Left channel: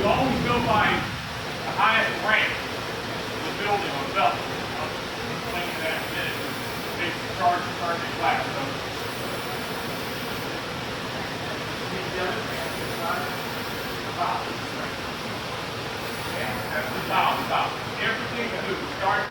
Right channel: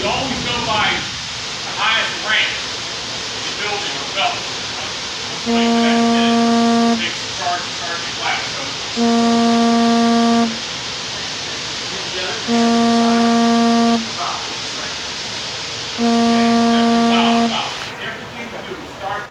we always go by the highest rank in the building or belt. Takes the charge to start the class. So about everything we do start.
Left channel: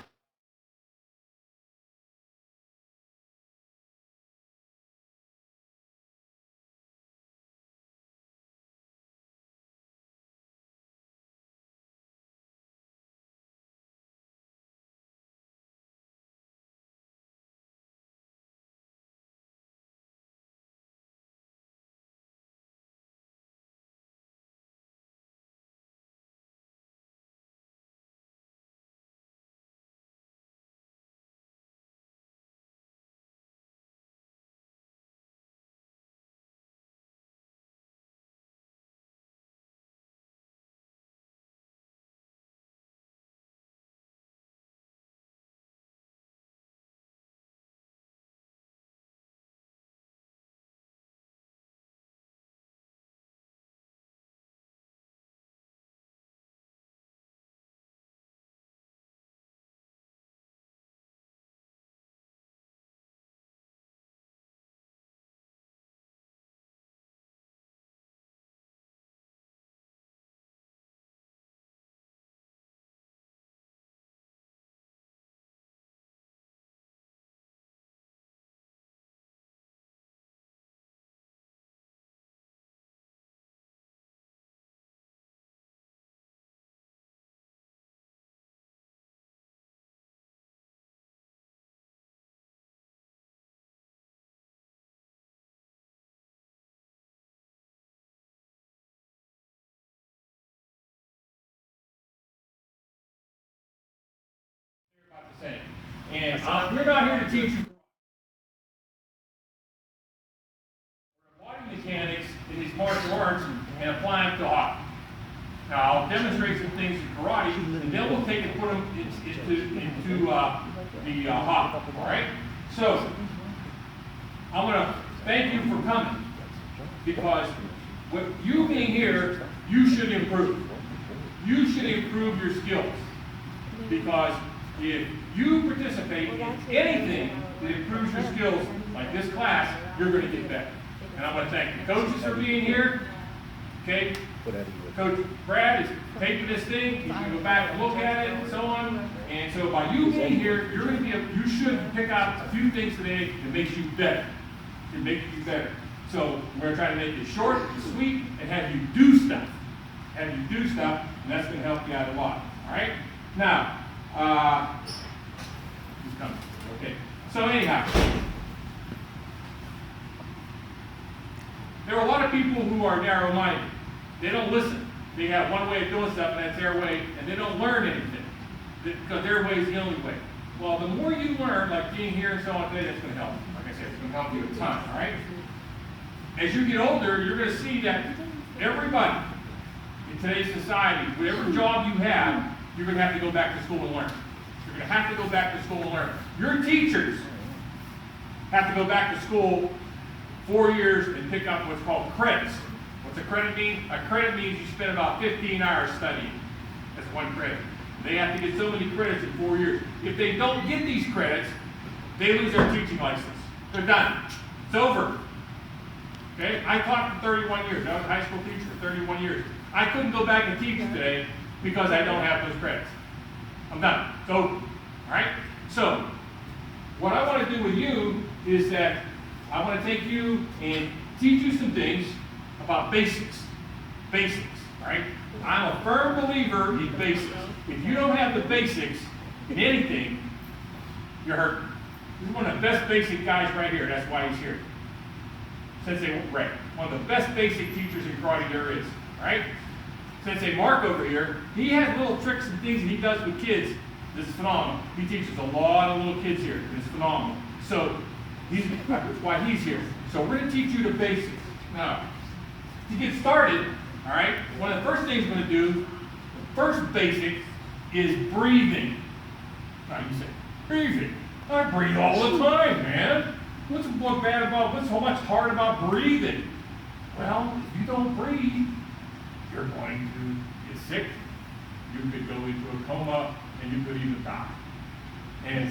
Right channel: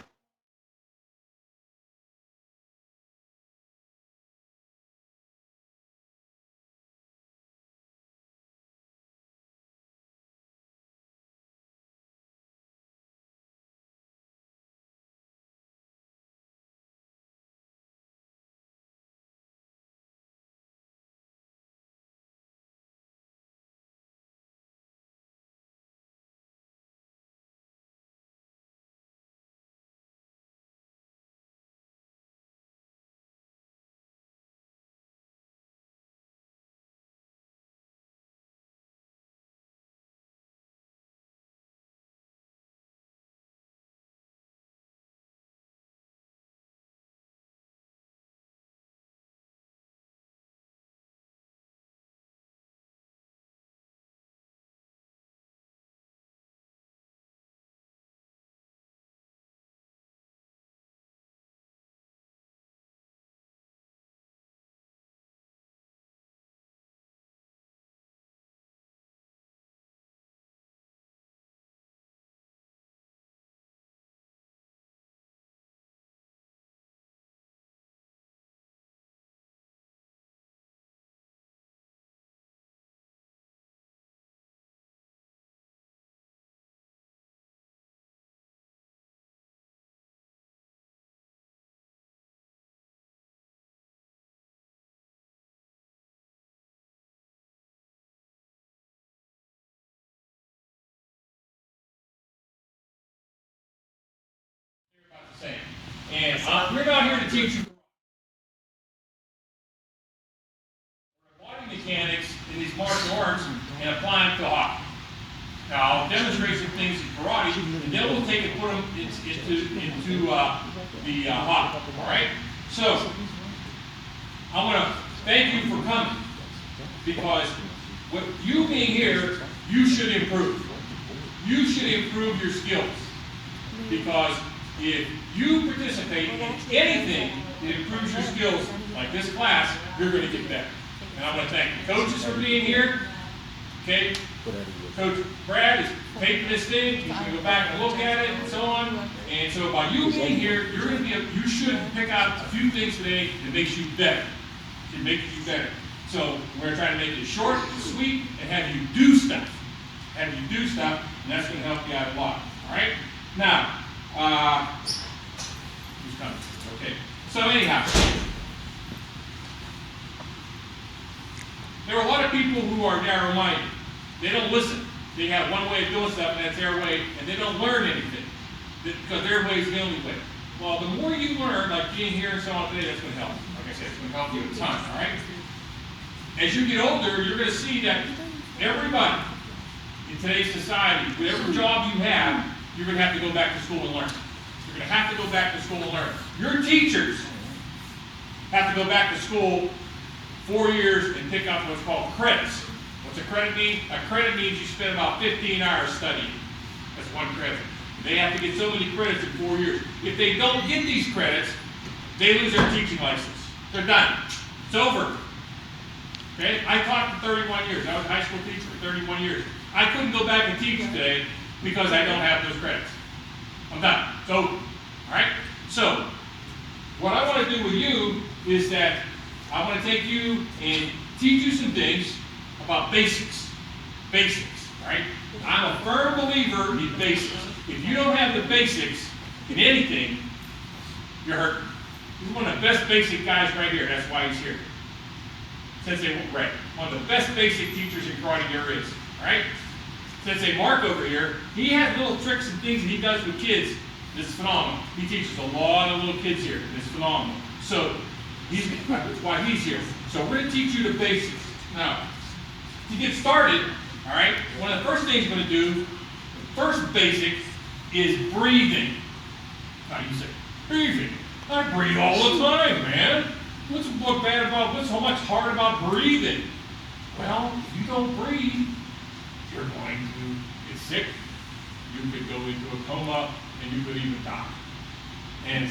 And we're not here to teach you body mechanics in these martial arts and apply them to hockey. Now, I'll demonstrate some things in karate, and then we'll take and put them into the hockey. All right? So, I want to thank you for coming, because with you being here, you should improve. You should improve your skills, because if you participate in anything that improves your skills, like this class, you're going to get better. And I want to thank the coaches for being here. Okay, Coach Brad is taping this thing. He's going to go back and look at it and so on. And so by you being here, you're going to be you should pick out a few things today that makes you better. It makes you better. So we're going to try to make it short and sweet and have you do stuff. Have you do stuff, and that's going to help you out a lot. All right? Now, who's coming? Okay. So anyhow, there are a lot of people who are narrow-minded. They don't listen. They have one way of doing stuff, and that's their way, and they don't learn anything, because their way is the only way. Well, the more you learn, like being here and so on today, that's going to help. Like I said, it's going to help you a ton, all right? As you get older, you're going to see that everybody in today's society, whatever job you have, you're going to have to go back to school and learn. You're going to have to go back to school and learn. Your teachers have to go back to school 4 years and pick up what's called credits. What's a credit mean? A credit means you spend about 15 hours studying. That's one credit. They have to get so many credits in 4 years. If they don't get these credits, they lose their teaching license. They're done. It's over. Okay? I taught for 31 years. I was a high school teacher for 31 years. I couldn't go back and teach today because I don't have those credits. I'm done. It's over. All right? So, what I want to do with you is that I want to take you and teach you some things about basics. Basics. All right? I'm a firm believer in basics. If you don't have the basics in anything, you're hurting. He's one of the best basic guys right here. That's why he's here. Sensei Ray, one of the best basic teachers in karate there is. All right? Sensei Mark over here, he has little tricks and things that he does with kids. This is phenomenal. He teaches a lot of little kids here. It's phenomenal. So, that's why he's here. So we're going to teach you the basics. Now, to get started, all right, one of the first things we're going to do, the first basic is breathing. Now you say, breathing? I breathe all the time, man. What's so much hard about breathing? Well, if you don't breathe, you're going to sick, you could go into a coma, and you could even die. And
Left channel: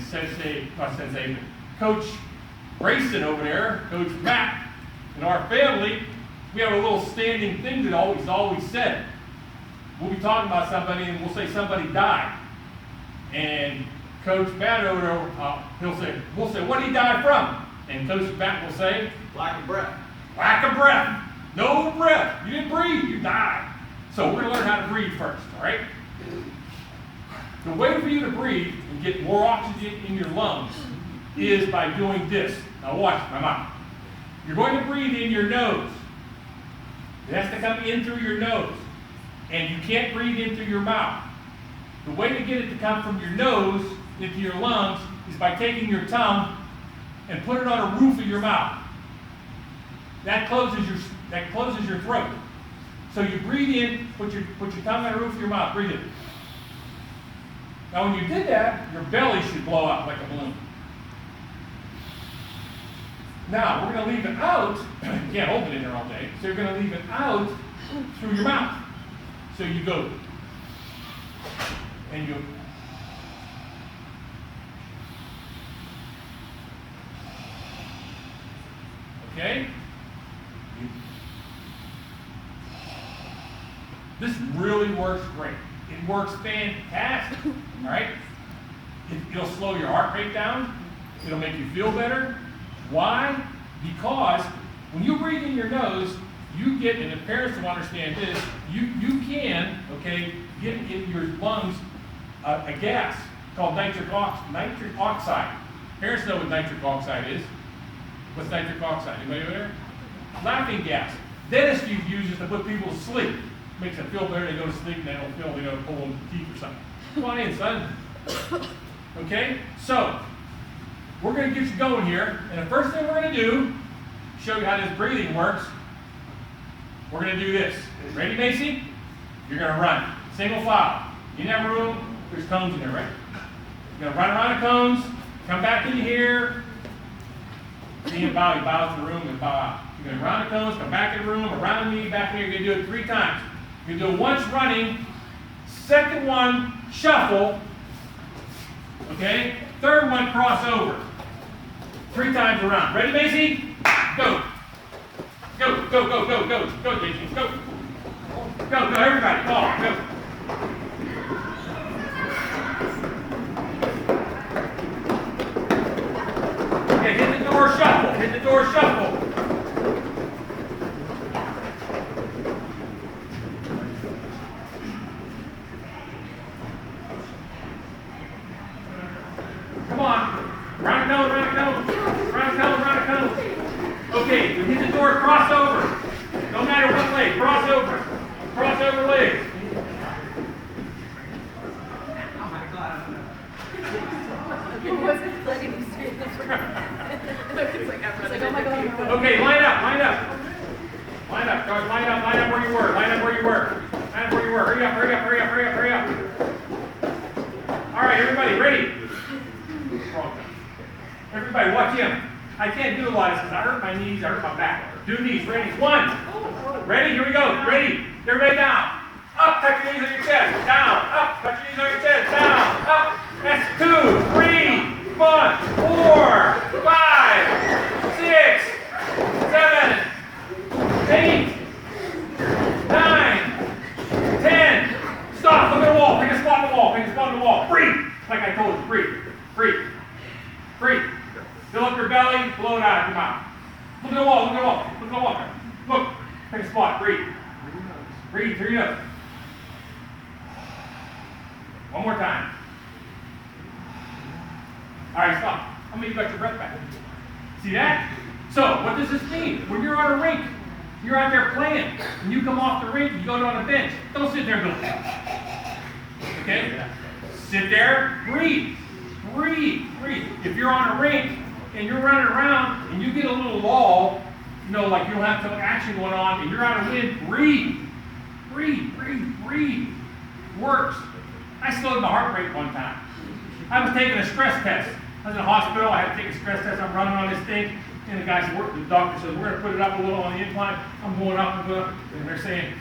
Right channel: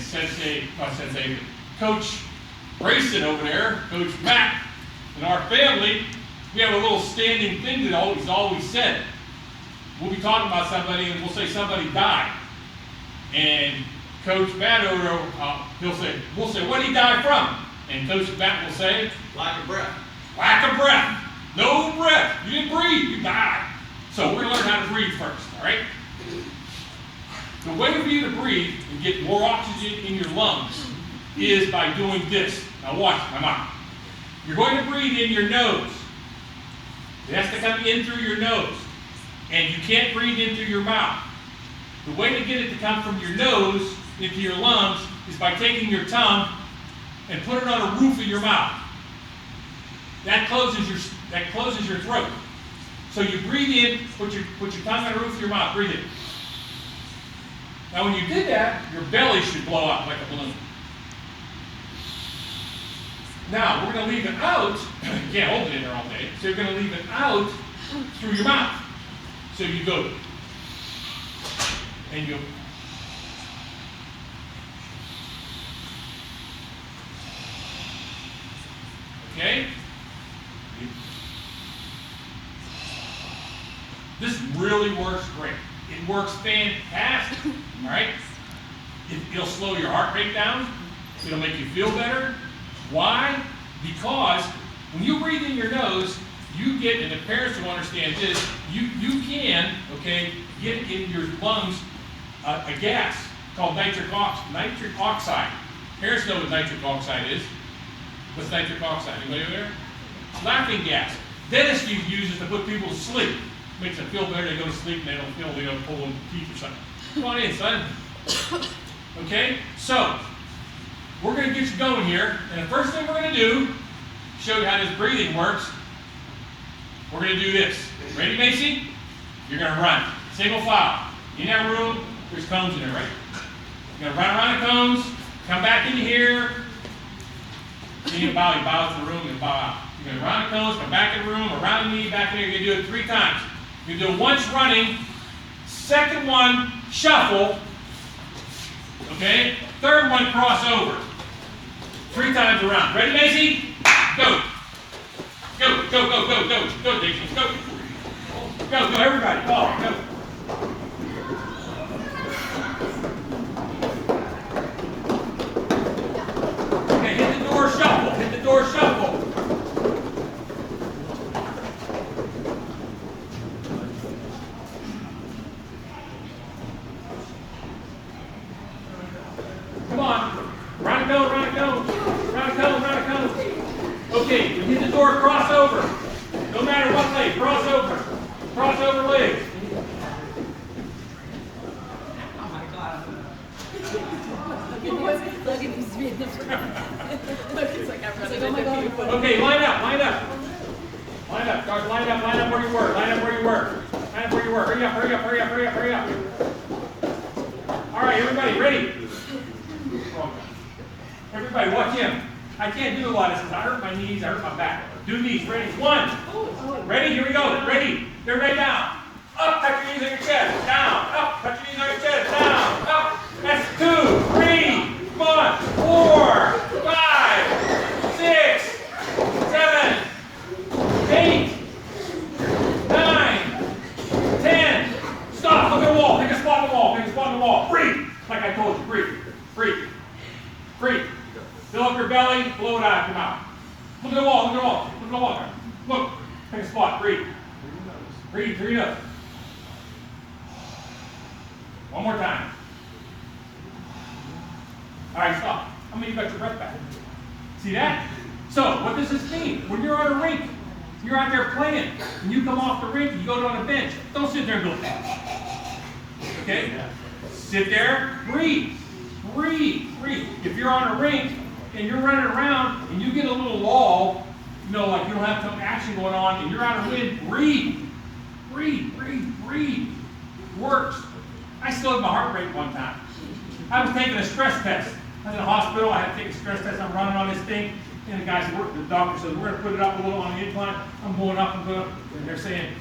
Coach Grayson over there, Coach Matt, and our family, we have a little standing thing that he's always said. We'll be talking about somebody, and we'll say somebody died. And Coach Matt over there, we'll say, what did he die from? And Coach Matt will say, lack of breath. Lack of breath. No breath. You didn't breathe, you died. So we're going to learn how to breathe first, all right? The way for you to breathe and get more oxygen in your lungs is by doing this. Now watch my mouth. You're going to breathe in your nose. It has to come in through your nose. And you can't breathe in through your mouth. The way to get it to come from your nose into your lungs is by taking your tongue and put it on a roof of your mouth. That closes your throat. So you breathe in, put your tongue on the roof of your mouth, breathe in. Now when you did that, your belly should blow up like a balloon. Now we're going to leave it out. You can't hold it in there all day. So you're going to leave it out through your mouth. So you go, and you okay? This really works great. It works fantastic, all right? It'll slow your heart rate down. It'll make you feel better. Why? Because when you breathe in your nose, you get, and the parents will understand this, you can, okay, get in your lungs a gas called nitric oxide. Parents know what nitric oxide is. What's nitric oxide? Anybody over there? It's laughing gas. Dentists use it to put people to sleep. Makes them feel better. They go to sleep and they don't feel they got to pull them teeth or something. Come on in, son. Okay? So, we're going to get you going here. And the first thing we're going to do, show you how this breathing works, we're going to do this. Ready, Macy? You're going to run. Single file. In that room, there's cones in there, right? You're going to run around the cones, come back into here. See him bow. You bow to the room and bow out. You're going to run the cones, come back in the room, around me, back in here. You're going to do it 3 times. You're going to do it once running, second one, shuffle. Okay? Third one, cross over. 3 times around. Ready, Macy? Go. Go, go, go, go, go. Go, Daisy. Go. Go, go, everybody. Go. Okay, hit the door, shuffle. Hit the door, shuffle. Come on. Round a cone, round a cone. Round a cone, round a cone. Okay, we hit the door, cross over. No matter what leg, cross over. Cross over legs. Oh my God. Okay, line up, line up. Line up, guys, line up where you were. Line up where you were. Line up where you were. Hurry up, hurry up, hurry up, hurry up, hurry up. All right, everybody, ready? Everybody, watch him. I can't do a lot of this. I hurt my knees, I hurt my back. Do these, ready? 1. Ready, here we go. Ready. They're ready down. Up, touch your knees on your chest. Down. Up, touch your knees on your chest. Down. Up. That's 2, 3, 4, 5, 6, 7, 8, 9, 10. Stop. Look at the wall. Take a spot on the wall. Take a spot on the wall. Breathe. Like I told you. Breathe. Breathe. Breathe. Fill up your belly. Blow it out of your mouth. Look at the wall. Look at the wall. Look at the wall. Look. Take a spot. Breathe. Breathe through your nose. One more time. All right, stop. How many of you got your breath back? See that? So, what does this mean? When you're on a rink, you're out there playing, and you come off the rink, you go on a bench. Don't sit there and go, okay? Sit there, breathe. Breathe, breathe. If you're on a rink and you're running around and you get a little lull, you know, like you don't have some action going on and you're out of wind, breathe. Breathe, breathe, breathe. Works. I slowed my heart rate one time. I was taking a stress test. I was in a hospital, I had to take a stress test, I'm running on this thing, and the guy said, the doctor said, we're going to put it up a little on the incline. I'm going up and going up, and they're saying,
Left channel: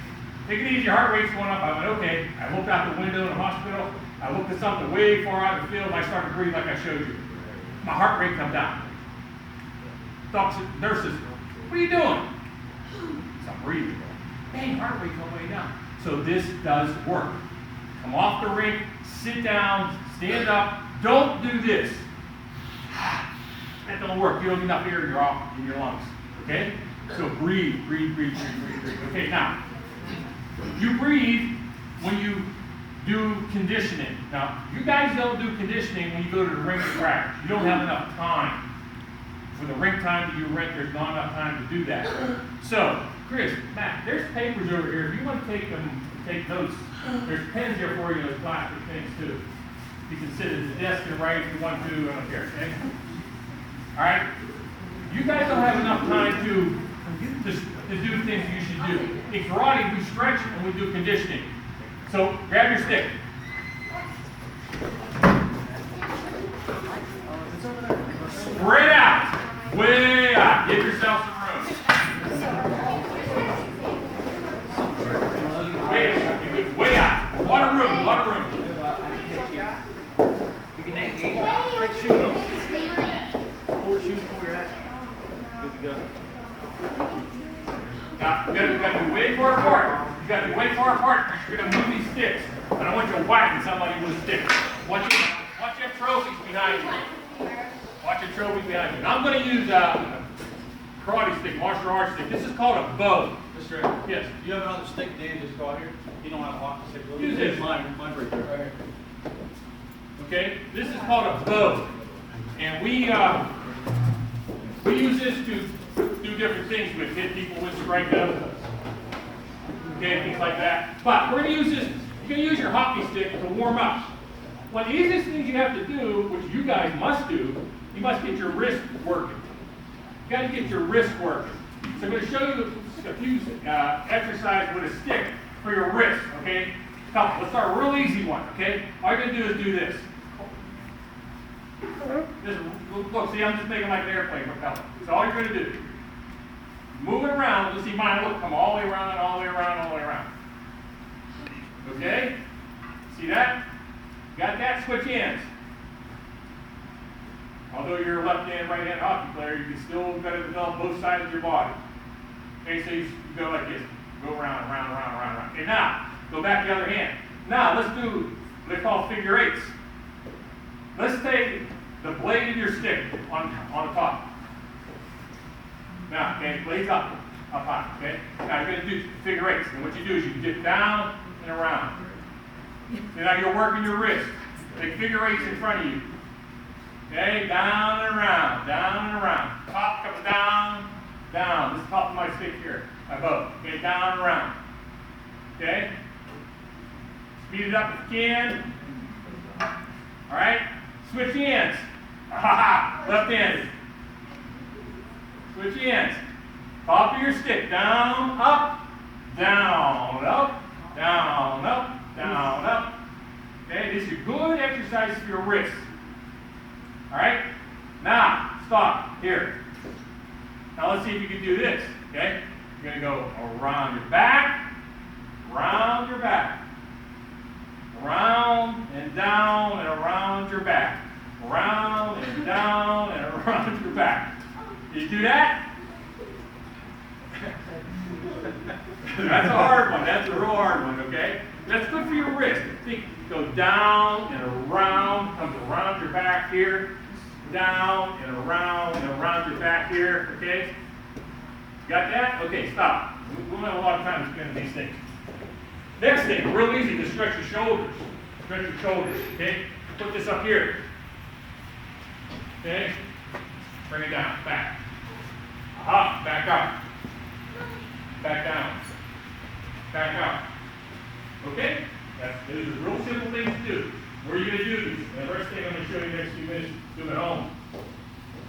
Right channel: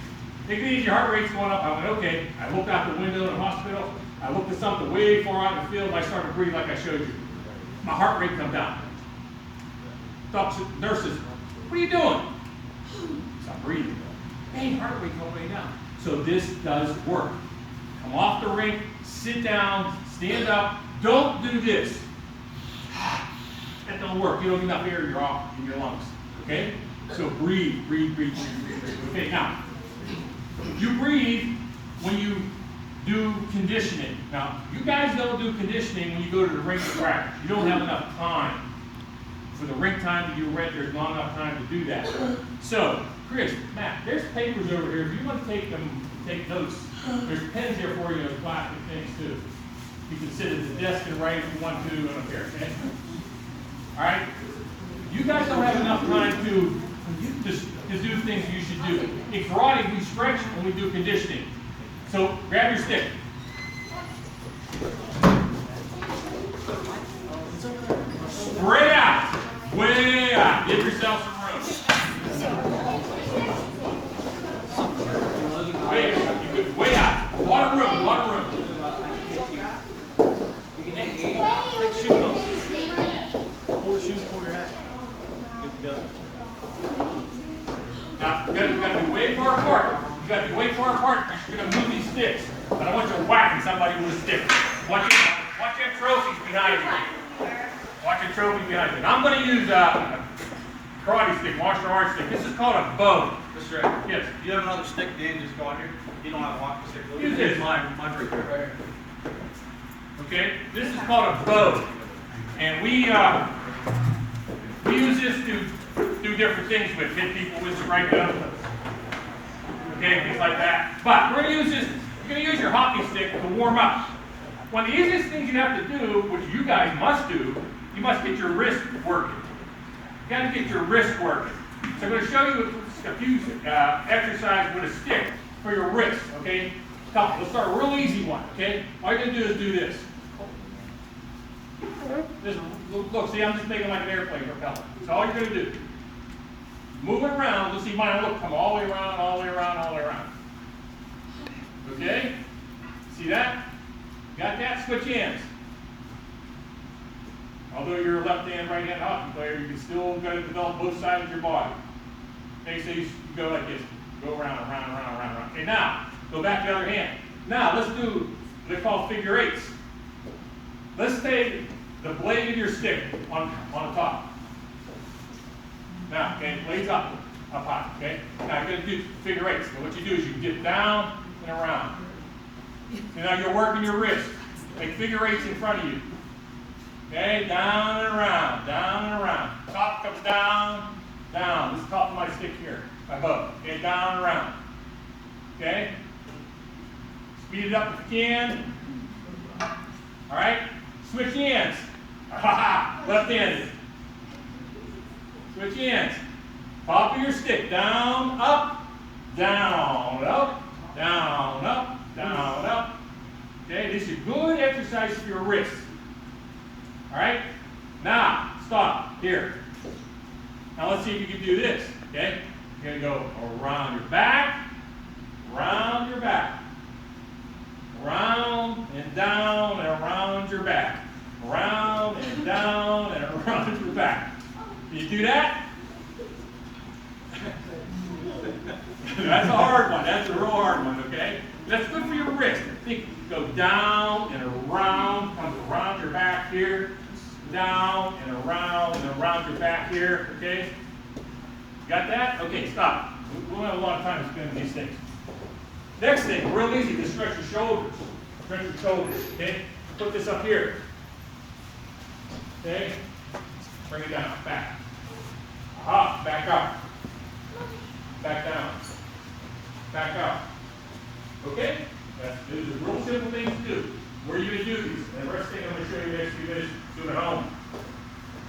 Take it easy, your heart rate's going up. I went, okay. I looked out the window in the hospital. I looked at something way far out in the field. I started to breathe like I showed you. My heart rate come down. Doctors, nurses, what are you doing? So I'm breathing. Hey, heart rate going way down. So this does work. Come off the rink, sit down, stand up. Don't do this. That don't work. You don't get enough air in your lungs. Okay? So breathe, breathe, breathe, breathe, breathe, breathe. Okay, now, you breathe when you do conditioning. Now, you guys don't do conditioning when you go to the rink to practice. You don't have enough time. For the rink time that you rent, there's not enough time to do that. So, Chris, Matt, there's papers over here. If you want to take them, take notes. There's pens here for you and plastic things too. You can sit at the desk and write if you want to, and up here, okay? All right? You guys don't have enough time to do things you should do. In karate, we stretch and we do conditioning. So, grab your stick. Spread out. Way out. Give yourself some room. Way out. Lot of room. Lot of room. Now, you got to be way far apart. You got to be way far apart. You're going to move these sticks. I don't want you whacking somebody with a stick. Watch your trophies behind you. Watch your trophies behind you. Now I'm going to use a karate stick, martial arts stick. This is called a bow. Mr. Ed, Yes. do you have another stick Dan just got here? You don't have a hockey stick. Use this. Mine right there. Okay? This is called a bow. And we use this to do different things with, hit people with, strike them. Okay, things like that. But we're going to use this, you're going to use your hockey stick to warm up. One of the easiest things you have to do, which you guys must do, you must get your wrist working. You got to get your wrist working. So I'm going to show you a few exercises with a stick for your wrist, okay? Let's start a real easy one, okay? All you're going to do is do this. Look, see, I'm just making like an airplane propeller. That's all you're going to do. Move it around. You'll see mine, look, come all the way around, all the way around, all the way around. Okay? See that? Got that? Switch hands. Although you're a left-hand, right-hand hockey player, you can still got to develop both sides of your body. Okay, so you go like this. Go around, around, around, around, around. Okay, now, go back the other hand. Now, let's do what they call figure eights. Let's take the blade of your stick on the top. Now, okay, blade's up high, okay? Now, you're going to do figure eights. And what you do is you dip down and around. And now you're working your wrist. Make figure eights in front of you. Okay, down and around, down and around. Top comes down, down. This is the top of my stick here, my bow. Okay, down and around. Okay? Speed it up if you can. All right? Switch hands. Left-handed. Switch hands. Top of your stick. Down, up, down, up, down, up, down, up. Okay, this is a good exercise for your wrists. All right? Now, stop. Here. Now let's see if you can do this. Okay? You're going to go around your back, around your back, around and down and around your back, around and down and around your back. Did you do that? That's a hard one. That's a real hard one, okay? That's good for your wrist. Think, go down and around, comes around your back here, down and around your back here, okay? Got that? Okay, stop. We don't have a lot of time to spend on these things. Next thing, real easy, just stretch your shoulders. Stretch your shoulders, okay? Put this up here. Okay? Bring it down, back. Up, back up. Back down. Back up. Okay? These are real simple things to do. Where are you going to do these? And the first thing I'm going to show you the next few minutes, do at home.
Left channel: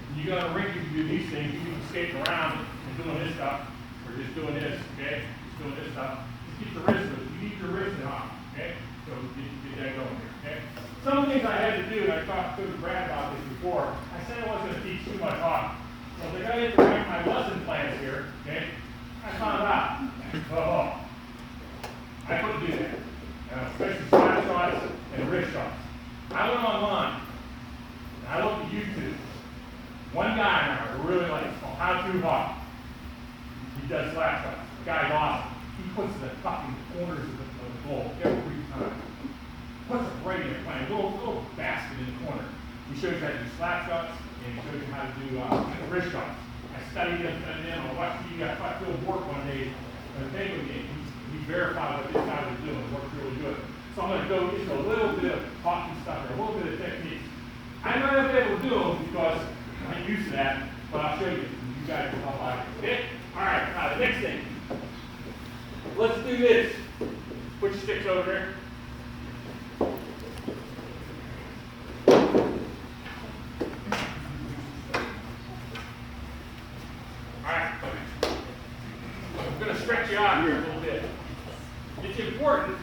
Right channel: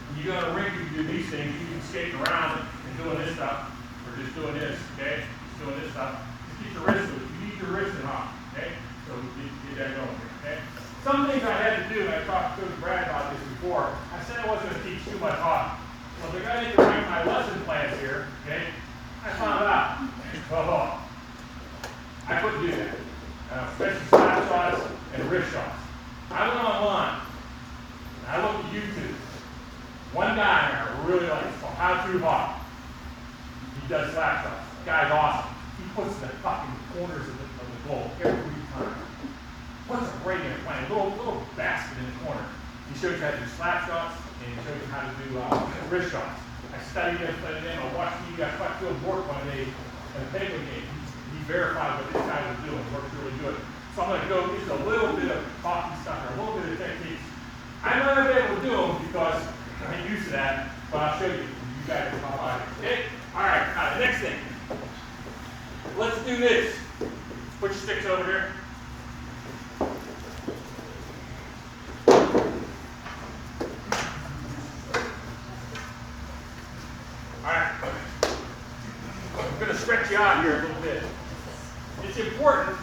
When you go on a rink, you can do these things. You can skate around and doing this stuff, or just doing this, okay? Just doing this stuff. Just keep your wrist loose. You need your wrist in off, okay? So get that going here, okay? Some things I had to do, and I talked to Brad about this before. I said I wasn't going to teach too much hockey. So if I got into write my lesson plans here, okay, I found out. Oh, I couldn't do that. Especially slap shots and wrist shots. I went online, and I looked at YouTube. One guy there I really like, How True Hawk. He does slap shots. The guy's awesome. He puts the fucking corners of the globe every time. Puts them right in there, a little basket in the corner. He shows you how to do slap shots, and he shows you how to do wrist shots. I studied it, and then I watched Phil work one day at a Baker game. He verified what this guy was doing. It worked really good. So I'm going to go into a little bit of hockey stuff, a little bit of techniques. I'm not going to be able to do them because I ain't used to that, but I'll show you. You guys will know how to do it. All right, now the next thing. Let's do this. Put your sticks over here. I'm going to stretch you out here a little bit. It's important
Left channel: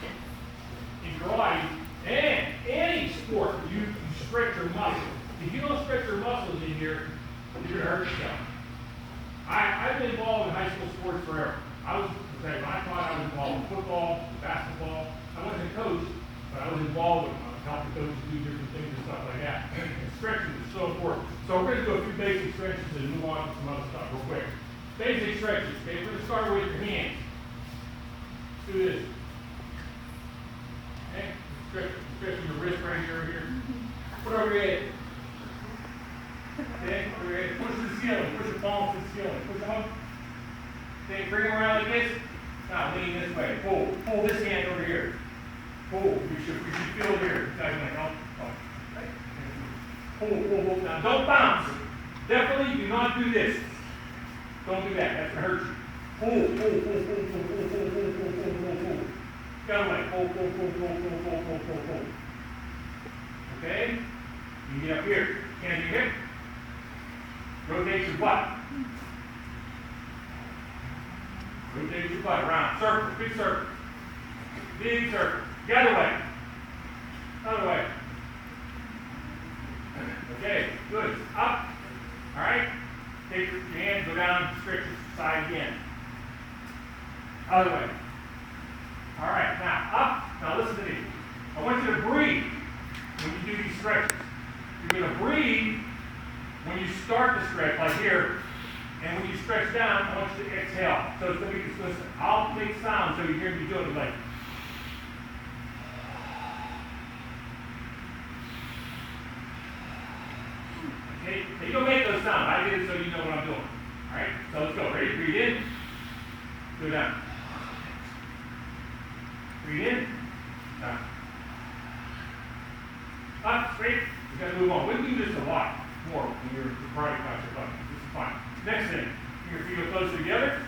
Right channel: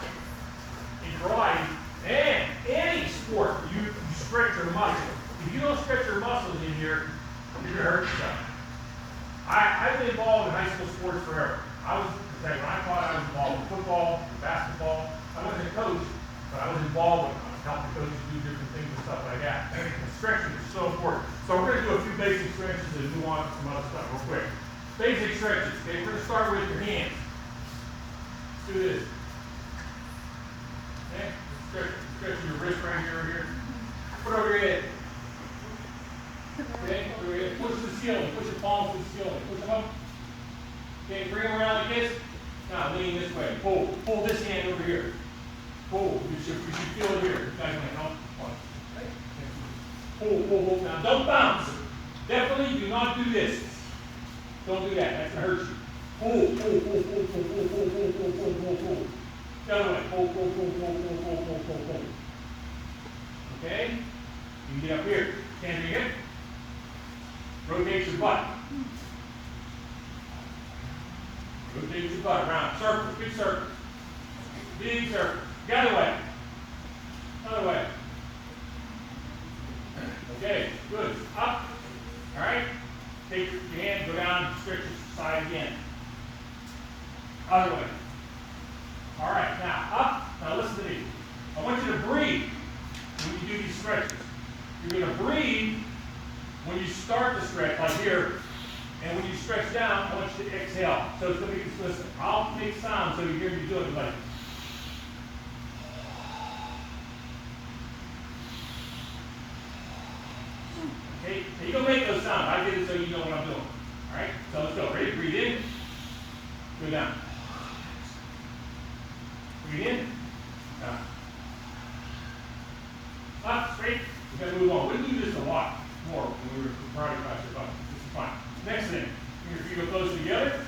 in karate and any sport you stretch your muscles. If you don't stretch your muscles in here, you're going to hurt yourself. I've been involved in high school sports forever. When I taught, I was involved in football, basketball. I wasn't a coach, but I was involved with helping coaches do different things and stuff like that. And stretching is so important. So we're going to do a few basic stretches and move on to some other stuff real quick. Basic stretches, okay? We're going to start with your hands. Let's do this. Okay? Stretching your wrist right here. Put over your head. Okay? Over your head. Push to the ceiling. Push your palms to the ceiling. Push them up. Okay, bring them around like this. Now lean this way. Pull this hand over here. Pull. You should feel it here. Pull. Now don't bounce. Definitely do not do this. Don't do that. That's gonna hurt you. Pull. The other way. Pull. Okay? You can get up here. Hands in your hip. Rotate your butt. Rotate your butt around. Circle. Big circle. Big circle. The other way. Other way. Okay. Good. Up. All right. Take your hand, go down, stretch your side again. Other way. All right. Now up. Now listen to me. I want you to breathe when you do these stretches. You're going to breathe when you start the stretch, like here. And when you stretch down, I want you to exhale. So it's going to be, listen, I'll make sounds so you hear me do it like. Okay, you don't make those sounds. I did it so you know what I'm doing. All right, so let's go. Ready? Breathe in. Go down. Breathe in. Down. Up, straight. We got to move on. We do this a lot more when we were karate class. This is fine. Next thing, your feet are close together.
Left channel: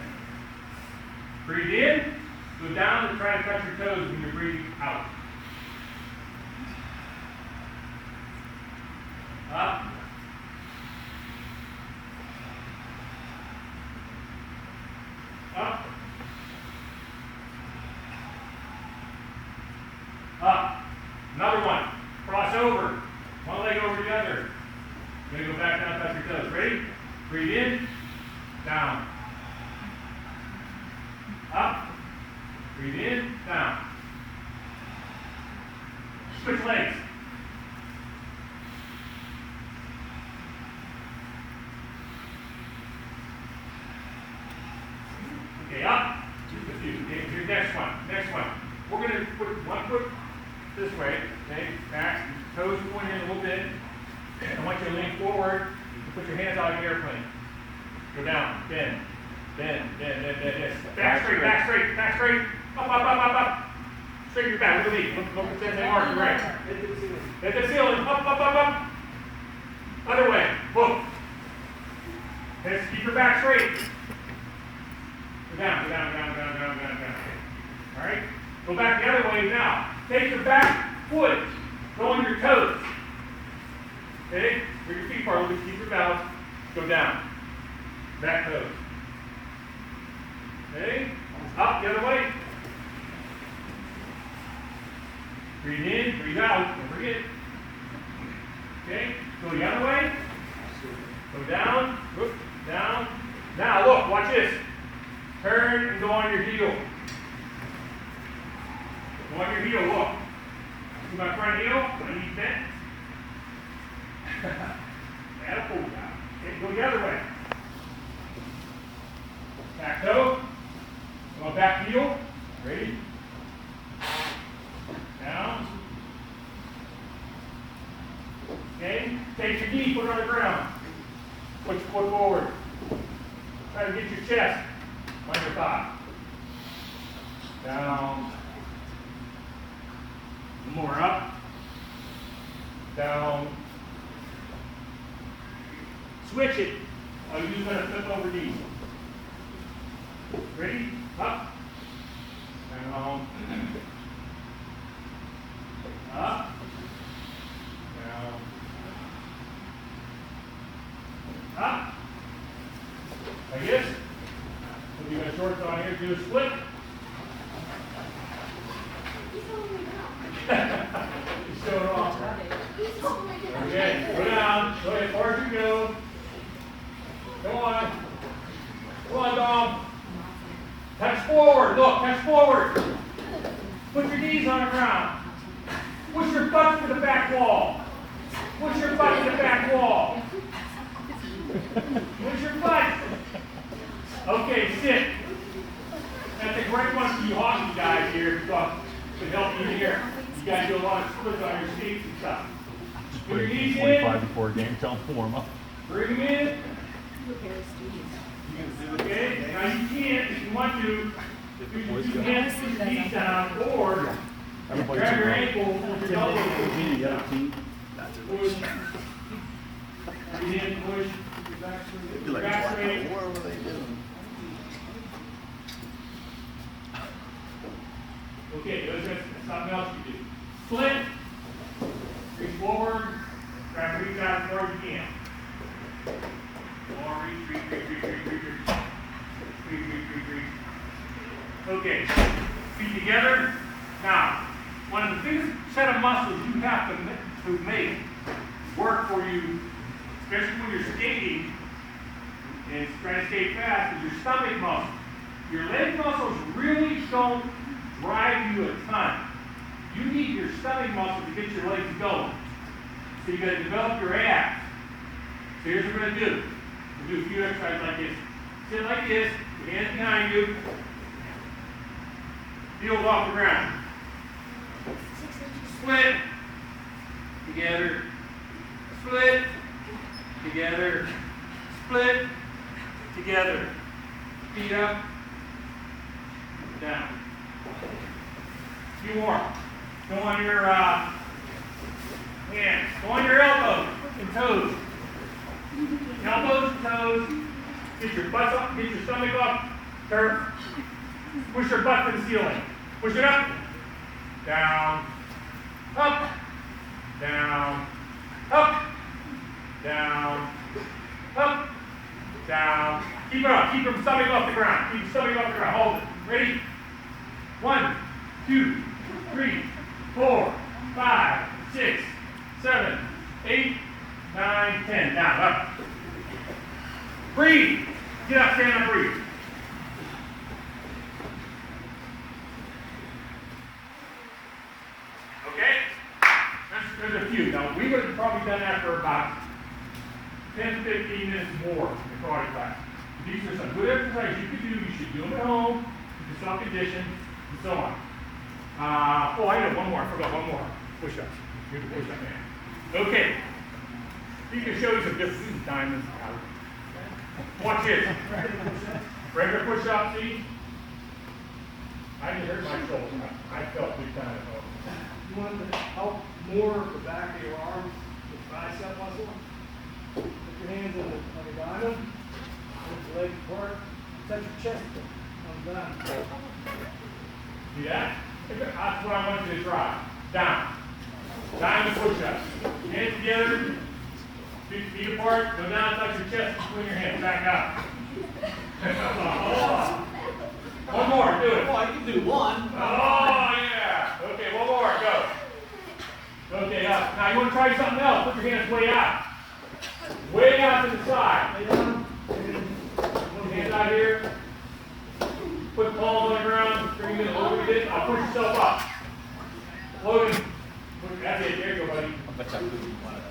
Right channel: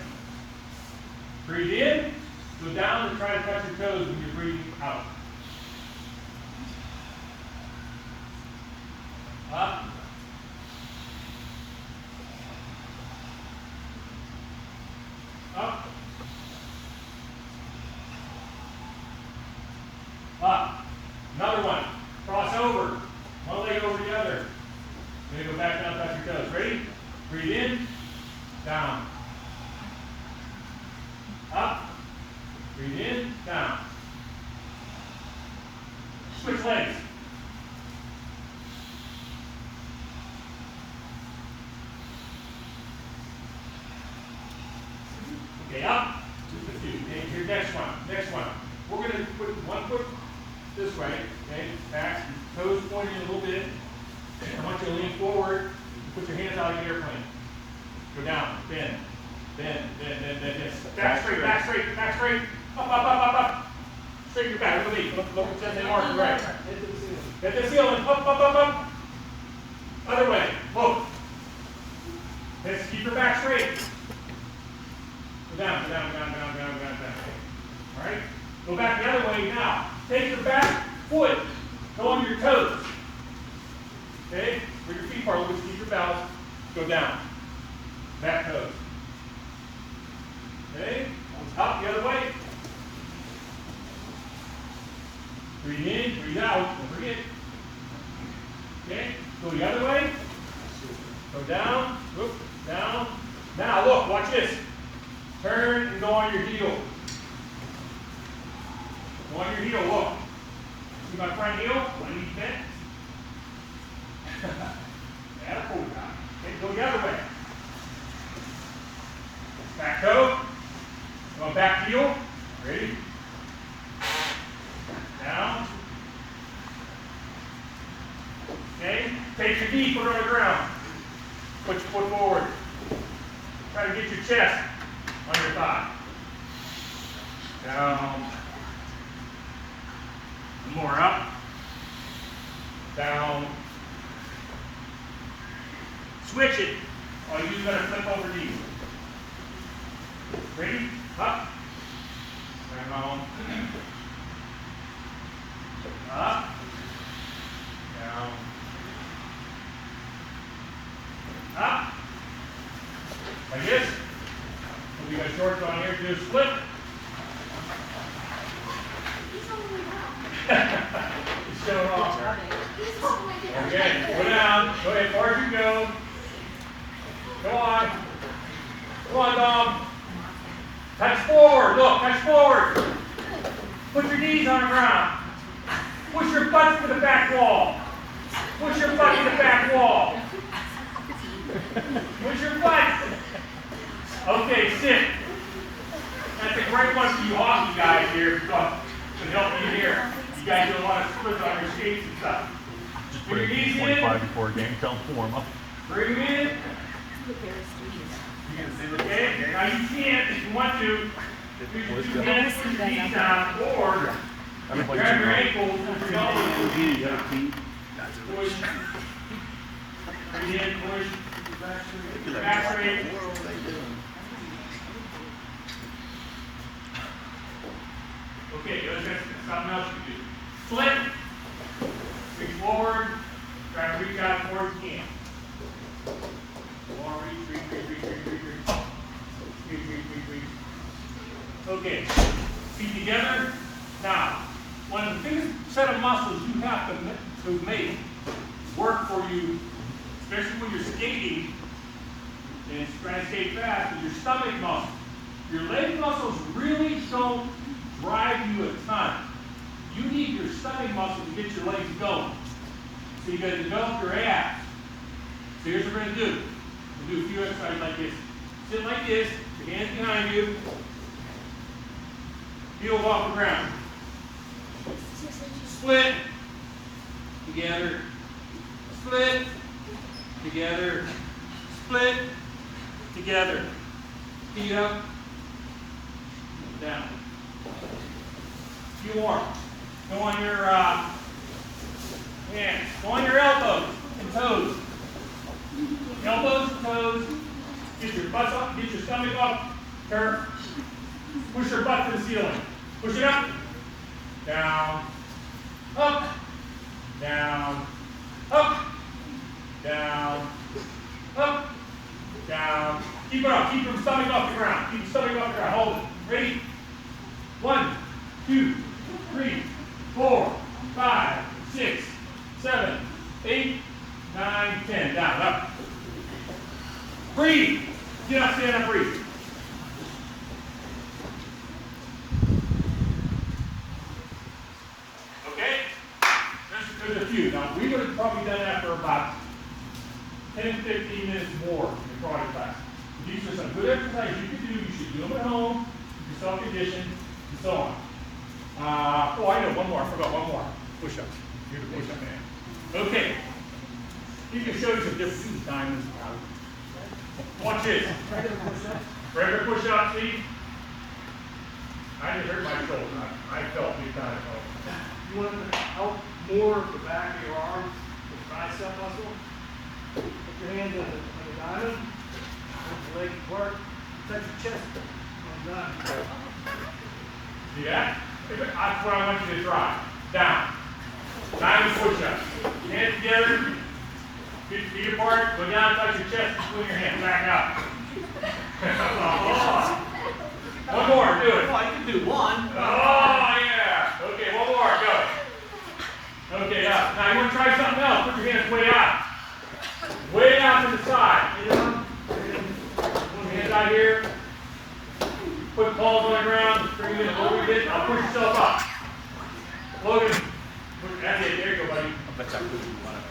Breathe in. Go down and try to touch your toes when you're breathing out. Up. Up. Up. Another one. Cross over. One leg over the other. You're going to go back down, touch your toes. Ready? Breathe in. Down. Up. Breathe in. Down. Switch legs. Okay, up. Just a few. Okay, here's next one. Next one. We're going to put one foot this way. Okay, back. Toes pointing a little bit. I want you to lean forward. Put your hands out of the airplane. Go down. Bend. Yes. Back straight. Up. Straighten your back. Look at me. Look at that mark. Right. Hit the ceiling. Up. Other way. Look. Let's keep your back straight. Go down. All right. Go back the other way now. Take your back foot. Go on your toes. Okay? Where your feet are, just keep your balance. Go down. Back toes. Okay? Up the other way. Breathe in, breathe out. Don't forget. Okay? Go the other way. Go down. Look. Down. Now look, watch this. Turn and go on your heel. Go on your heel, look. See my front heel? My knee bent. Atta pull now. Okay, go the other way. Back toe. Go back heel. Ready? Down. Okay, take your knee, put it on the ground. Put your foot forward. Try to get your chest on your thigh. Down. More up. Down. Switch it. Or you're going to flip over these. Ready? Up. Down. Up. Down. Up. Like this. If you got shorts on here, do a split. Show it off. Okay, go down. Go ahead, as far as you go. Come on. Come on, Dom. Touch forward. Look, touch forward. Put your knees on the ground. Push your butt to the back wall. Push your butt to the back wall. Push your butt. Okay, sit. That's a great one for you hockey guys here. To help you here. You guys do a lot of splits on your skates and stuff. Just Put put your it knees 25 in. before a game, tell them to warm up. Bring them in. Okay, now you can't, if you want to, use your two hands, put your knees down, or grab your ankles with your elbows. Push. Bring in, push. Back straight. Okay, that's something else you do. Split. Reach forward. Try to reach out as far as you can. More reach. Okay, feet together. Now, one of the biggest set of muscles you have to make work for you, especially when you're skating and trying to skate fast, is your stomach muscle. Your leg muscles really don't drive you a ton. You need your stomach muscle to get your legs going. So you got to develop your abs. So here's what we're going to do. We'll do a few exercises like this. Sit like this, with hands behind you. Heels off the ground. Split. Together. Split. Together. Split. Together. Feet up. Down. Few more. Go on your hands. Go on your elbows and toes. Elbows and toes. Get your butts up. Get your stomach up. Turn. Push your butt to the ceiling. Push it up. Down. Up. Down. Up. Down. Up. Down. Keep it up. Keep your stomach off the ground. Keep your stomach off the ground. Hold it. Ready? 1, 2, 3, 4, 5, 6, 7, 8, 9, 10. Down. Up. Breathe. Get up. Stand up. Breathe. Okay? There's a few. Now, we would have probably done that for about 10, 15 minutes more in the karate class. These are some good exercises you could do. You should do them at home, do self-condition, and so on. I know one more. I forgot one more. Push-ups. You're the push-up man. Okay. You can show you some different diamonds. Watch this. Regular push-up, see? I just hurt my shoulder. I felt big time at home. You want to help more of the back of your arms, the tricep muscle? Put your hands on the diamond, let your legs work, touch your chest on the diamond. See that? That's what I want you to try. Down. Diamond push-ups. Hands together. Feet apart. Go down, touch your chest, and swing your hands back up. One more, do it. Well, I can do one. Oh, yeah. Okay, one more, go. Okay, now you want to try something else. Put your hands way out. Way out to the side. Hands out here. Put palms on the ground. Bring them in a little bit. Now push yourself up. Logan, that's it, there you go, buddy.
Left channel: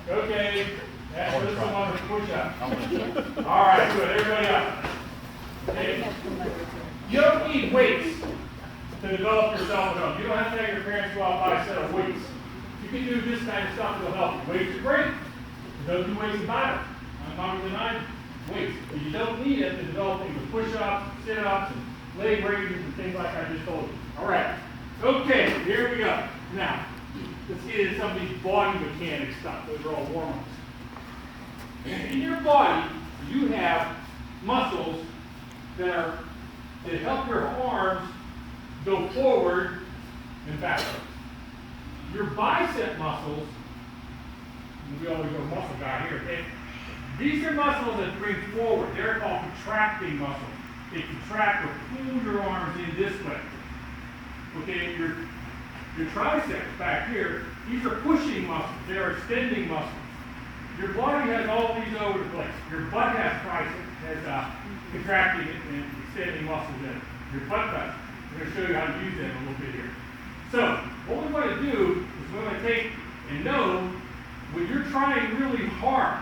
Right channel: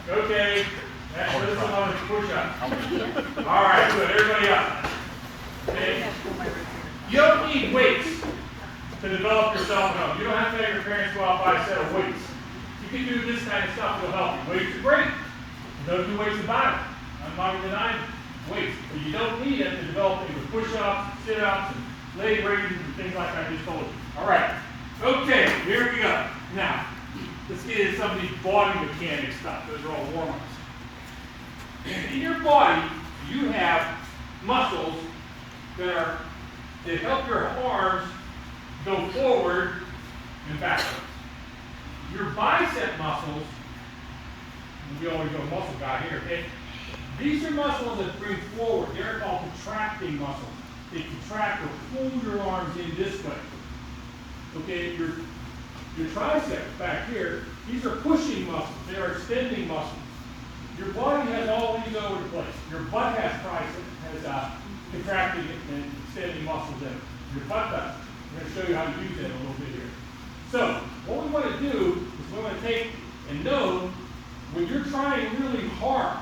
Okay, that's this one on the push-up. All right, good, everybody up. Okay. You don't need weights to develop yourself at home. You don't have to have your parents go out and buy a set of weights. You can do this kind of stuff that'll help you. Weights are great. Don't do weights about it. I'm not denying weights, but you don't need it to develop with push-ups, sit-ups, and leg raises and things like I just told you. All right. Okay, here we go. Now, let's get into some of these body mechanics stuff. Those are all warm-ups. In your body, you have muscles that help your arms go forward and backwards. Your bicep muscles, we always go muscle guy here, okay? These are muscles that bring forward. They're called contracting muscles. They contract or pull your arms in this way. Okay, your triceps back here, these are pushing muscles. They are extending muscles. Your body has all these over the place. Your butt has triceps, has contracting and extending muscles in it. Your butt does. I'm going to show you how to use them a little bit here. So, what we want to do is we want to take and know when you're trying really hard.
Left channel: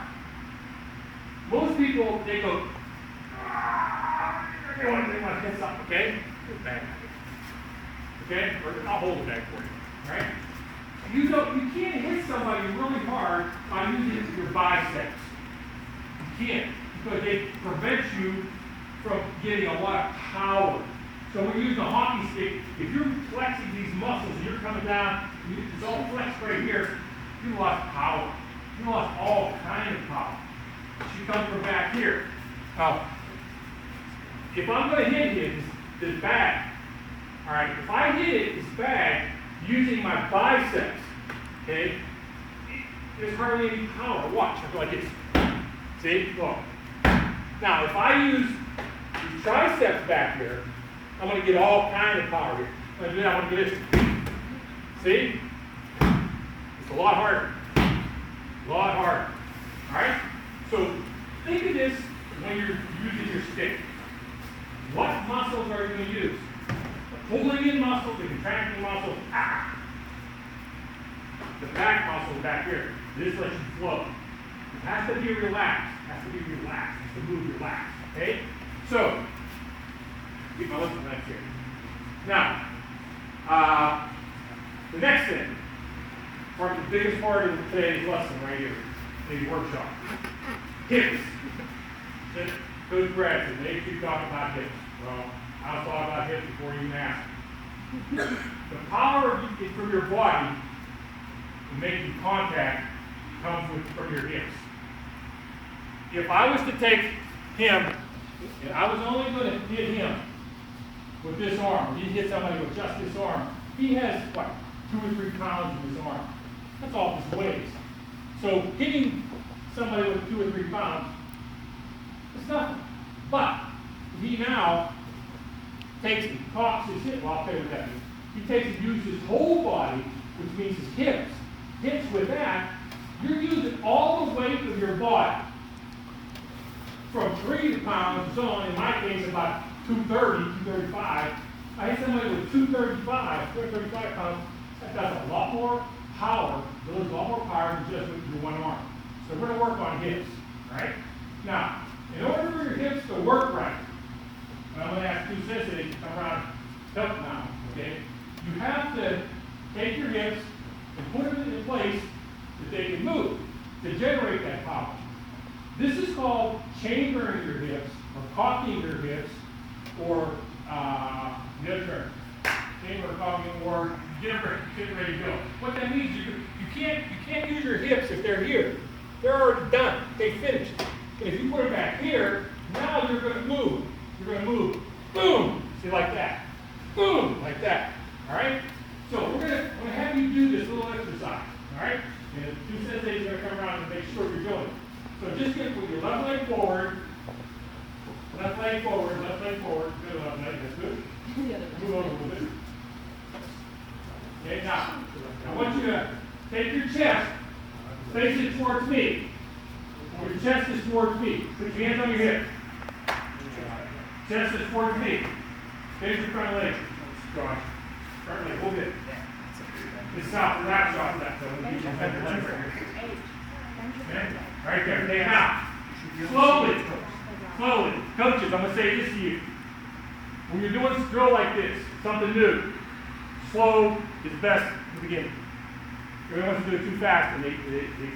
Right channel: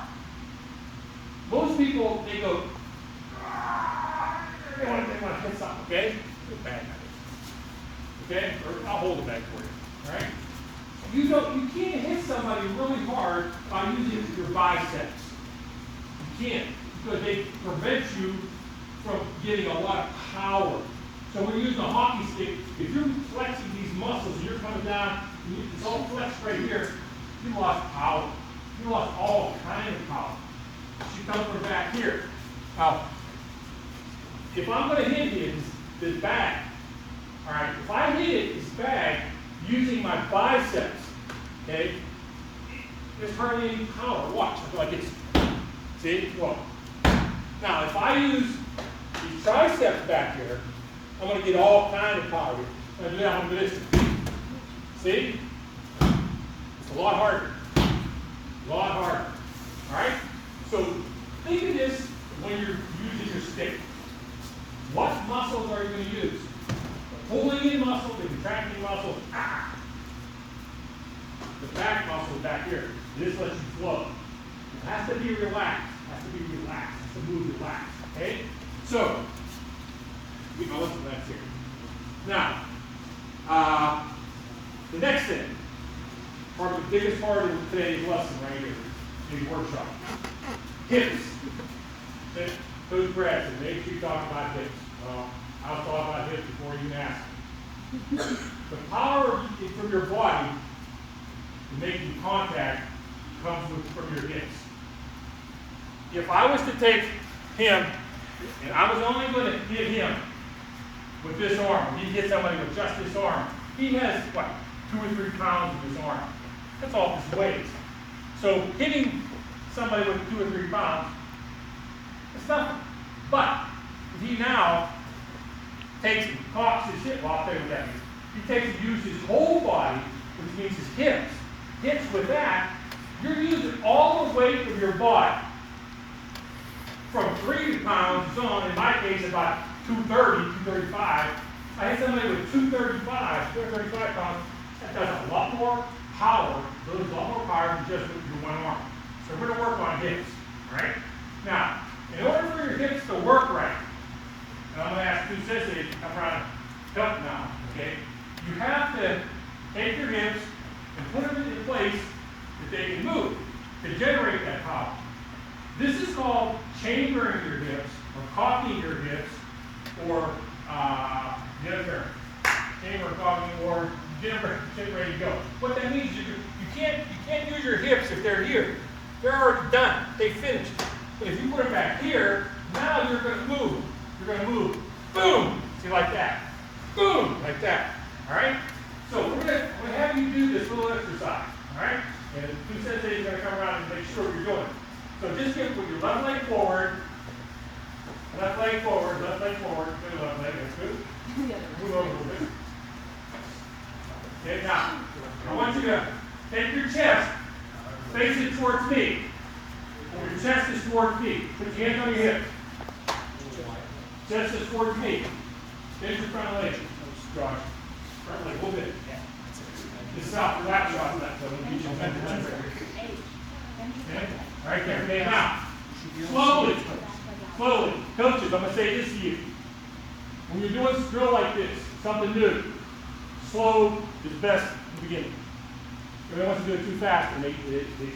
Most people, they go, they want to hit something, okay? Get back. Okay? Or I'll hold it back for you. All right? You can't hit somebody really hard by using your biceps. You can't, because they prevent you from getting a lot of power. So when you use the hockey stick, if you're flexing these muscles and you're coming down, it's all flexed right here, you lost power. You lost all kind of power. She comes from back here. Now, if I'm going to hit this bag, all right, if I hit this bag using my biceps, okay, there's hardly any power. Watch, I feel like it's, see, look. Now, if I use these triceps back here, I'm going to get all kind of power here. I'm going to do that, I'm going to do this. See? It's a lot harder. A lot harder. All right? So, think of this when you're using your stick. What muscles are you going to use? The pulling in muscle, the contracting muscle, the back muscle back here. This lets you flow. It has to be relaxed. It has to be relaxed. It has to move relaxed. Okay? So, we can look at that here. Now, the next thing, probably the biggest part of today's lesson right here, today's workshop. Hips. Coach Brad said, they keep talking about hips. Well, I was talking about hips before you even asked. The power from your body to making contact comes from your hips. If I was to take him, and I was only going to hit him with this arm, he hit somebody with just this arm, he has, what, 2 or 3 pounds of his arm. That's all his weight. So hitting somebody with 2 or 3 pounds, it's nothing. But if he now takes and cocks his hip, well, I'll tell you what that means. He takes and uses his whole body, which means his hips. Hits with that, you're using all the weight of your body. From 3 pounds, so in my case about 230, 235. I hit somebody with 235 pounds, that does a lot more power, those a lot more power than just with your one arm. So we're going to work on hips, right? Now, in order for your hips to work right, and I'm going to ask two sisters to come around and help now, okay? You have to take your hips and put them in a place that they can move to generate that power. This is called chambering your hips, or cocking your hips, or the other term, chamber cocking, or get ready to go. What that means is you can't use your hips if they're here. They're already done. They finished. But if you put them back here, now you're going to move. You're going to move. Boom! See, like that. Boom! Like that. All right? So we're going to have you do this little exercise. All right? And the two senseis are going to come around and make sure you're doing it. So just get put your left leg forward, left leg forward, left leg forward. Good left leg. That's good. Move over a little bit. Okay, now I want you to take your chest, face it towards me. Your chest is towards me. Put your hands on your hips. Chest is towards me. Face your front leg. Front leg, hold it. It's not the lat shot, that's what we keep on that. Okay, right there, okay, now, slowly, slowly, coaches, I'm gonna say this to you. When you're doing a drill like this, something new, slow is best at the beginning. Everyone wants to do it too fast and they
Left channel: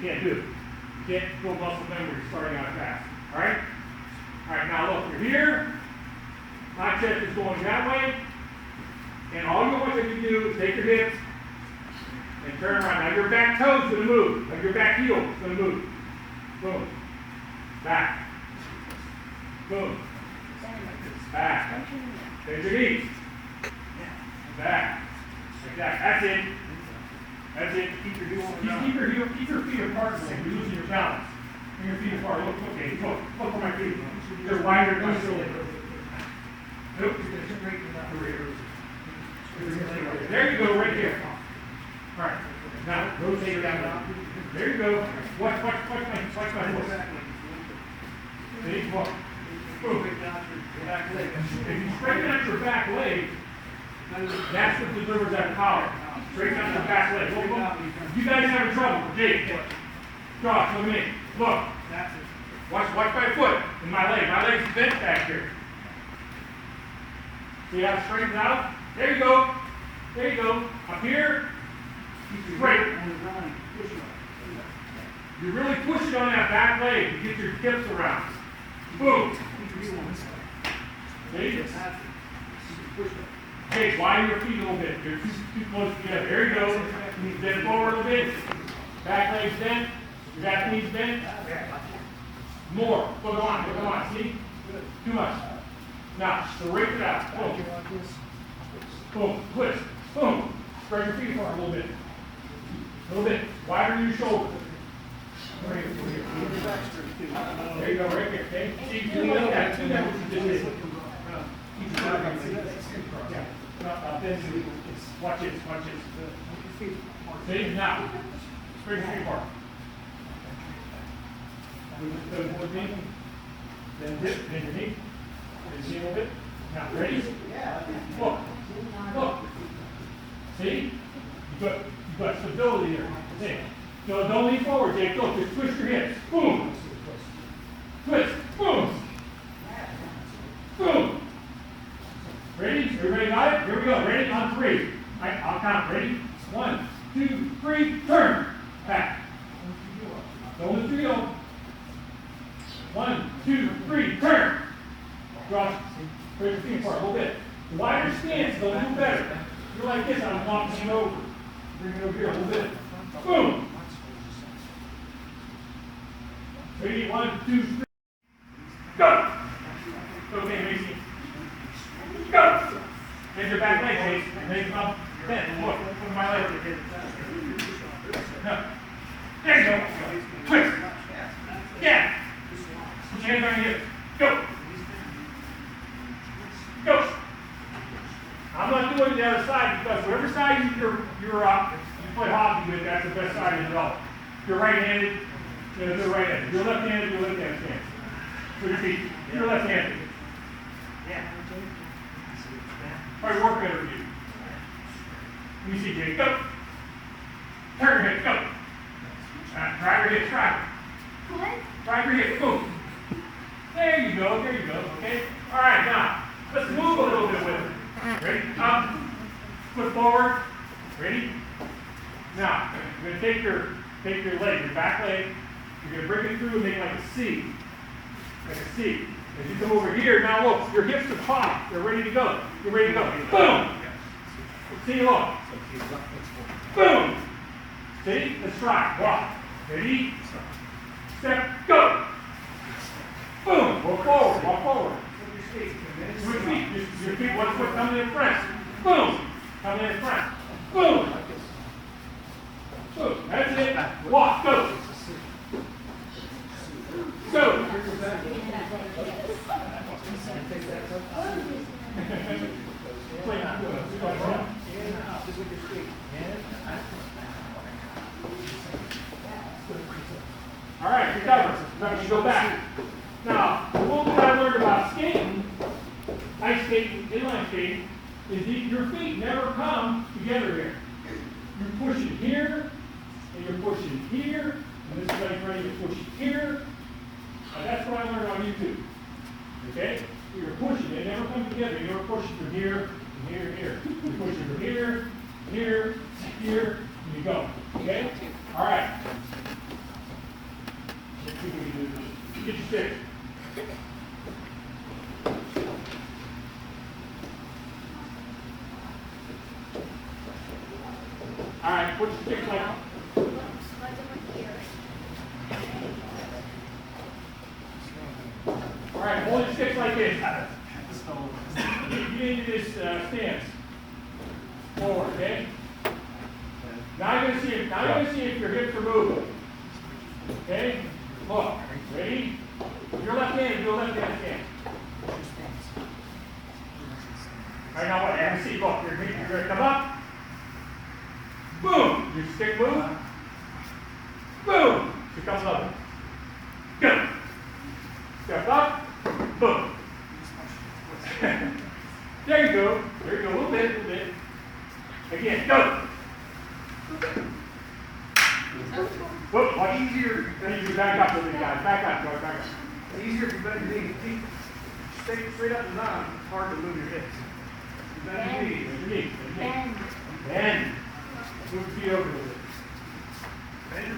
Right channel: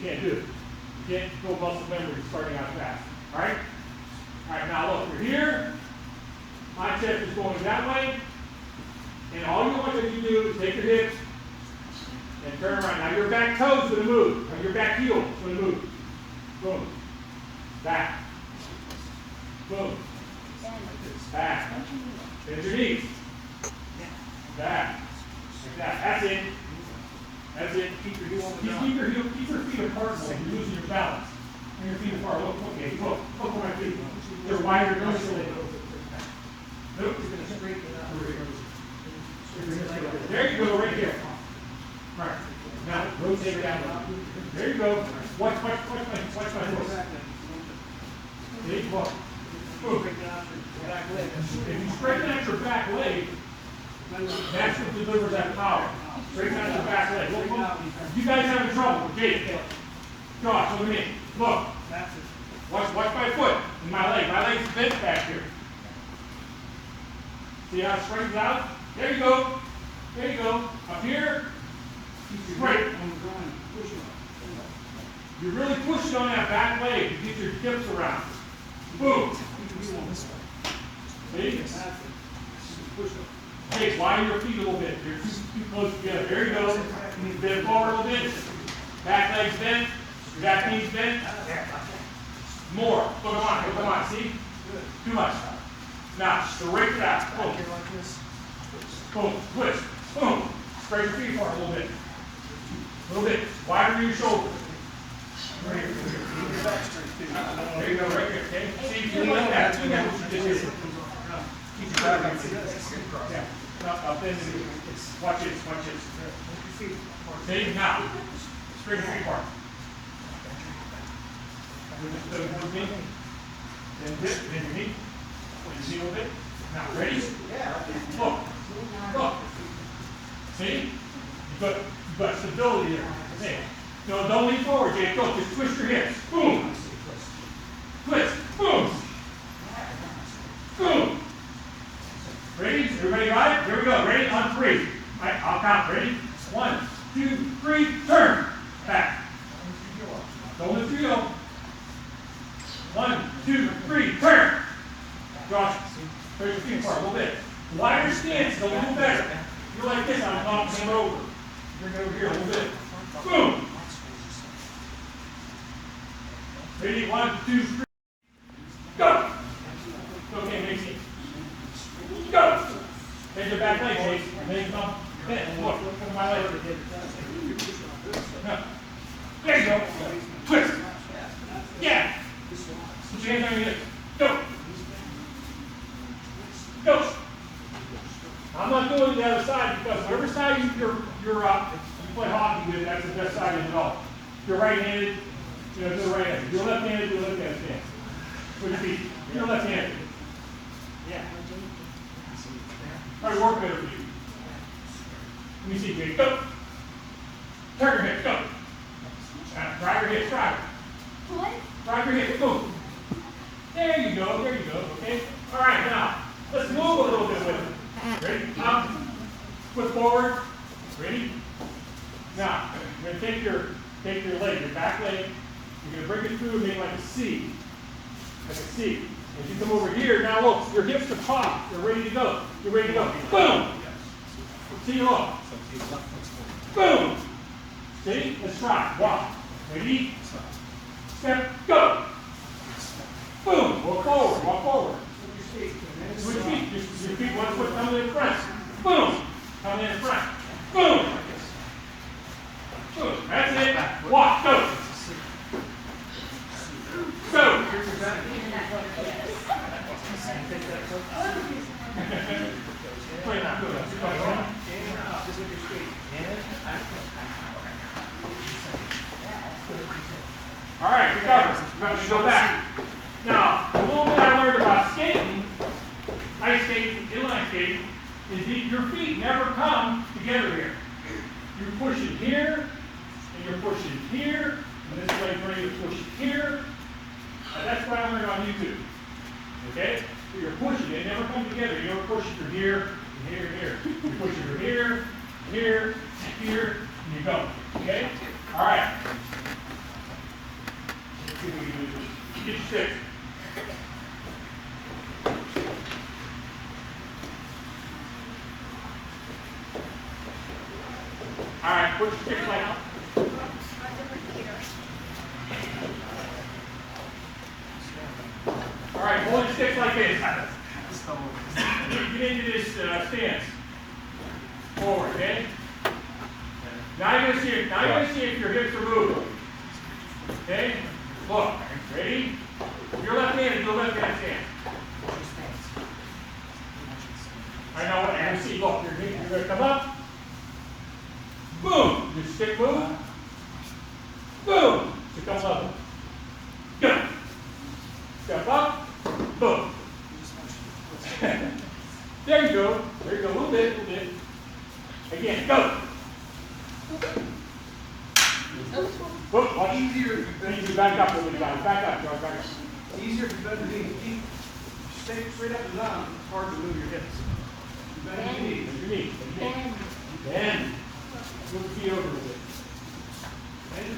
can't do it. You can't build muscle memory when you're starting out fast, alright? Alright, now look, we're here, my chest is going that way, and all you want to do is take your hips and turn around. Now your back toe's gonna move, now your back heel is gonna move. Boom. Back. Boom. Back. Bend your knees. Back. Like that. That's it. That's it. Keep your feet apart so you're losing your balance. Bring your feet apart. Look, okay, look at my feet. They're wider than my shoulder. Nope. There you go, right there. All right. Now rotate it down. There you go. Watch my foot. See? Look. Boom. If you straighten out your back leg, that's what delivers that power. Straighten out your back leg. Look. You guys having trouble. Jake. Josh, look at me. Look. Watch my foot and my leg. My leg's bent back here. See how it straightens out? There you go. There you go. Up here. Straight. You're really pushing on that back leg to get your hips around. Boom. See? Okay, widen your feet a little bit. You're too close together. There you go. Bend forward a little bit. Back legs bent. Your back knees bent. More. Come on. See? Too much. Now, straight it out. Boom. Boom. Twist. Boom. Spread your feet apart a little bit. A little bit. Widen your shoulders. Right here. There you go, right there. Okay? See, if you like that, do that what you did. Keep your back up. Yeah. Now, watch this. See, now, spread your feet apart. With me. Then your knee. See a little bit? Now, ready? Look. See? You've got stability there. See? No, don't lean forward, Jake. Go. Just twist your hips. Boom. Twist. Boom. Boom. Ready? Everybody got it? Here we go. Ready? On three. All right, I'll count. Ready? 1, 2, 3. Turn. Back. Don't let you go. 1, 2, 3. Turn. Josh, spread your feet apart a little bit. Wider stance, they'll do better. You're like this, I'm knocking them over. Bring it over here a little bit. Boom! Ready? 1, 2, 3. Go! Okay, Macy. Go! Here's your back leg, Macy. And then come bend. Look at my leg. No. There you go. Twist. Yeah. Put your hands on your hips. Go. Go. I'm not doing the other side because whatever side you play hockey with, that's the best side in it all. If you're right-handed, do the right-handed. If you're left-handed, do left-handed stance. Put your feet. If you're left-handed. Yeah. Probably work better for you. Let me see, Jake. Go. Turn your hips. Go. Drive your hips. Drive. Drive your hips. Boom. There you go. Okay. All right, now. Let's move a little bit with it. Ready? Up. Foot forward. Ready? Now, you're going to take your leg, your back leg. You're going to bring it through and make like a C. Like a C. As you come over here, now look, your hips are popped. You're ready to go. Boom! See you long. Boom! See? Let's try. Walk. Ready? Step. Go! Boom! Walk forward. Your feet, one foot coming in front. Boom! Coming in front. Boom! Boom. That's it. Walk. Go. Go. All right, good cover. We're going to go back. Now, a little bit I learned about skating, ice skating, inline skating, is that your feet never come together here. You're pushing here, and you're pushing here, and this leg's ready to push here. And that's what I learned on YouTube. Okay? So you're pushing, they never come together. You're pushing from here, and here, and here. You're pushing from here, here, here, and you go. Okay? All right. Let's see what we can do. Get your sticks. All right, put your sticks like. All right, hold your sticks like this. Get into this stance. Forward, okay? Now you're gonna see if your hips are moving. Okay? Look, ready? Your left hand, do a left hand stance. All right, now what? Let me see. Look, you're gonna come up. Boom! Your stick move. Boom! Stick comes up. Good. Step up. Boom. There you go. There you go. A little bit, a little bit. Again, go. Whoop, watch. Easier. Then you back up a little bit, guys. Back up, back up. It's easier if you bend your knees. Straight up and down, it's hard to move your hips. You bend your knees. Bend your knees. Bend. Move the feet over a little bit.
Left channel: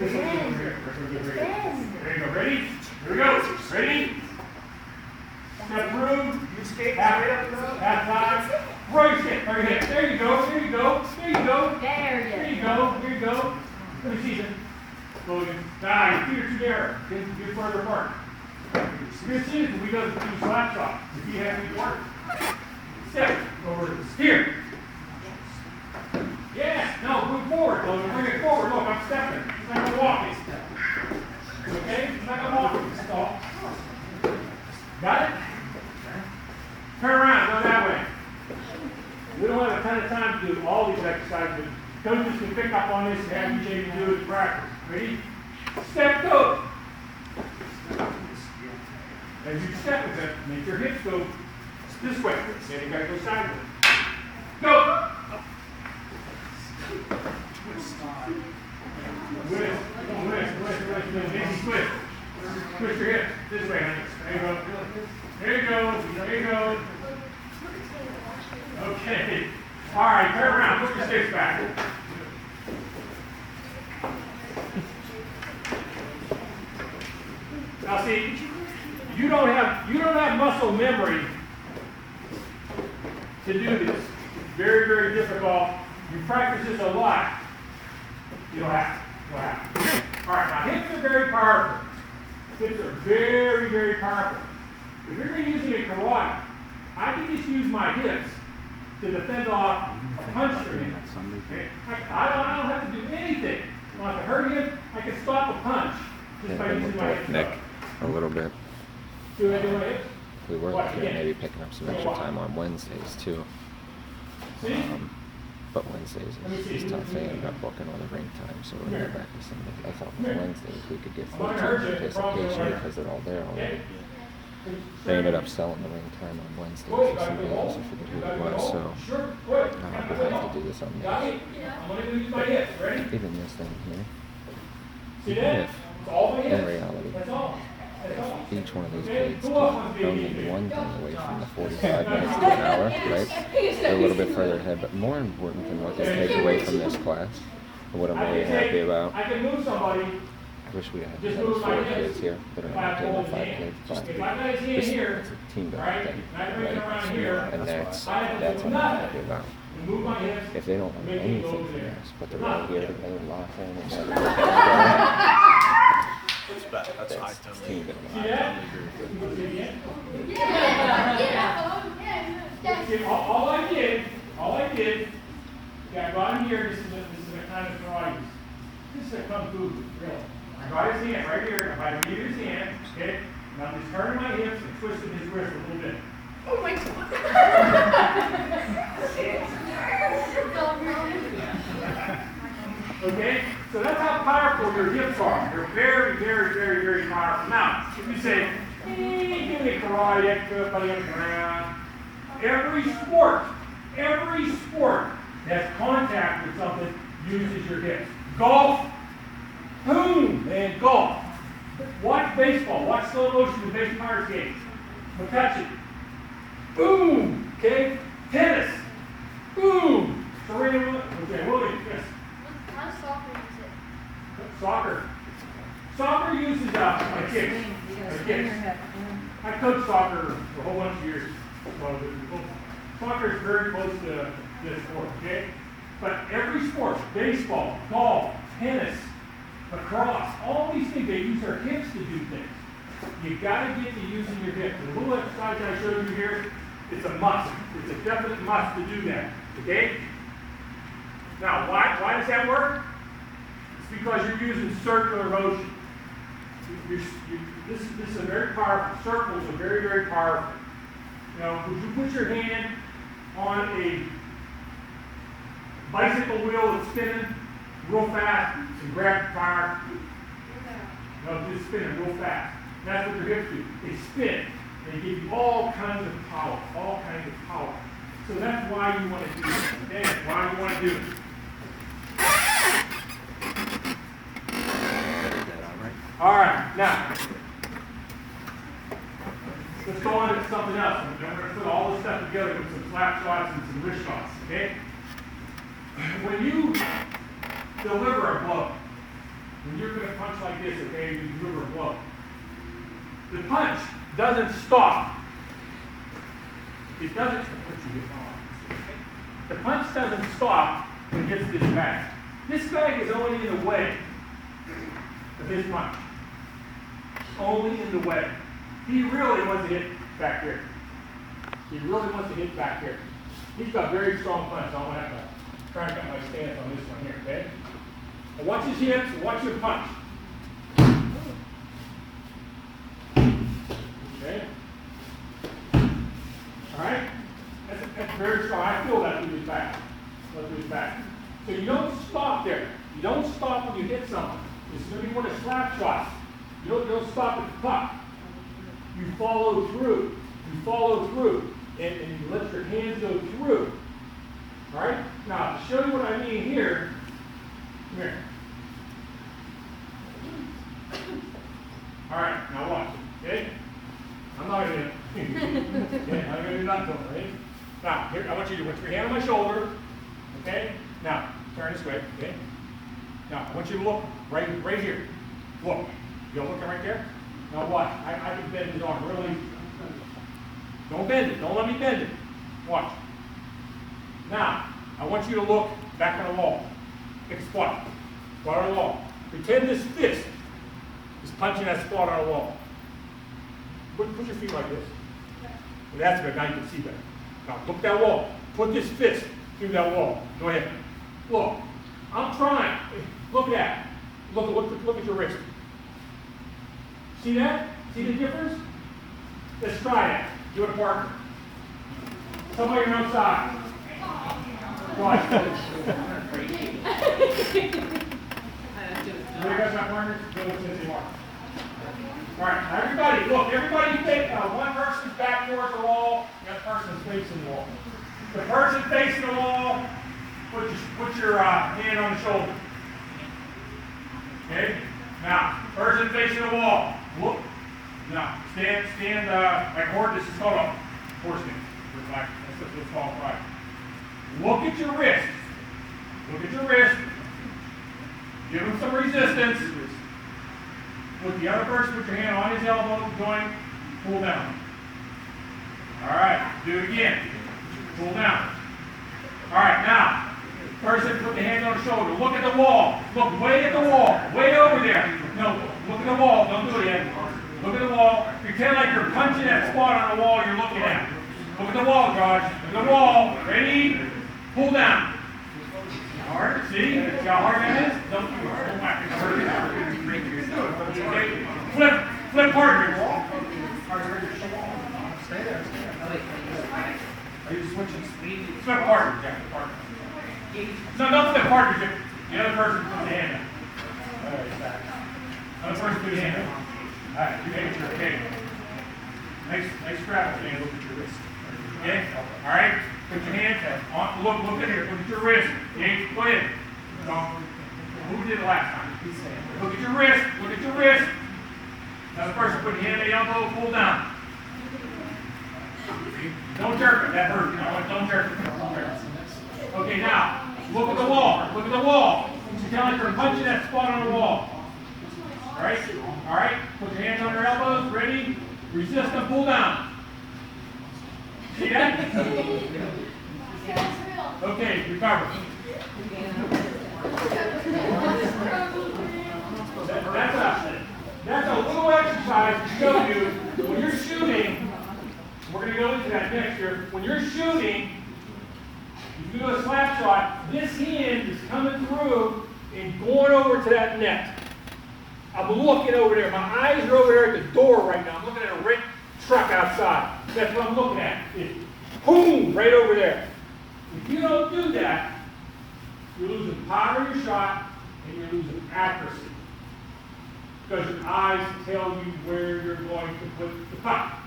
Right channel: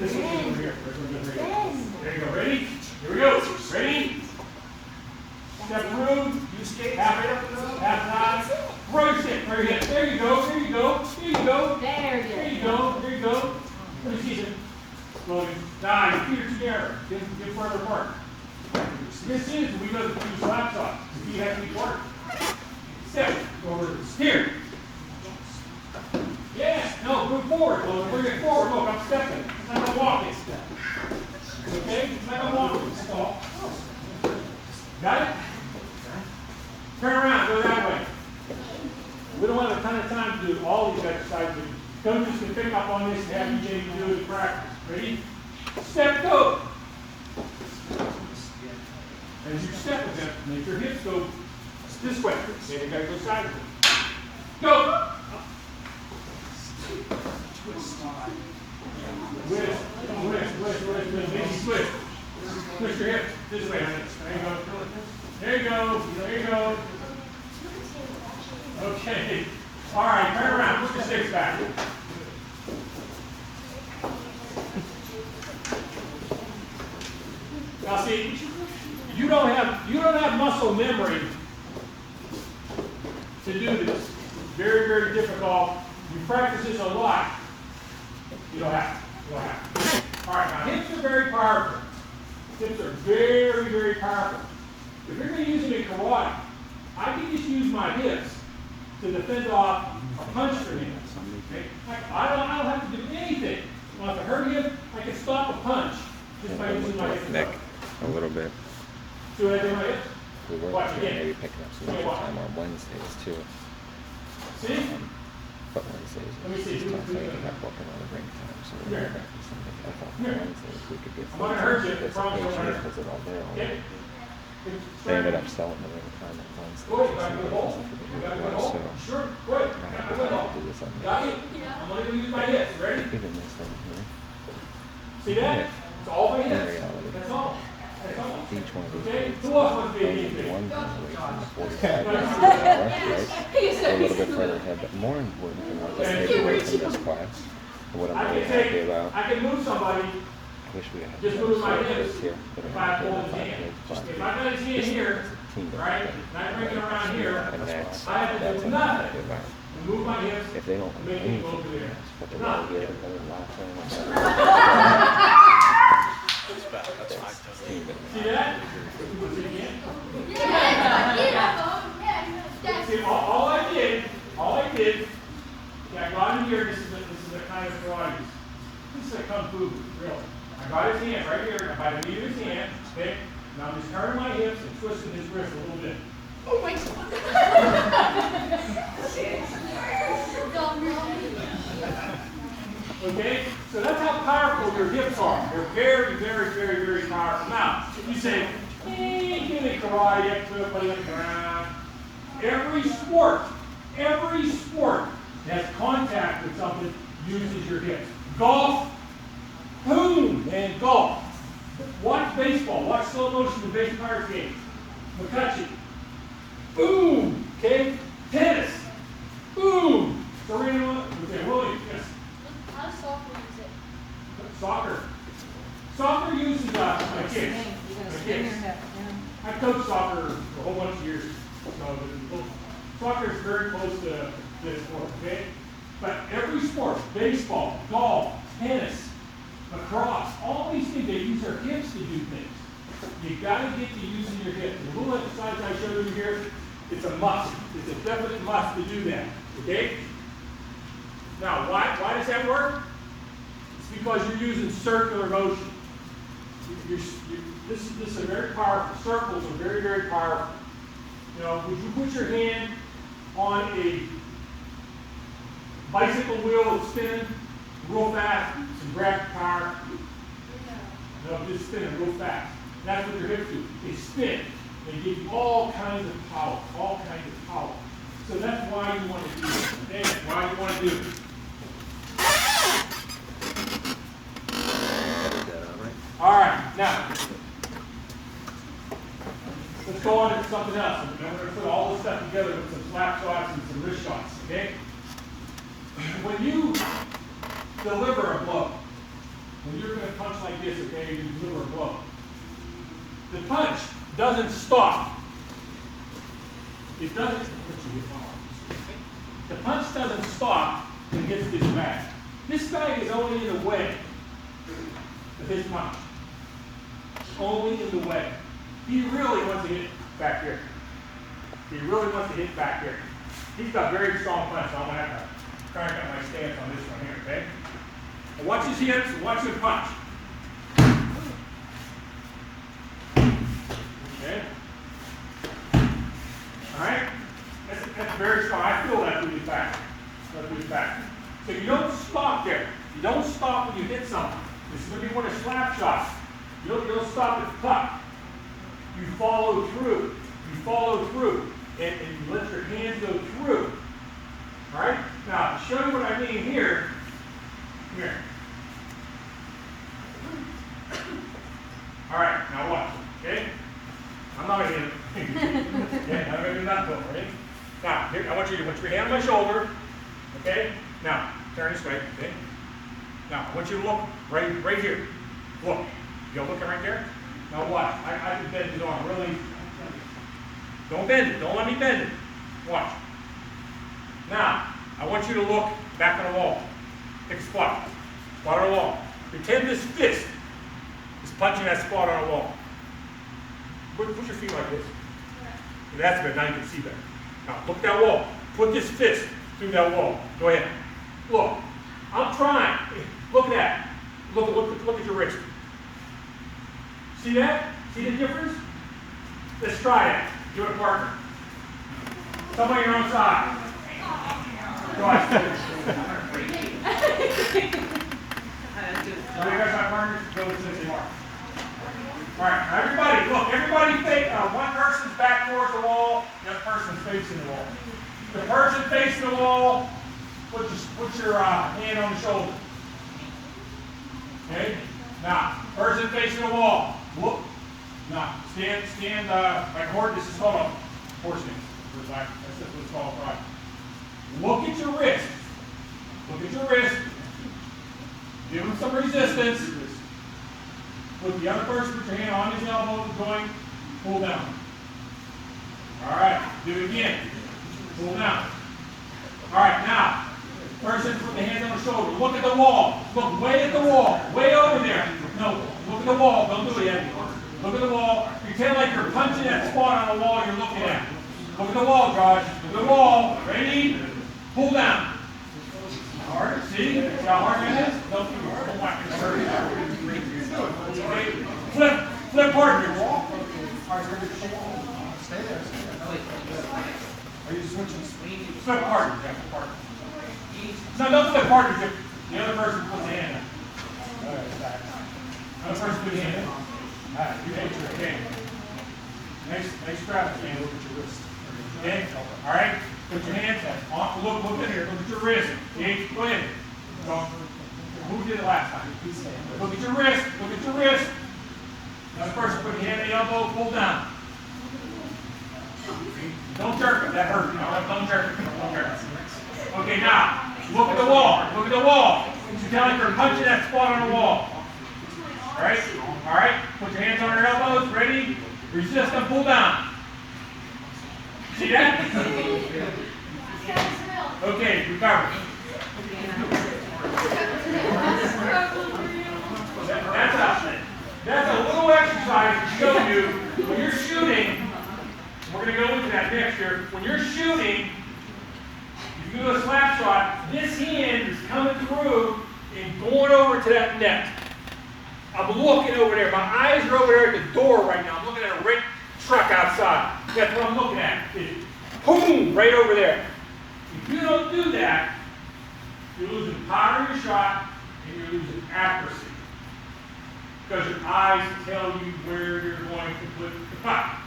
This one's over here. There you go. Ready? Here we go. Ready? Step through. You skate Half straight up and down. half time. Throw your stick. Right here. There you go. There you go. There you go. There you go. There you go. Let me see this. Go down. Your feet are too narrow. Get further apart. You're going to see this when we go to do slap shot. If you have any work. Step over here. Yeah, no, move forward. Logan. Bring it forward. Look, I'm stepping. It's like I'm walking. Okay? It's like I'm walking. Stop. Got it? Turn around. Go that way. We don't have a ton of time to do all these exercises. Coaches can pick up on this and have you maybe do it in practice. Ready? Step, go. As you step with it, make your hips go this way. Then you gotta go sideways. Go. Twist. Twist your hips this way. There you go. There you go. Okay. All right, turn around. Put your sticks back. Now see, you don't have muscle memory to do this. It's very, very difficult. You practice this a lot. You don't have to. You don't have to. All right, now hips are very powerful. Hips are very, very powerful. If you're going to use it in karate, I can just use my hips to defend off a punch from him. Okay? I don't have to do anything. Well, if I hurt him, I can stop the punch just by using my hips. Nick, a little bit. Do what I do with my hips? We were Watch looking at again. maybe picking up some extra time on Wednesdays too. See? But Wednesdays Let me see. is tough. They ended up booking on the ring time, so we'll Here. go back to Sunday. I thought Here. Wednesday if we could get I'm not gonna hurt you. participation Promise you. because they're all there Okay? already. They ended up selling the ring time on Wednesday Go. for Got a some good reason. hole? I forget who Got a it good was, so hole? Sure. Good. I have to do this on Got the it? I'm only going to use my hips. Ready? even this thing, you know. See that? It's all my In hips. reality, That's all. That's all. each one of these Okay? plates Who else wants to be only anything? one thing away from the 45 minutes to an hour, right? They're a little bit further ahead, but more important than what they take away from this class, and what I'm I really can happy take, about. I can move somebody. I wish we had Just another move my 4 hips. kids here, but If I'm I not hold doing his 5 hand. kids, 5 If I got his hand here, team right, thing, and I bring it around here, and that's I have to that's do what I'm happy nothing. about. Move my hips. If they don't like Make it go anything over from there. this, but they're Nothing. gonna get it, they're laughing, and That's five times. team it. See that? See, all I did, yeah, I got in here, this is a kind of karate. This is a kung fu, real. I got his hand right here, by the knee of his hand, okay? Now I'm just turning my hips and twisting his wrist a little bit. Oh my God. Okay? So that's how powerful your hips are. They're very, very, very, very powerful. Now, if you say, hey, give me karate, everybody on the ground. Every sport has contact with something uses your hips. Golf, boom, man, golf. Watch baseball, watch slow motion in base Pirates games. McCutcheon, boom, okay? Tennis, boom. Serena Williams, yes. How does soccer use it? Soccer uses my kids. My kids. I coached soccer for a whole bunch of years. So soccer is very close to this sport, okay? But every sport, baseball, golf, tennis, lacrosse, all these things, they use their hips to do things. You gotta get to using your hips. The little exercise I showed you here, it's a must. It's a definite must to do that, okay? Now, why does that work? It's because you're using circular motion. This is a very powerful. Circles are very, very powerful. You know, would you put your hand on a bicycle wheel that's spinning real fast and grab the tire? No, just spinning real fast. That's what your hips do. They spin. They give you all kinds of power. All kinds of power. So that's why you want to do it. Okay? That's why you want to do it. All right, now let's go on to something else. And then we're going to put all this stuff together with some slap shots and some wrist shots. Okay? When you deliver a blow, when you're going to punch like this, okay, you deliver a blow. The punch doesn't stop. It doesn't. The punch doesn't stop when it hits this bag. This bag is only in the way of his punch. Only in the way. He really wants to hit back here. He really wants to hit back here. He's got very strong punch, so I'm going to have to crank up my stance on this one here, okay? Now watch his hips, watch him punch. Okay? Alright? That's very strong. I feel that through his back. Through his back. So you don't stop there. You don't stop when you hit someone. This is when you want a slap shot. You don't stop at the puck. You follow through. You follow through. And you let your hands go through. Alright? Now, to show you what I mean here, come here. Alright, now watch. Okay? I'm not going to okay, I'm going to do nothing. Right? Now, here, I want you to put your hand on my shoulder. Okay? Now, turn this way. Okay? Now, I want you to look right here. Look. You're looking right there? Now watch. I can bend his arm really. Don't bend it. Don't let me bend it. Watch. Now, I want you to look back on the wall. Pick a spot. Spot on the wall. Pretend this fist is punching that spot on the wall. Put your feet like this. That's good. Now you can see better. Now look at that wall. Put this fist through that wall. Go ahead. Look. I'm trying. Look at that. Look at your wrist. See that? See the difference? Let's try that. Do it, partner. Somebody your own side. Go ahead. You guys have partners? Go with Cincy Mark. All right, now everybody, look, everybody think one person's back towards the wall, the other person's facing the wall. The person facing the wall, put your hand on the shoulder. Okay? Now, person facing the wall, look. Now, stand like horse. This is called a horse stance. That's what it's called, right? Look at your wrist. Look at your wrist. Give him some resistance. Put the other person, put your hand on his elbow, joint, pull down. All right, do it again. Pull down. All right, now, person put the hand on the shoulder. Look at the wall. Look way at the wall. Way over there. No, look at the wall. Don't do it yet. Look at the wall. Pretend like you're punching that spot on the wall you're looking at. Look at the wall, Josh. Look at the wall. Ready? Pull down. Hard. See how hard that is? Don't hurt it. Okay. Flip partner. Stay there. Are you switching speed? Flip partner, Jack. Partner. No, don't flip partnership. The other person puts the hand up. All right, back. Another person puts the hand up. All right, you put your hand. Nice grab. Okay, look at your wrist. Okay. All right. Put your hands on. Look at here. Look at your wrist. Okay. Go ahead. So, who did it last time? Look at your wrist, look at your wrist. Another person, put your hand on the elbow, pull down. Don't jerk it, that hurt. Don't jerk it, don't jerk it. Okay, now, look at the wall, look at the wall. You tell like you're punching that spot on the wall. All right, put your hands on your elbows, ready? Resist and pull down. See that? Okay, recover. That's a little exercise to show you when you're shooting. We're going to go into that next year. When you're shooting, if you do a slap shot, this hand is coming through and going over to that net. I'm looking over there. My eyes are over there at the door right now. I'm looking at a red truck outside. That's what I'm looking at. It's boom, right over there. If you don't do that, you're losing power of your shot and you're losing accuracy. Because your eyes tell you where you're going to put the puck.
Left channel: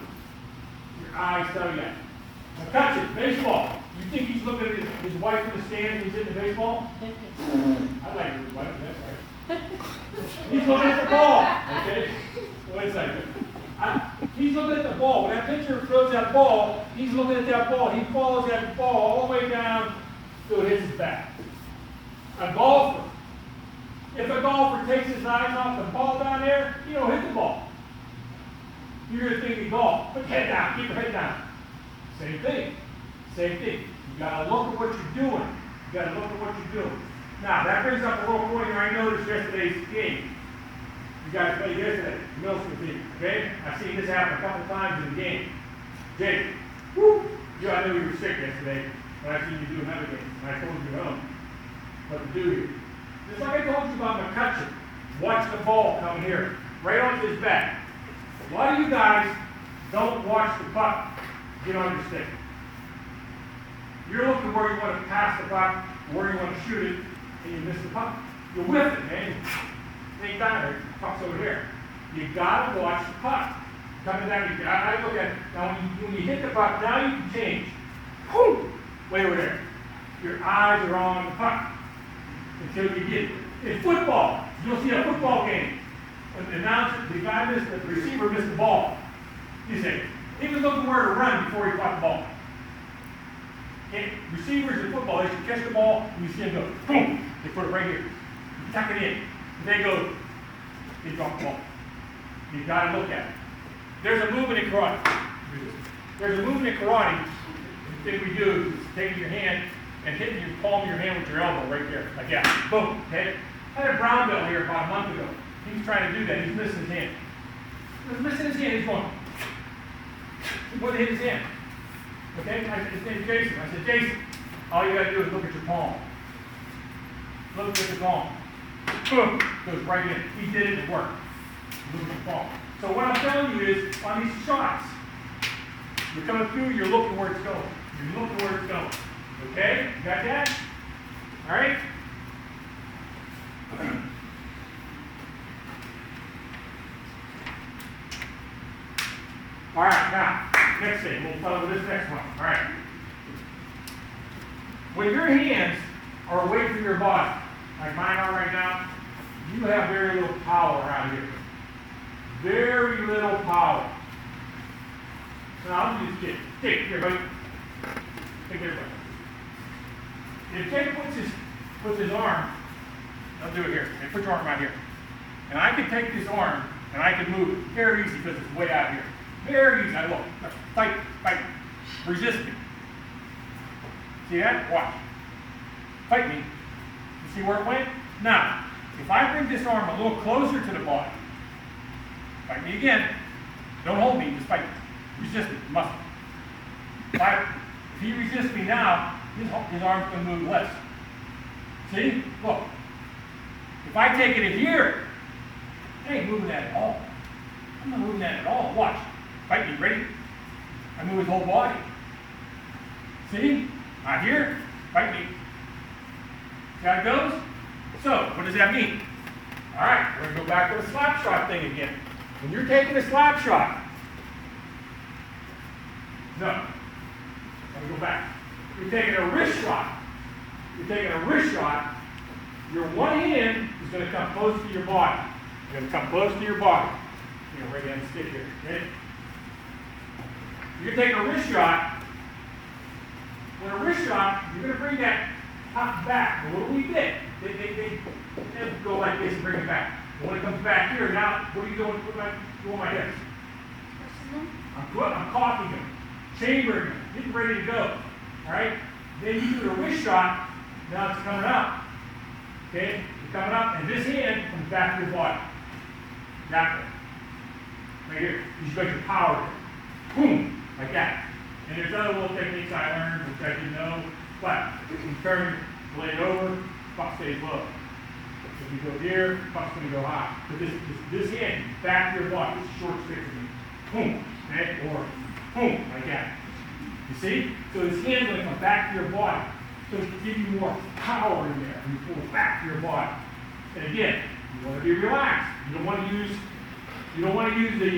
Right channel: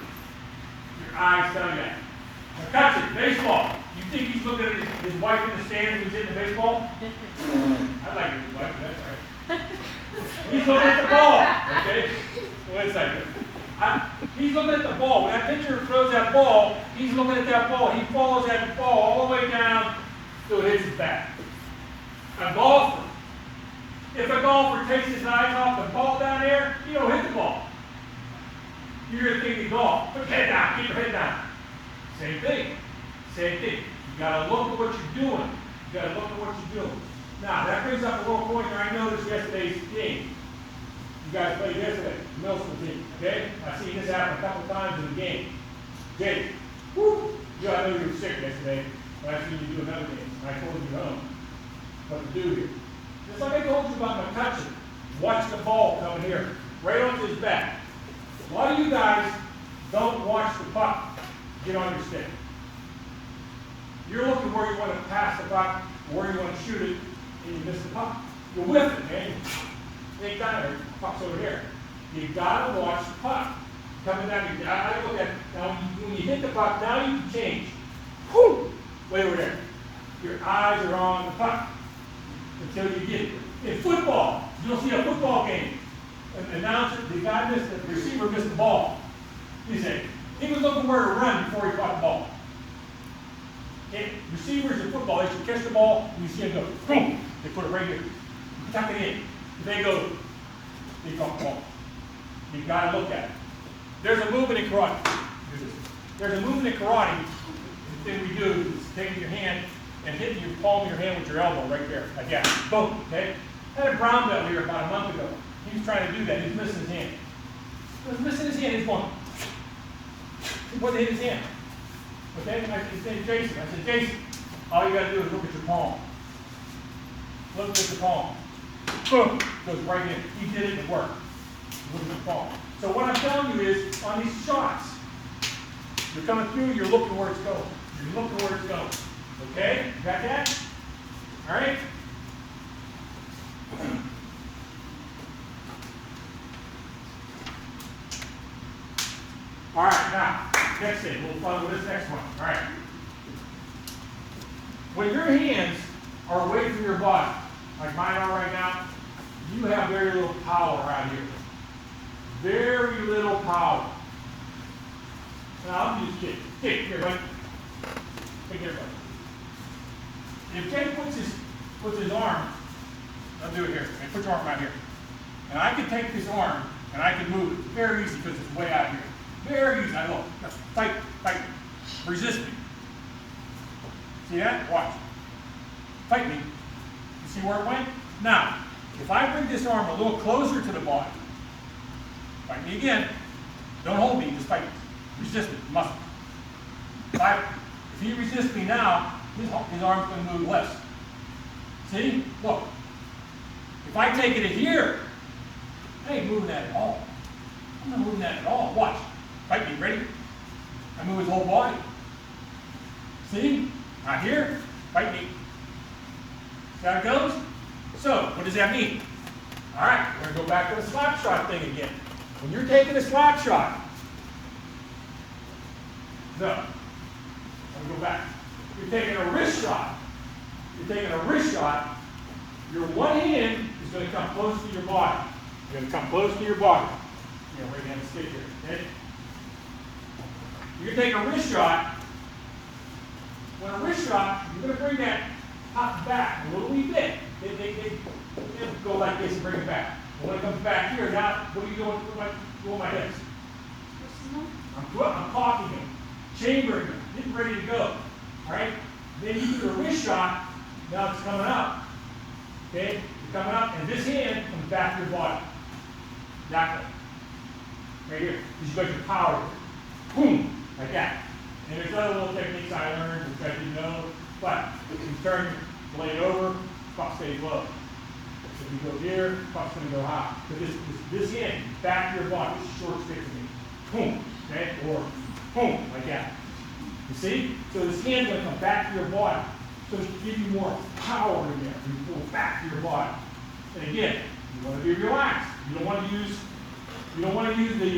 Your eyes tell you that. Now catch it, baseball. You think he's looking at his wife in the stands when he's hitting the baseball? I like his wife, that's right. He's looking at the ball, okay? Wait a second. He's looking at the ball. When that pitcher throws that ball, he's looking at that ball. He follows that ball all the way down so it hits his back. A golfer. If a golfer takes his eyes off the ball down there, you don't hit the ball. You're going to think of golf. Put your head down. Keep your head down. Same thing. Same thing. You got to look at what you're doing. You got to look at what you're doing. Now, that brings up a little point here. I noticed yesterday's game. You guys played yesterday, middle school team, okay? I've seen this happen a couple of times in the game. Jake, whoo! You know, I know you were sick yesterday, but I've seen you do another game, and I told you what to do here. Just like I told you about McCutcheon, watch the ball coming here, right onto his back. A lot of you guys don't watch the puck get on your stick. You're looking where you want to pass the puck, where you want to shoot it, and you miss the puck. You're with it, man. It ain't down there, the puck's over here. You gotta watch the puck. Coming down, you gotta look at it. Now when you hit the puck, now you can change. Whoo! Way over there. Your eyes are on the puck until you get it. In football, you'll see a football game. An announcer, the guy missed, the receiver missed the ball. You say, he was looking where to run before he caught the ball. And receivers in football, they should catch the ball and you see them go, boom, they put it right here. You tuck it in. If they go, they drop the ball. You've got to look at it. There's a movement in karate. There's a movement in karate. The thing we do is taking your hand and hitting your palm of your hand with your elbow right there, like that. Boom, okay? I had a brown belt here about a month ago. He was trying to do that. He was missing his hand. He was missing his hand. He's going. He wouldn't hit his hand. Okay? I said, his name's Jason. I said, Jason, all you got to do is look at your palm. Look at your palm. Boom, goes right in. He did it, it worked. Look at the palm. So what I'm telling you is, on these shots, you're coming through, you're looking where it's going. You're looking where it's going. Okay? You got that? All right? All right, now, next thing. We'll follow this next one. All right. When your hands are away from your body, like mine are right now, you have very little power out here. Very little power. Now, I'm just kidding. Take here, buddy. Take here, buddy. If Jake puts his arm, I'll do it here. Okay, put your arm out here. And I can take this arm and I can move it very easy because it's way out here. Very easy. I look. Fight, fight. Resist me. See that? Watch. Fight me. You see where it went? Now, if I bring this arm a little closer to the body, fight me again. Don't hold me, just fight me. Resist me, muscle. If he resists me now, his arm's going to move less. See? Look. If I take it here, I ain't moving that at all. I'm not moving that at all. Watch. Fight me, ready? I move his whole body. See? Not here. Fight me. See how it goes? So, what does that mean? All right, we're going to go back to the slap shot thing again. When you're taking a slap shot, no. Let me go back. You're taking a wrist shot. You're taking a wrist shot. Your one hand is going to come close to your body. You're going to come close to your body. You know, right hand stick here. Okay? You're going to take a wrist shot. When a wrist shot, you're going to bring that top back a little wee bit. They go like this and bring it back. And when it comes back here, now what are you doing? What am I doing with my hips? I'm coughing them, chambering them, getting ready to go. All right? Then you do the wrist shot. Now it's coming out. Okay? It's coming up, and this hand comes back to your body. That way. Right here. You're going to power it. Boom! Like that. And there's other little techniques I learned, which I didn't know, but you turn the blade over, puck stays low. If you go here, puck's going to go high. So this hand, back to your body, this short stick to me. Boom! Okay? Or boom! Like that. You see? So this hand's going to come back to your body. So to give you more power in there, and you pull it back to your body. And again, you want to be relaxed. You don't want to use the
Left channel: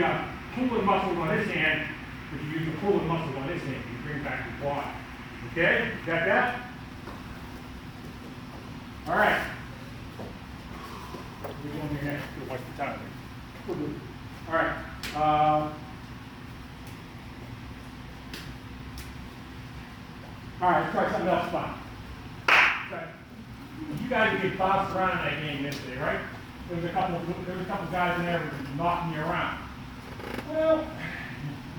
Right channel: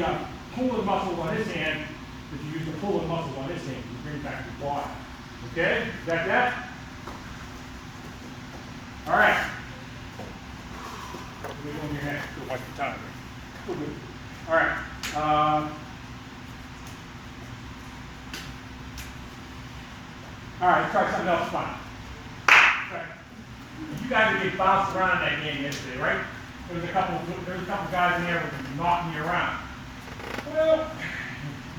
pulling muscles on this hand, but you use the pulling muscles on this hand. You bring it back to your body. Okay? Got that? All right. We're going your hand. Watch the time. All right. All right, let's try something else fun. Okay. You guys would get bounced around in that game yesterday, right? There was a couple guys in there who were knocking you around. Well,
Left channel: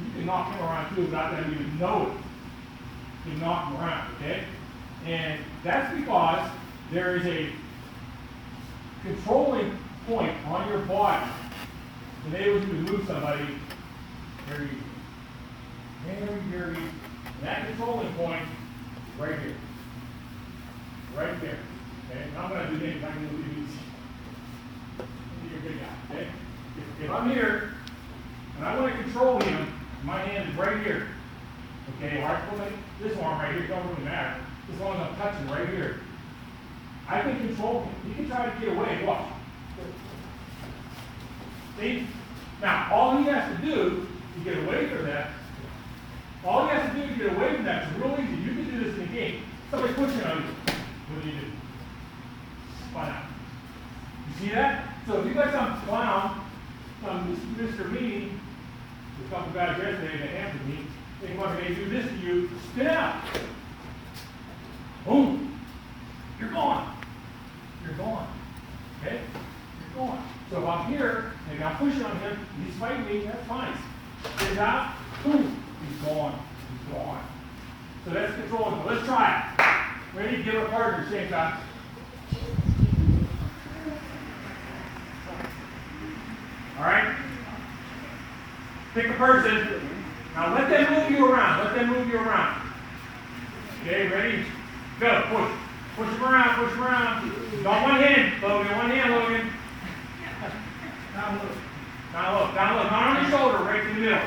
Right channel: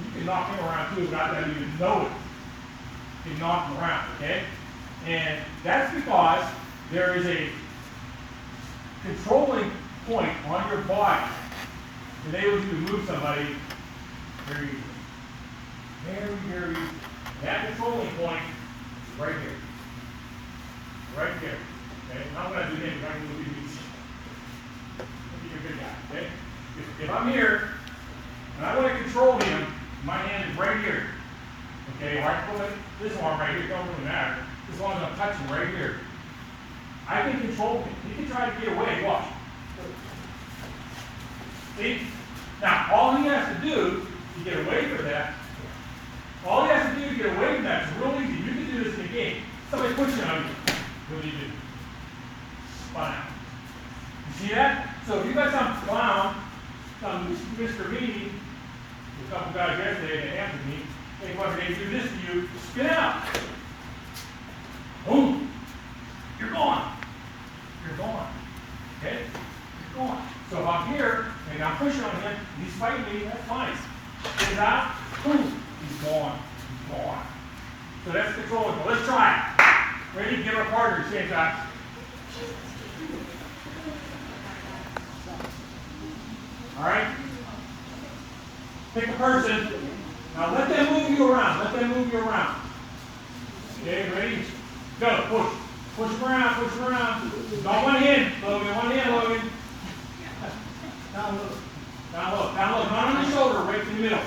you can knock him around too without them even know it. You can knock him around, okay? And that's because there is a controlling point on your body to enable you to move somebody very, that controlling point is right here. Right there. Okay? And I'm going to do him because I can do these. You're a good guy, okay? If I'm here and I want to control him, my hand is right here. Okay, right? This arm right here, don't really matter. As long as I'm touching right here. I can control him. He can try to get away. Watch. See? Now, all he has to do to get away from that, is real easy. You can do this in the game. Somebody pushing on you. What do you do? Spun out. You see that? So if you got some clown, some Mr. Meanie, a couple guys yesterday that answered me, they want to do this to you, spin out. Boom. You're gone. You're gone. Okay? You're gone. So if I'm here and I'm pushing on him, and he's fighting me, that's fine. Spin out, boom, he's gone. He's gone. So that's controlling. Well, let's try it. Ready? Get our partner, same time. All right? Pick a person. Now let them move you around. Let them move you around. Okay, ready? Go. Push. Push them around. Push them around. Got one hand, Logan. One hand, Logan. Down low. Down low. Down low. Not on your shoulder. Right in the middle.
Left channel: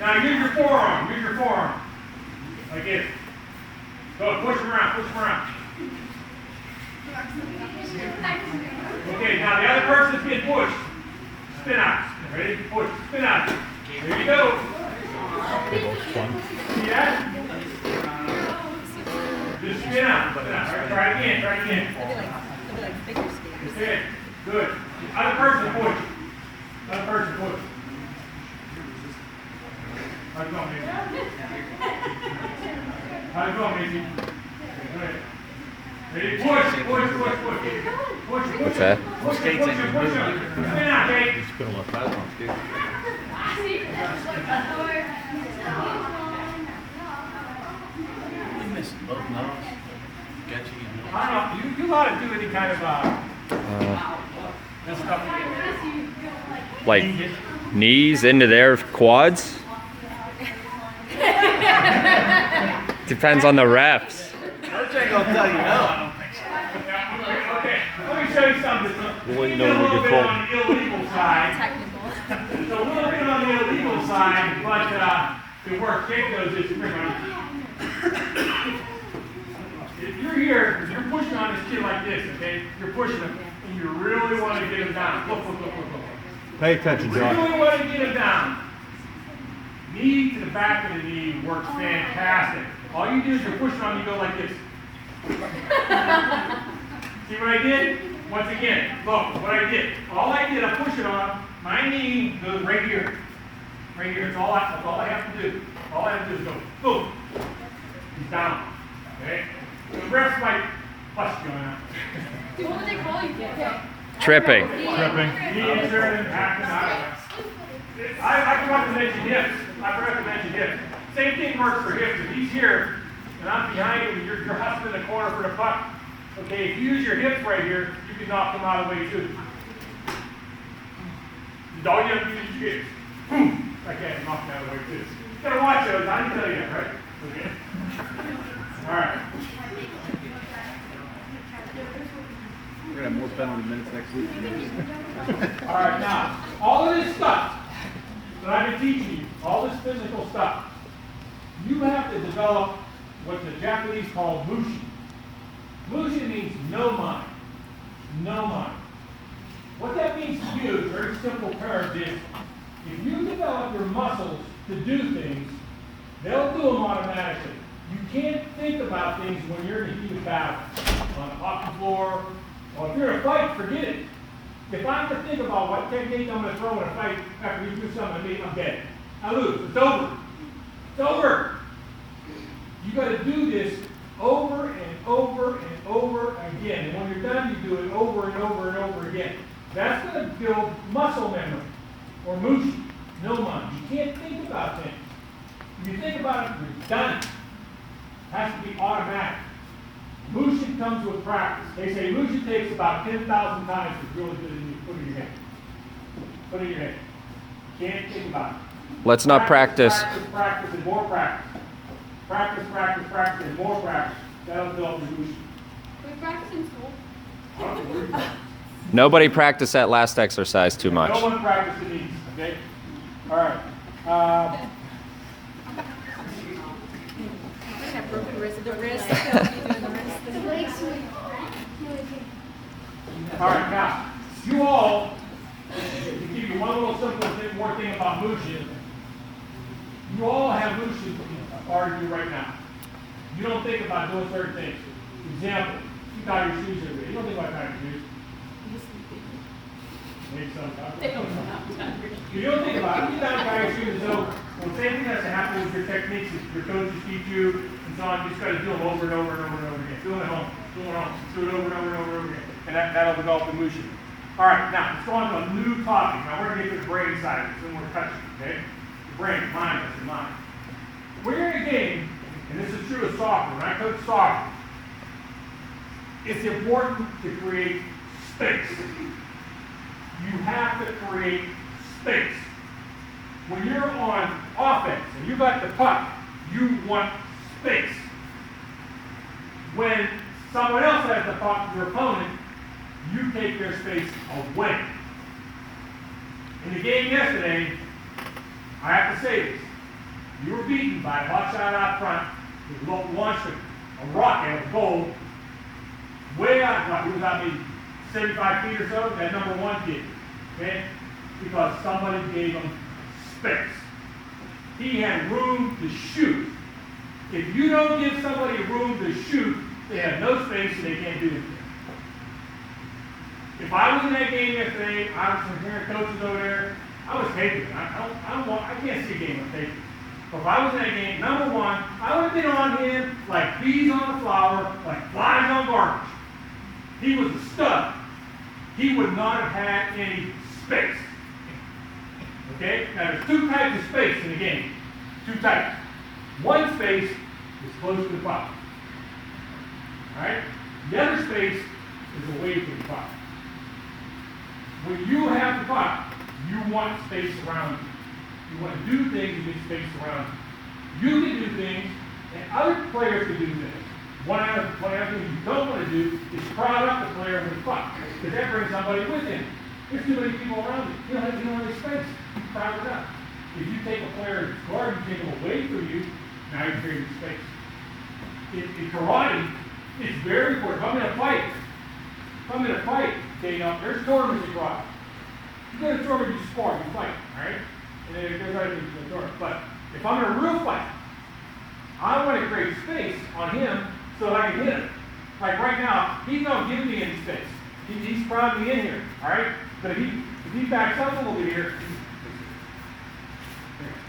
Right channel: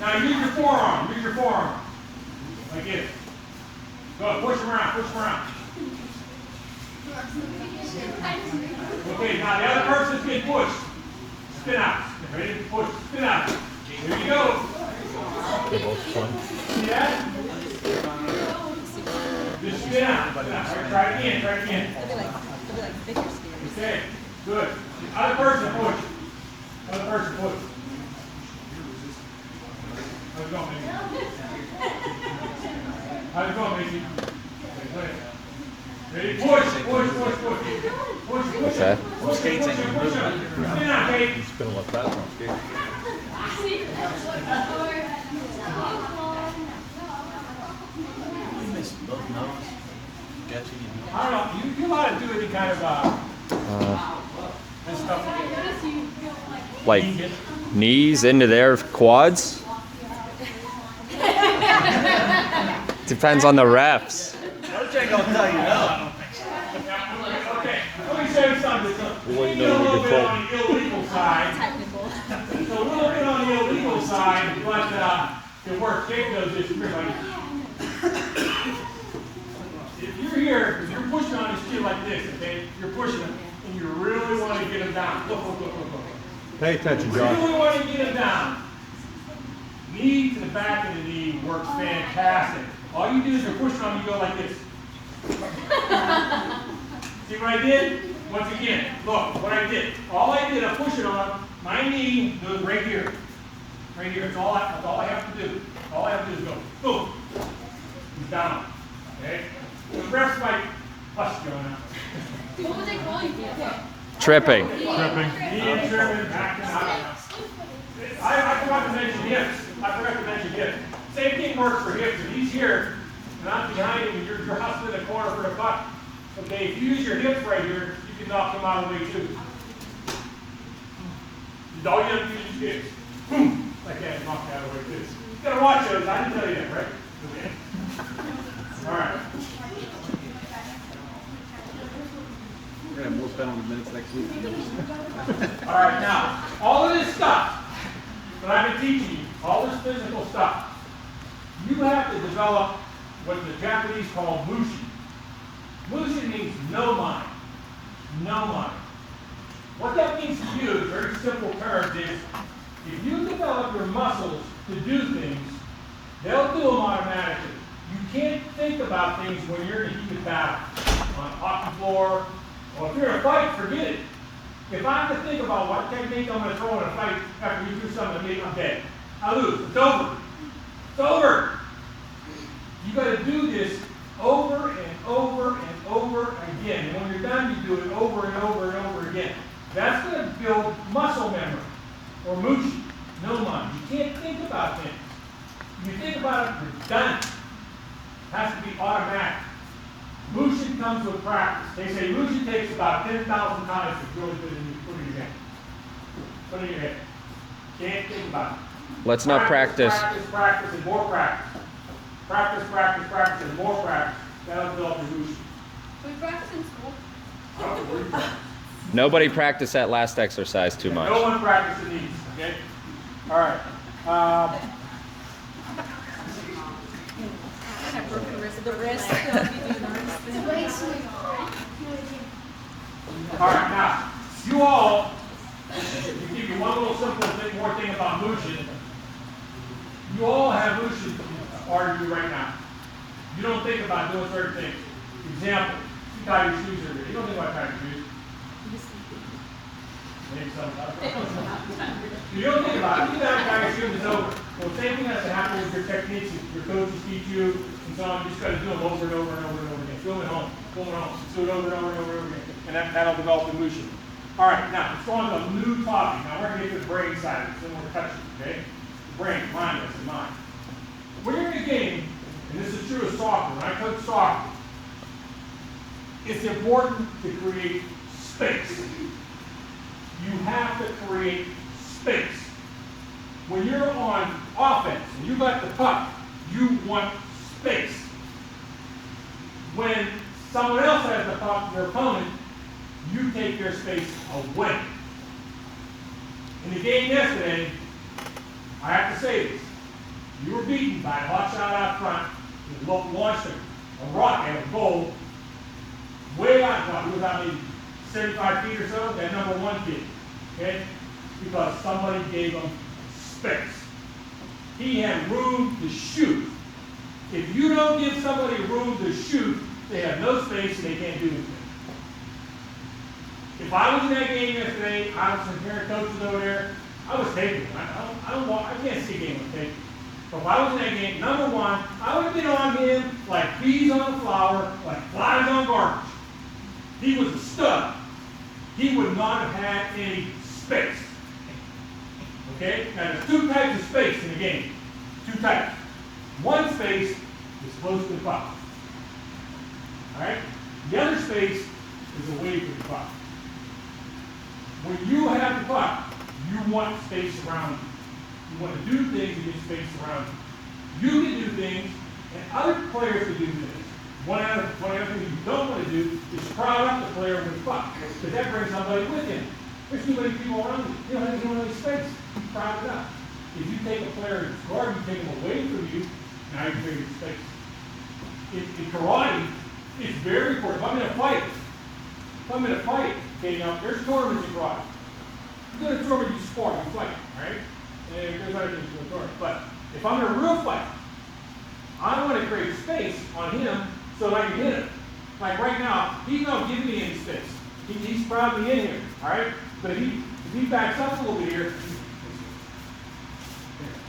Now use your forearm. Use your forearm. Like this. Go. Push them around. Push them around. Okay, now the other person's getting pushed. Spin out. Ready? Push. Spin out. There you go. See that? Just spin out. Spin out. All right, try it again. Try it again. That's it. Good. Other person push. Other person push. How's it going, Macy? How's it going, Macy? Good. Ready? Push. Push. Push. Push. Push. Push. What's that? Push. Push. Push. Push. Spin out, Kate. It's gonna look bad on skates. I don't know. You know how to do any kind of this stuff. Like knees into their quads? Depends on the refs. Coach ain't gonna tell you no. Okay, let me show you something. We get a little bit on the illegal side. It's a little bit on the illegal side, but it works. Jake knows this. If you're here, if you're pushing on this kid like this, okay, you're pushing him, and you really want to get him down. Look. Pay attention, You Josh. really want to get him down. Knee to the back of the knee works fantastic. All you do is you're pushing on, you go like this. See what I did? Once again, look what I did. All I did, I push it on. My knee goes right here. Right here. That's all I have to do. All I have to do is go, boom. He's down. Okay? The refs might bust you on that. What would they call you for? Tripping. He and Sherman happened. I forgot to mention hips. Same thing works for hips. If he's here and I'm behind him and you're hustling in the corner for the puck, okay, if you use your hips right here, you can knock him out of the way too. All you have to do is your hips. Boom! I can't knock him out of the way too. You gotta watch those. I didn't tell you that, right? Okay. All right. We're gonna have more fun with the minutes next week. All right, now, all of this stuff that I've been teaching you, all this physical stuff, you have to develop what the Japanese call mushin. Mushin means no mind. No mind. What that means to you, in very simple terms, is if you develop your muscles to do things, they'll do them automatically. You can't think about things when you're in a heated battle, on a hockey floor, or if you're in a fight, forget it. If I have to think about what technique I'm going to throw in a fight after you do something to me, I'm dead. I lose. It's over. It's over. You got to do this over and over and over again. And when you're done, you do it over and over and over again. That's going to build muscle memory, or mushi, no mind. You can't think about things. If you think about it, you're done. It has to be automatic. Mushi comes with practice. They say mushi takes about 10,000 times to really put in your hand. Put it in your hand. Can't think about it. Let's not practice. Practice, and more practice. Practice, and more practice. That'll build your mushi. We practice in school. I don't know where you practice. Nobody practice that last exercise too much. No one practices these, okay? All right. The wrist. All right, now, you all, to give you one little simple thing, more thing about Mushin, you all have Mushin part of you right now. You don't think about doing certain things. Example, you tie your shoes every day. You don't think about tying your shoes. Maybe sometimes. You don't think about it. You tie your shoes, it's over. Well, the same thing has to happen with your techniques. Your coaches teach you, and so on. You just got to do them over and over and over and over again. Do them at home. Do them at home. Do it over and over and over and over again. And that'll develop the motion. All right, now, let's go on to a new topic. Now, we're going to get to the brain side of it. Then we're touching, okay? The brain, mind, that's the mind. When you're in a game, and this is true of soccer, when I coach soccer, it's important to create space. You have to create space. When you're on offense and you got the puck, you want space. When someone else has the puck, your opponent, you take their space away. In the game yesterday, I have to say this. You were beaten by a hot shot out front. He launched a rocket at a goal way out. He was out maybe 75 feet or so, that number one kid. Okay? Because somebody gave him space. He had room to shoot. If you don't give somebody room to shoot, they have no space and they can't do anything. If I was in that game yesterday, I was some parent coaches over there, I was taking it. I can't see a game on tape. But if I was in that game, number one, I would have been on him like bees on a flower, like flies on garbage. He was a stud. He would not have had any space. Okay? Now there's two types of space in the game. Two types. One space is close to the puck. Alright? The other space is away from the puck. When you have the puck, you want space around you. You want to do things, you need space around you. You can do things, and other players can do things. One other thing you don't want to do is crowd up the player with the puck, because that brings somebody with him. There's too many people around you. You don't have any space. You crowd it up. If you take a player who's guard, you take him away from you, now you're creating space. In karate, it's very important. If I'm in a fight, okay, now there's tournaments in karate. You go to a tournament, you spar, you fight, all right? And there's other things in the tournament. But if I'm in a real fight, I want to create space on him so that I can hit him. If Like right now, he's not giving me any space. He's crowding me in here, all right? But if he backs up a little bit here,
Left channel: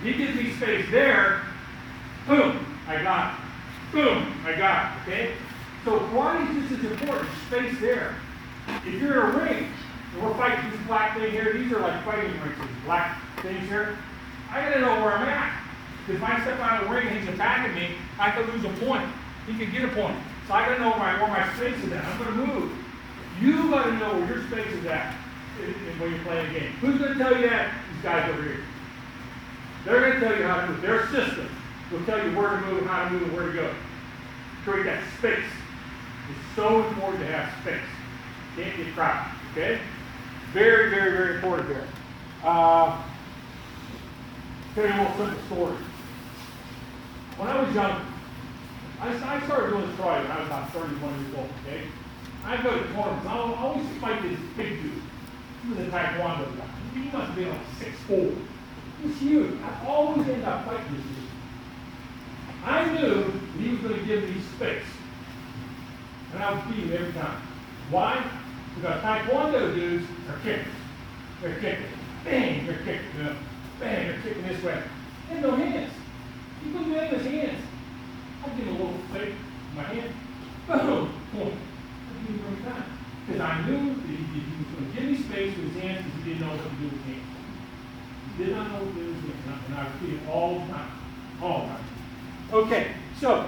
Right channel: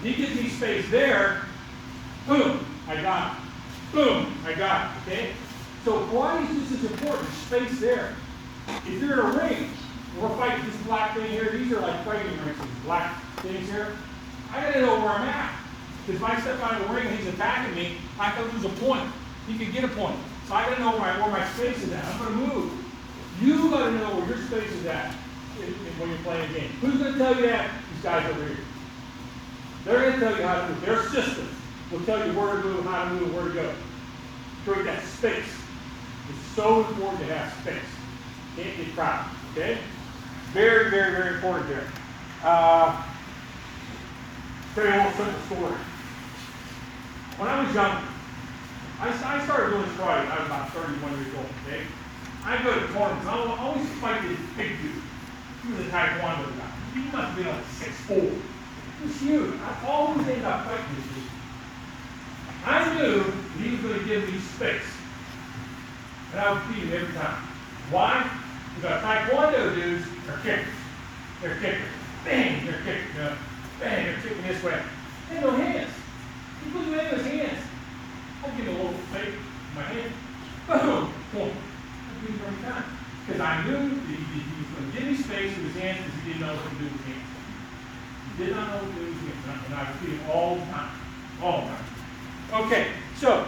he gives me space there, boom, I got it. Boom, I got it, okay? So why is this important? Space there. If you're in a ring, we're fighting this black thing here, these are like fighting rings, these black things here. I gotta know where I'm at. Because if I step out of the ring and he's attacking me, I could lose a point. He could get a point. So I gotta know where my space is at. I'm gonna move. You gotta know where your space is at when you're playing a game. Who's gonna tell you that? These guys over here. They're gonna tell you how to move. Their system will tell you where to move, how to move, and where to go. Create that space. It's so important to have space. Can't get crowded. Okay? Very, very, very important there. Tell you a little simple story. When I was young, I started doing this karate when I was about 31 years old, okay? I'd go to tournaments. I would always fight this big dude. He was a taekwondo guy. He must have been like 6'4". He was huge. I always ended up fighting this dude. I knew he was going to give me space. And I would beat him every time. Why? Because taekwondo dudes are kickers. They're kickers. Bang, they're kicking. You know? Bang, they're kicking this way. They have no hands. He put me in his hands. I'll give him a little fake in my hand. Boom! Boom. I beat him every time. Because I knew that he was going to give me space with his hands because he didn't know what to do with his hands. He did not know what to do with his hands. And I would beat him all the time. All the time. Okay, so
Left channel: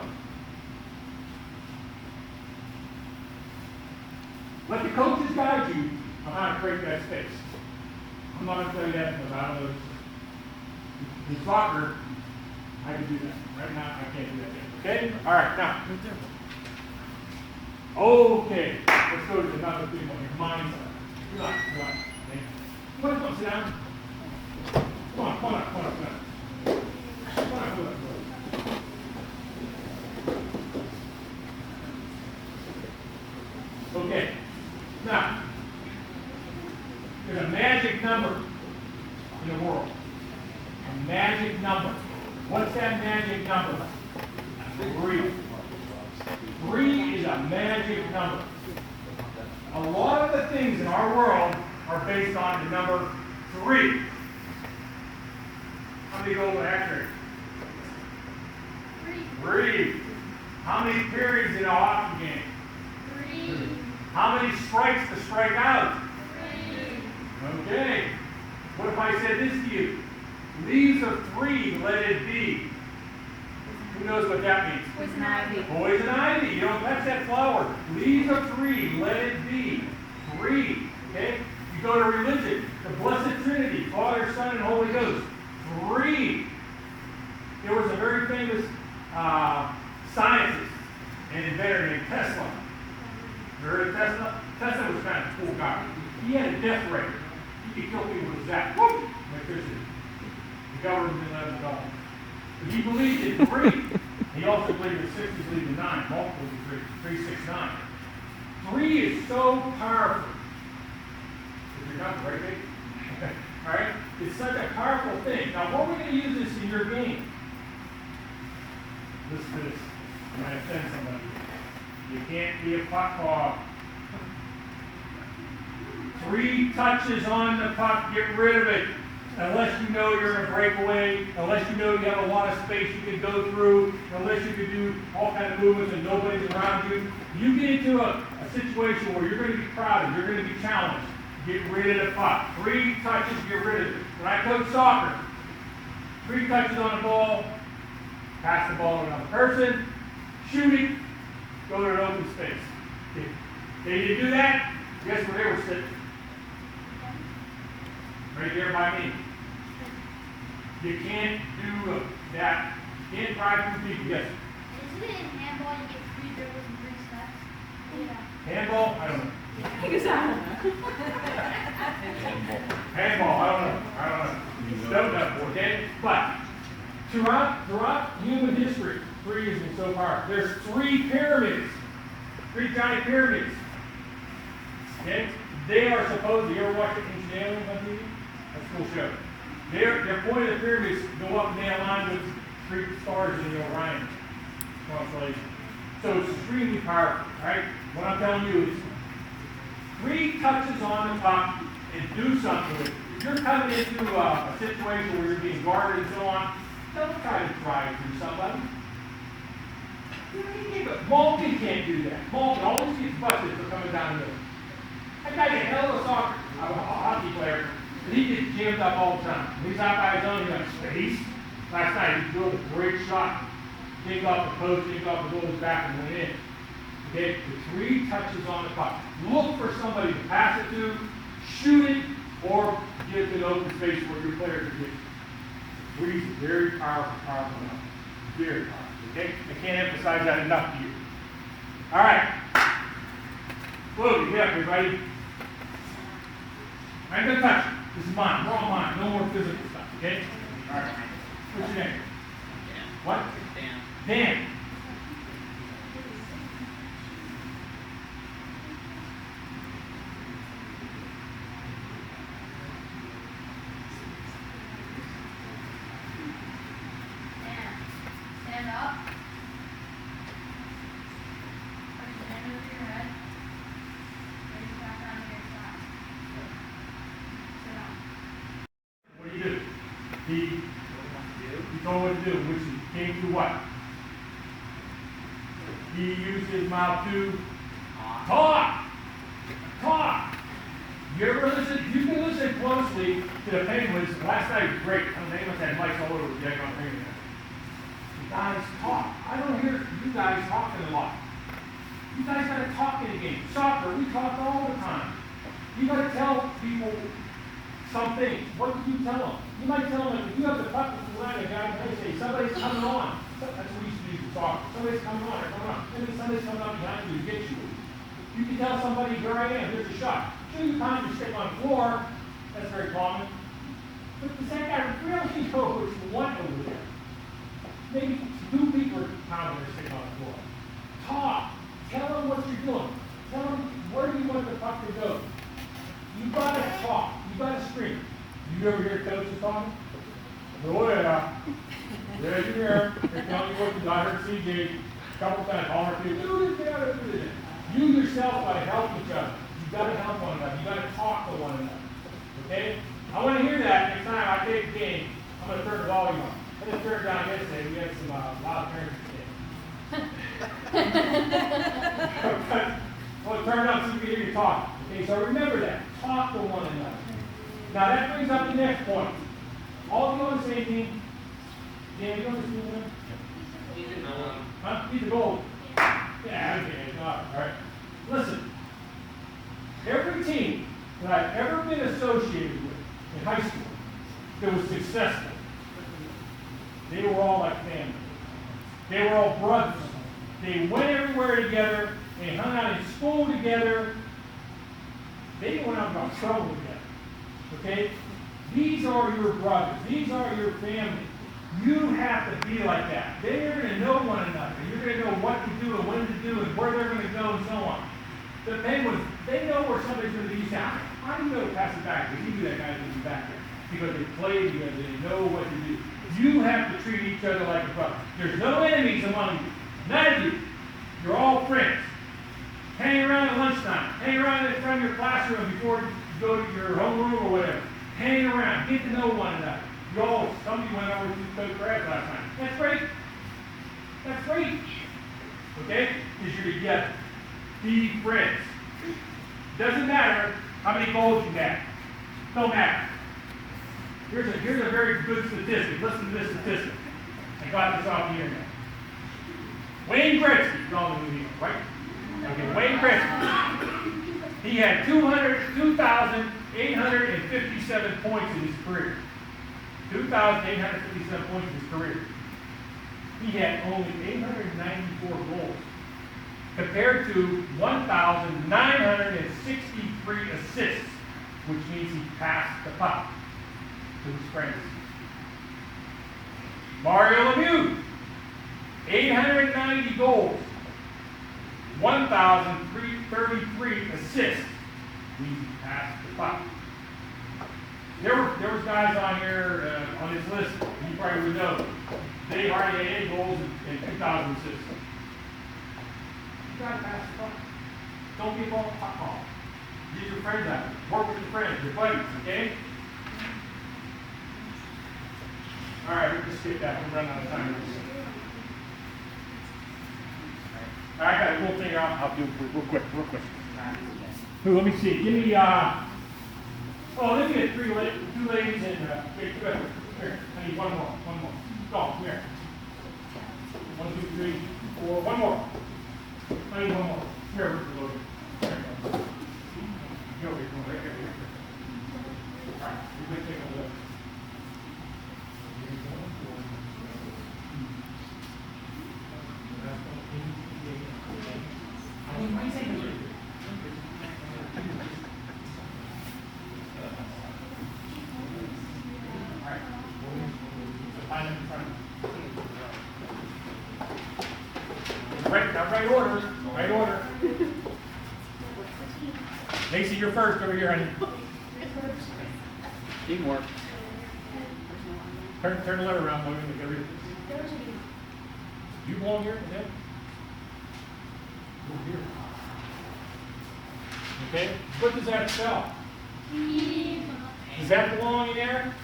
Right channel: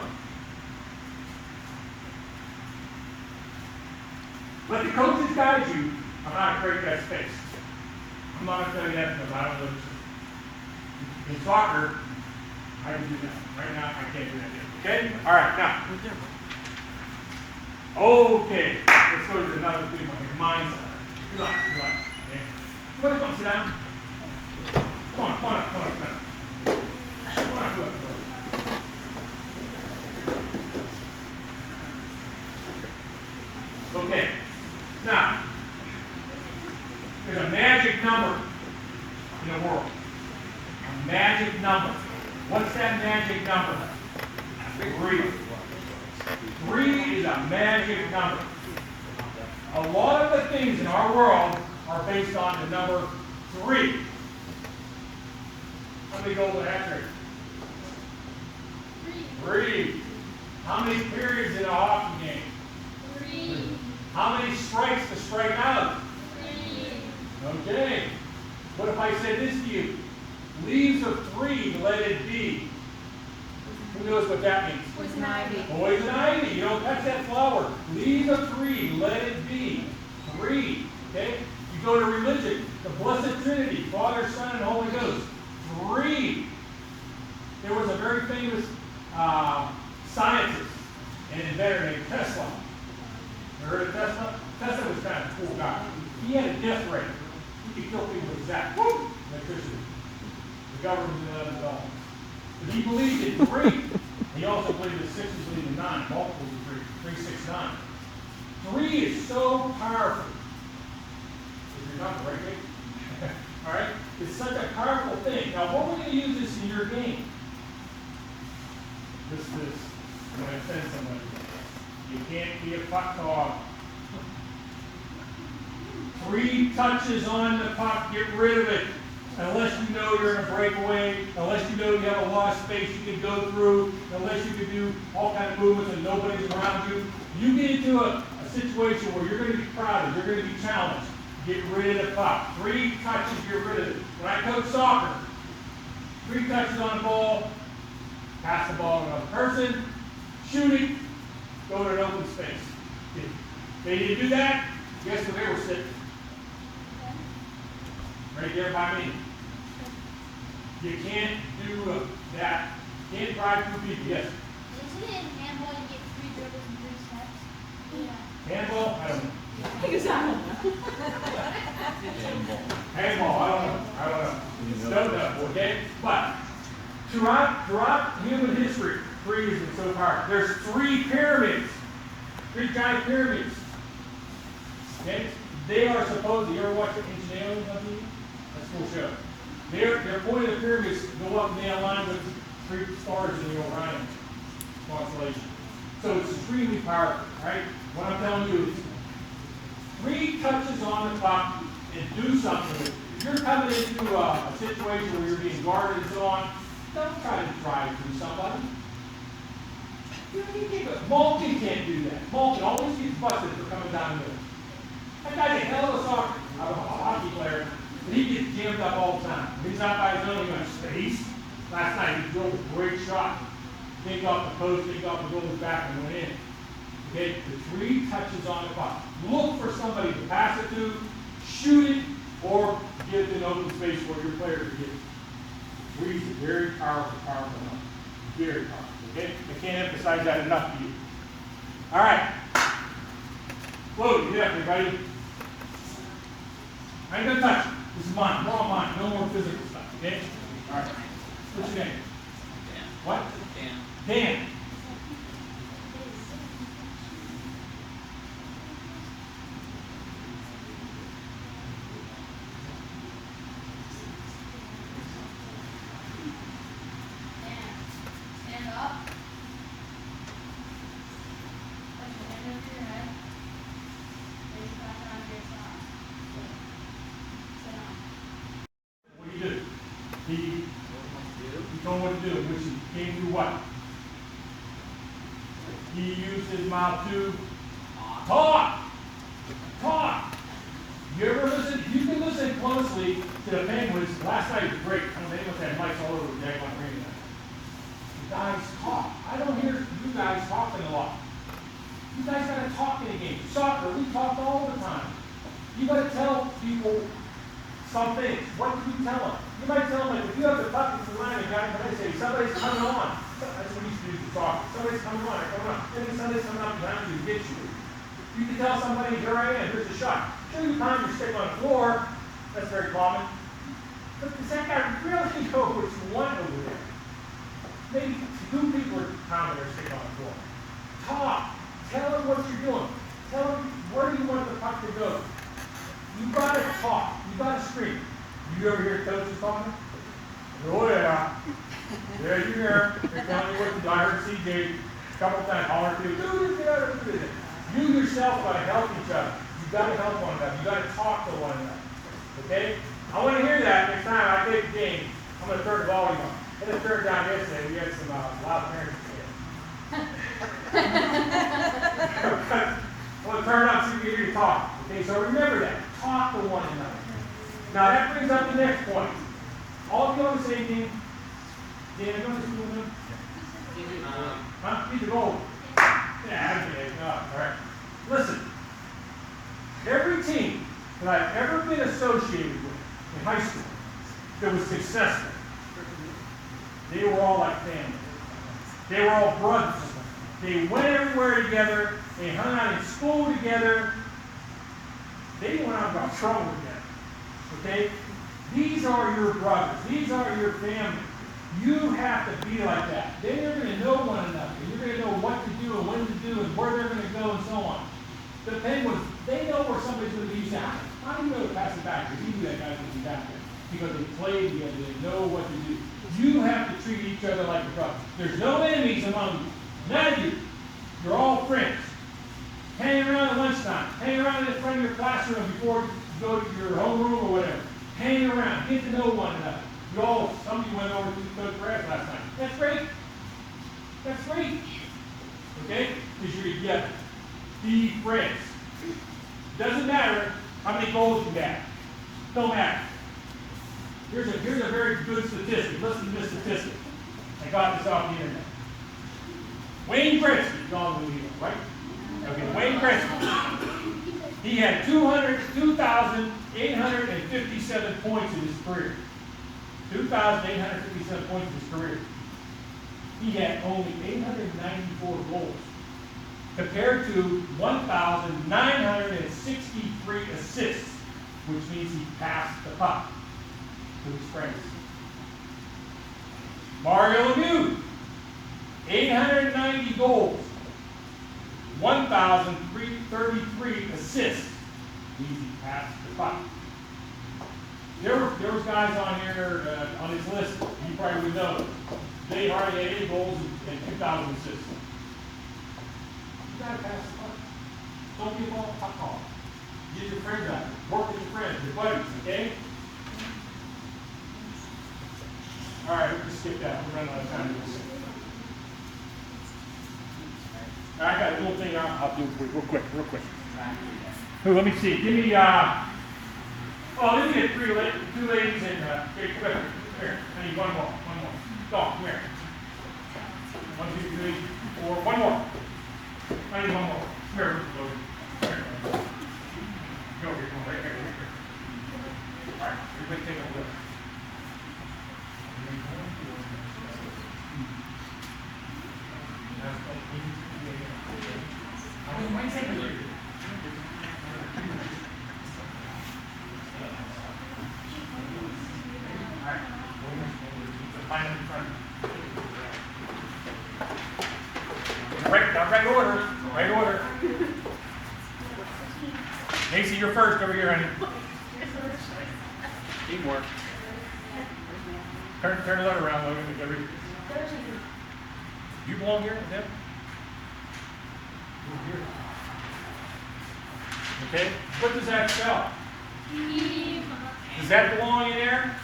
let the coaches guide you on how to create that space. I'm not going to tell you that because I don't know. In soccer, I can do that. Right now, I can't do that yet. Okay? All right, now. Okay, let's go to another big one, like mindset. Relax. Okay? Come on, sit down. Come on, sit down. Come on, go. Okay, now, there's a magic number in the world. A magic number. What's that magic number? 3. 3 is a magic number. A lot of the things in our world are based on the number 3. How many goals in that trade? 3. How many periods in a hockey game? 3. How many strikes to strike out? 3. Okay. What if I said this to you? Leaves of 3, let it be. Who knows what that means? Poison ivy. Poison ivy. You don't touch that flower. Leaves of 3, let it be. 3. Okay? You go to religion. The Blessed Trinity, Father, Son, and Holy Ghost. 3. There was a very famous scientist and inventor named Tesla. You heard of Tesla? Tesla was kind of a cool guy. He had a death rate. He could kill people with that. Woo! Electricity. The government didn't let him at all. But he believed in 3. He also believed in 6, he believed in 9. Multiples of 3. 3, 6, 9. 3 is so powerful. Is your number, right, Kate? All right? It's such a powerful thing. Now, what we're going to use this in your game? This. I'm going to offend somebody. You can't be a puck hog. 3 touches on the puck, get rid of it. Unless you know you're in a breakaway, unless you know you have a lot of space you can go through, unless you can do all kinds of movements and nobody's around you. You get into a situation where you're going to be crowded, you're going to be challenged. Get rid of the puck. 3 touches, get rid of it. When I coach soccer, 3 touches on the ball, pass the ball to another person, shooting, go to an open space. They need to do that, guess where they were sitting? Right there by me. You can't do that. You can't drive through people. Yes? Isn't it in handball you get 3 dribbles and 3 steps? Yeah. Handball? I don't know. Handball? I don't know. Don't know, okay? But throughout human history, 3 has been so powerful. There's 3 pyramids. 3 giant pyramids. Okay? They are supposed, you ever watch Ancient Aliens on TV? That's a cool show. Their point of the pyramids go up and down line with 3 stars in the Orion constellation. So it's extremely powerful, right? What I'm telling you is 3 touches on the puck and do something with it. If you're coming into a situation where you're being guarded and so on, don't try to drive through somebody. Malkin can't do that. Malkin always gets busted for coming down the middle. That guy's a hell of a hockey player, and he gets jammed up all the time. When he's out by his own, he got space. Last night he drove a great shot. Take off the post, take off the goalie's back, and went in. Okay, the 3 touches on the puck. Look for somebody to pass it to, shoot it, or give it an open space where your player can get it. Three's a very powerful enough. Very powerful. Okay? I can't emphasize that enough to you. All right. Whoa, get up, everybody. I ain't gonna touch it. This is mine. We're all mine. No more physical stuff. Okay? All right. What's your name? Dan. What? Dan. Stand up. Put your hand over your head. Raise it back on your side. Sit down. What do you do? He told what to do, which he came through what? He used his mouth to talk. Talk. You ever listen? You can listen closely to the Penguins. Last night was great. I don't know, they must have mics all over the deck on the radio. You guys talk. I don't hear you guys talking a lot. You guys gotta talk in a game. Soccer, we talk all the time. You gotta tell people some things. What do you tell them? You might tell them, like, if you have the puck with the line and guy, they say, somebody's coming on. That's what we used to do for soccer. Somebody's coming on, they're coming on. And then somebody's coming up behind you to get you. You can tell somebody, here I am, here's a shot. Two times you're sitting on the floor, that's very common. But does that guy really know what you want over there? Maybe 2 people are pounding or sitting on the floor. Talk. Tell them what you're doing. Tell them where you want the puck to go. You gotta talk. You gotta scream. You ever hear coaches talking? Oh yeah. Yeah, you hear. They're telling you what to do. I heard CJ a couple times holler to you, do this. You yourself gotta help each other. You gotta help one another. You gotta talk to one another. Okay? I want to hear that next time I take the game. I'm gonna turn the volume up. I just turned it down yesterday. We had some loud parents. Well, turn it up so you can hear you talk. Okay, so remember that. Talk to one another. Now that brings up the next point. All of you on the same team. Dan, you on the school team? Huh? He's the goal. Yeah, okay. All right. Listen. Every team that I've ever been associated with in high school that was successful, they were all like family. They were all brothers. They went everywhere together. They hung out in school together. They went out and got trouble together. Okay? These are your brothers. These are your family. You have to be like that. Then you're going to know one another. You're going to know what to do and when to do and where they're going to go and so on. The Penguins, they know where somebody's going to be. You say, how do you know to pass it back? Because he knew that guy's going to be back there. Because they played together. They know what to do. You have to treat each other like a brother. There's no enemies among you. None of you. You're all friends. Hang around at lunchtime. Hang around in front of your classroom before you go to your homeroom or whatever. Hang around. Get to know one another. You all, some of you went over to Coach Grass last night. That's great. That's great. Okay? Because you're together. Be friends. Doesn't matter how many goals you have. Don't matter. Here's a very good statistic. Listen to this statistic. I got this off the internet. Wayne Gretzky, you all know who he is, right? Okay, Wayne Gretzky. He had 2,857 points in his career. 2,857 points in his career. He had only 894 goals, compared to 1,963 assists, which means he passed the puck to his friends. Mario Lemieux, 890 goals, 1,333 assists, means he passed the puck. There was guys on here on this list you probably would know. They hardly had 8 goals and 2,000 assists. You gotta pass the buck. Don't be a ball. Get your friends out. Work with your friends, your buddies, okay? All right, we'll just skip that. We're running out of time. All right, I got a little thing I'll do real quick. Ooh, let me see. Give me, let me get two ladies and, here, come here. I need one more. Go, come here. 1, 2, 3, 4. One more. I need one more. Come here, Go here. All right, everybody take a look. Right order. Macy, you're first over here, honey. Teamwork. Turn the letter around, Logan. You belong here with them? Okay. What does that spell? Does that belong in there?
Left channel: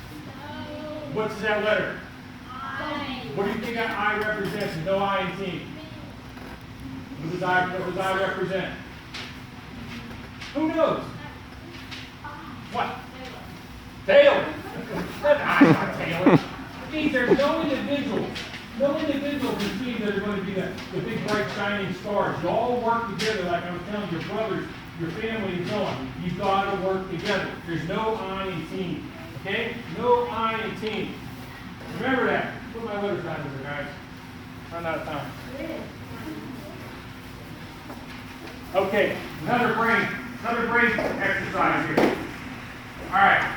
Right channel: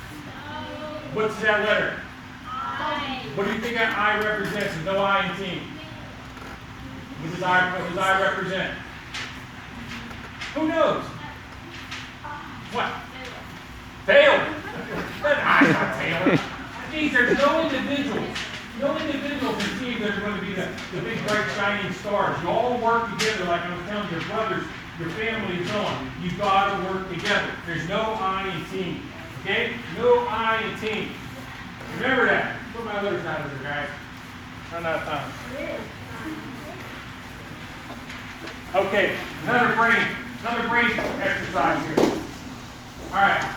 What's that letter? I. What do you think that I represents? No I in team. What does I represent? Who knows? What? Taylor. But I'm not Taylor. Geez, there's no individual can see that are going to be the big, bright, shining stars. You all work together, like I was telling your brothers, your family and so on. You've got to work together. There's no I in team. Okay? No I in team. Remember that. Put my letters out of there, guys. Run out of time. Okay, another brain exercise here. All right.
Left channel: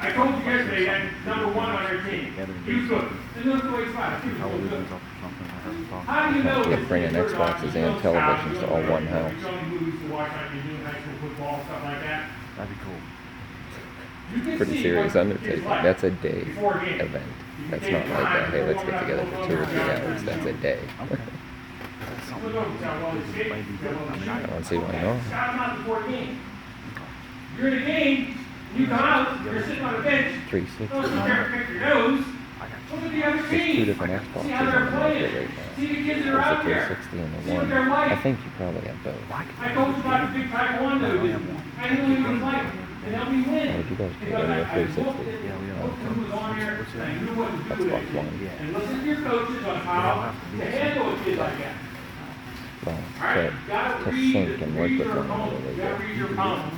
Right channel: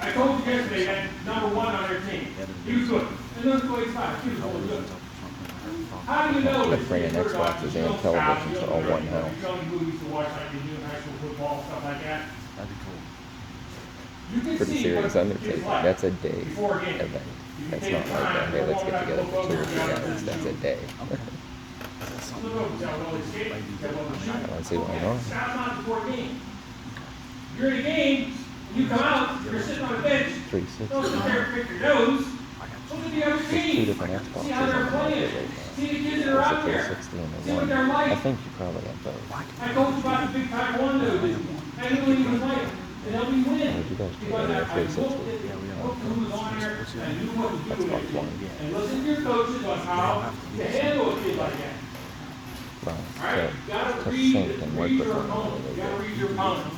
I told you yesterday that number 1 on our team. You good. And look the way it's fine. He was really good. How do you know You're bringing Xboxes and televisions to all one house. There's only movies to watch like you do in high school football, stuff like that. That'd be cool. You can Pretty see serious what undertaking. it's like That's a day before a game. event. You That's take not like time, hey, let's warm get up, together go for 2 or 3 over, hours. That's a day. Look over, got one to skate, got one to shoot. I don't see why not. Stop them out before a game. You're in a game, you come out, you're sitting on a bench. 360. Don't sit there and pick your nose. Look at the other There's 2 team. different See Xboxes how on they're the market playing. right now. See the kids that are There's a out there. 360 and See the what they're one. like. I think you probably have both. I told you about the big taekwondo dude. I knew he was like, and helped me win. Where'd you go? Because Yeah, I looked 360. who was on there, and I knew what to do with Xbox it. One. And listen to your coaches on how to handle a kid like that. Right. All right, you gotta To read sync and work with your one opponent. another. You gotta read your opponent.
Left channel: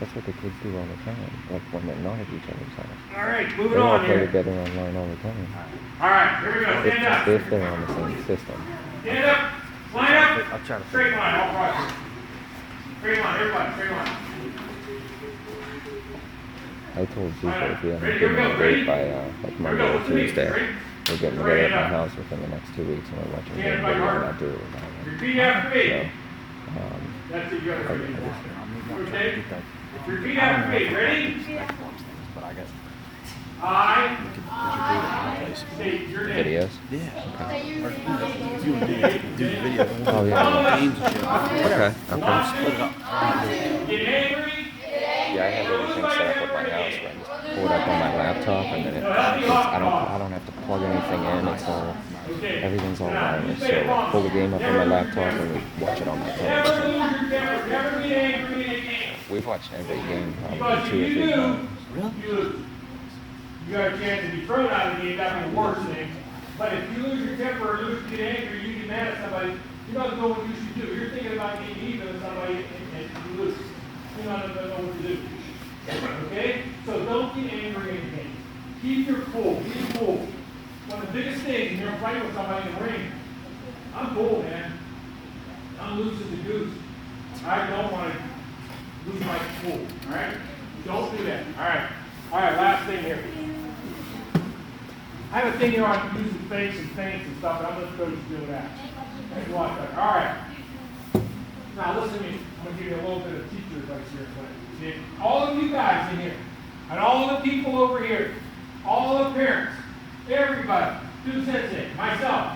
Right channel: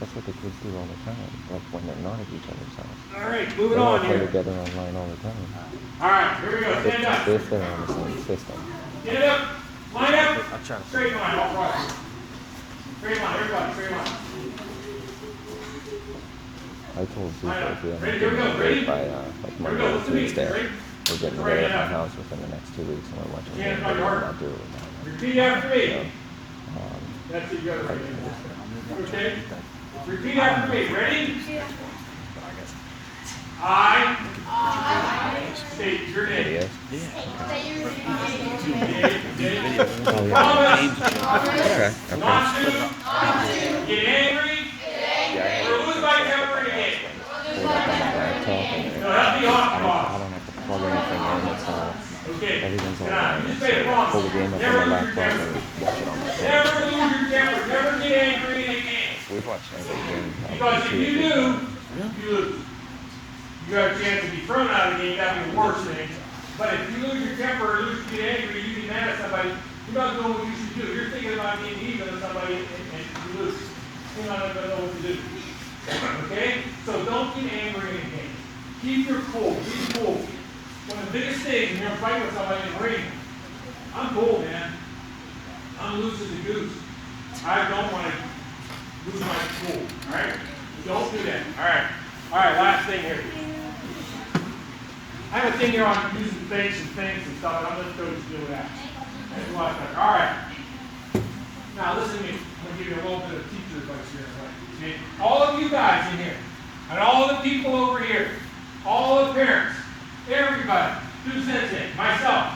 That's what the kids do all the time. Like when they're not at each other's house. All right, They moving all on play here. together online all the time. All right, here we go. Stand up. If they're on the same system. Stand up. Line up. Straight line, all right. Straight line, everybody, straight line. I told people if you haven't Ready, been here we go. in Ready? by like Here we Monday go. or Listen to me. Tuesday, Ready? we're getting Right together at hand my up. house within the next 2 weeks and we're watching a Stand game by video your and heart. I'll do it with my Repeat after me. So, That's it, you gotta I ready. just, Okay? Repeat after me. Ready? I state your name. videos. Promise Oh yeah. Okay. not Okay. to get angry Yeah, I have or everything lose my set up temper at my house. again. Pull it up on my laptop and then I don't have to plug anything in. It's all Okay. everything's all Now, you wireless. say So promise. pull the game up on my laptop and watch it on my Never phone. lose your temper. Never get angry again. We've watched every game Because probably if 2 or you 3 do, times. you lose. You got a chance to be thrown out of the game, that'd be the worst thing. But if you lose your temper or get angry, you get mad at somebody, you're not doing what you should do. You're thinking about being even with somebody and you lose. You're not going to know what to do. Okay? So don't get angry in the game. Keep your cool. Be cool. One of the biggest things when you're fighting with somebody in the ring, I'm cool, man. I'm loose as a goose. I don't want to lose my cool. All right? Don't do that. All right. All right, last thing here. I have a thing here on using fakes and feints and stuff, and I'm going to go just do that. That's a lot better. All right. Now listen to me. I'm going to give you a little bit of teacher advice here. See, all of you guys in here, and all the people over here, all the parents, everybody, 2 cents in, myself.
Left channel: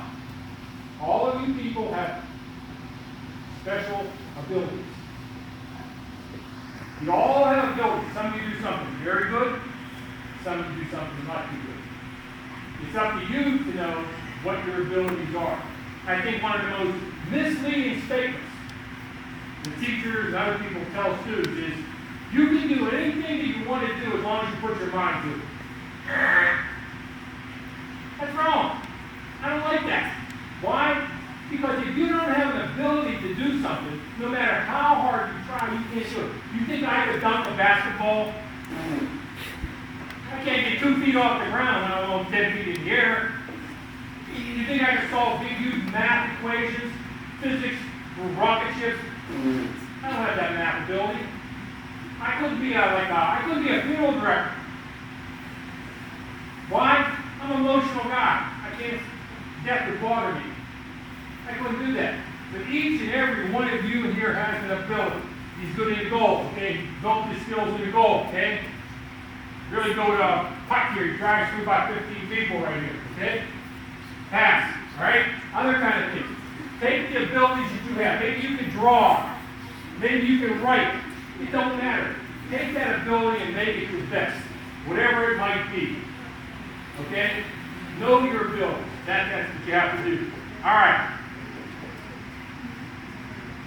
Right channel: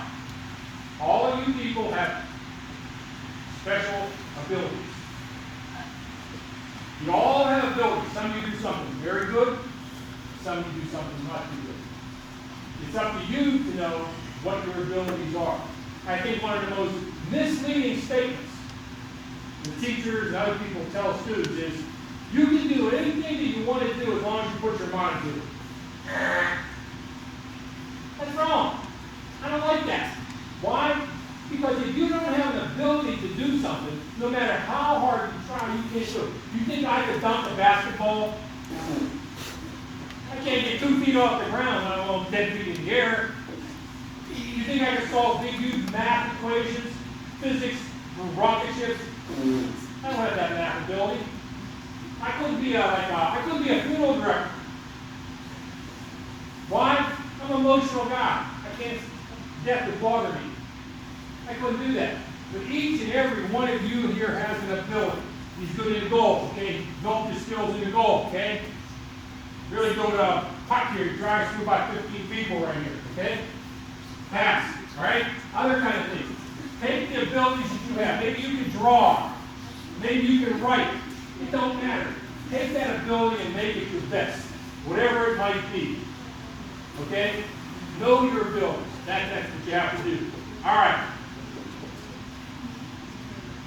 All of you people have special abilities. You all have abilities. Some of you do something very good, some of you do something not too good. It's up to you to know what your abilities are. I think one of the most misleading statements the teachers and other people tell students is, you can do anything that you want to do as long as you put your mind to it. That's wrong. I don't like that. Why? Because if you don't have an ability to do something, no matter how hard you try, you can't do it. You think I could dunk a basketball? I can't get 2 feet off the ground, let alone 10 feet in the air. You think I could solve big, huge math equations, physics, rocket ships? I don't have that math ability. I couldn't be a funeral director. Why? I'm an emotional guy. I can't, death would bother me. I couldn't do that. But each and every one of you here has an ability. He's good in the goal, okay? Develop your skills in the goal, okay? Really go to a puck here, he drives through about 15 people right here, okay? Pass, all right? Other kind of things. Take the abilities that you have. Maybe you can draw. Maybe you can write. It don't matter. Take that ability and make it your best, whatever it might be. Okay? Know your abilities. That's what you have to do. All right.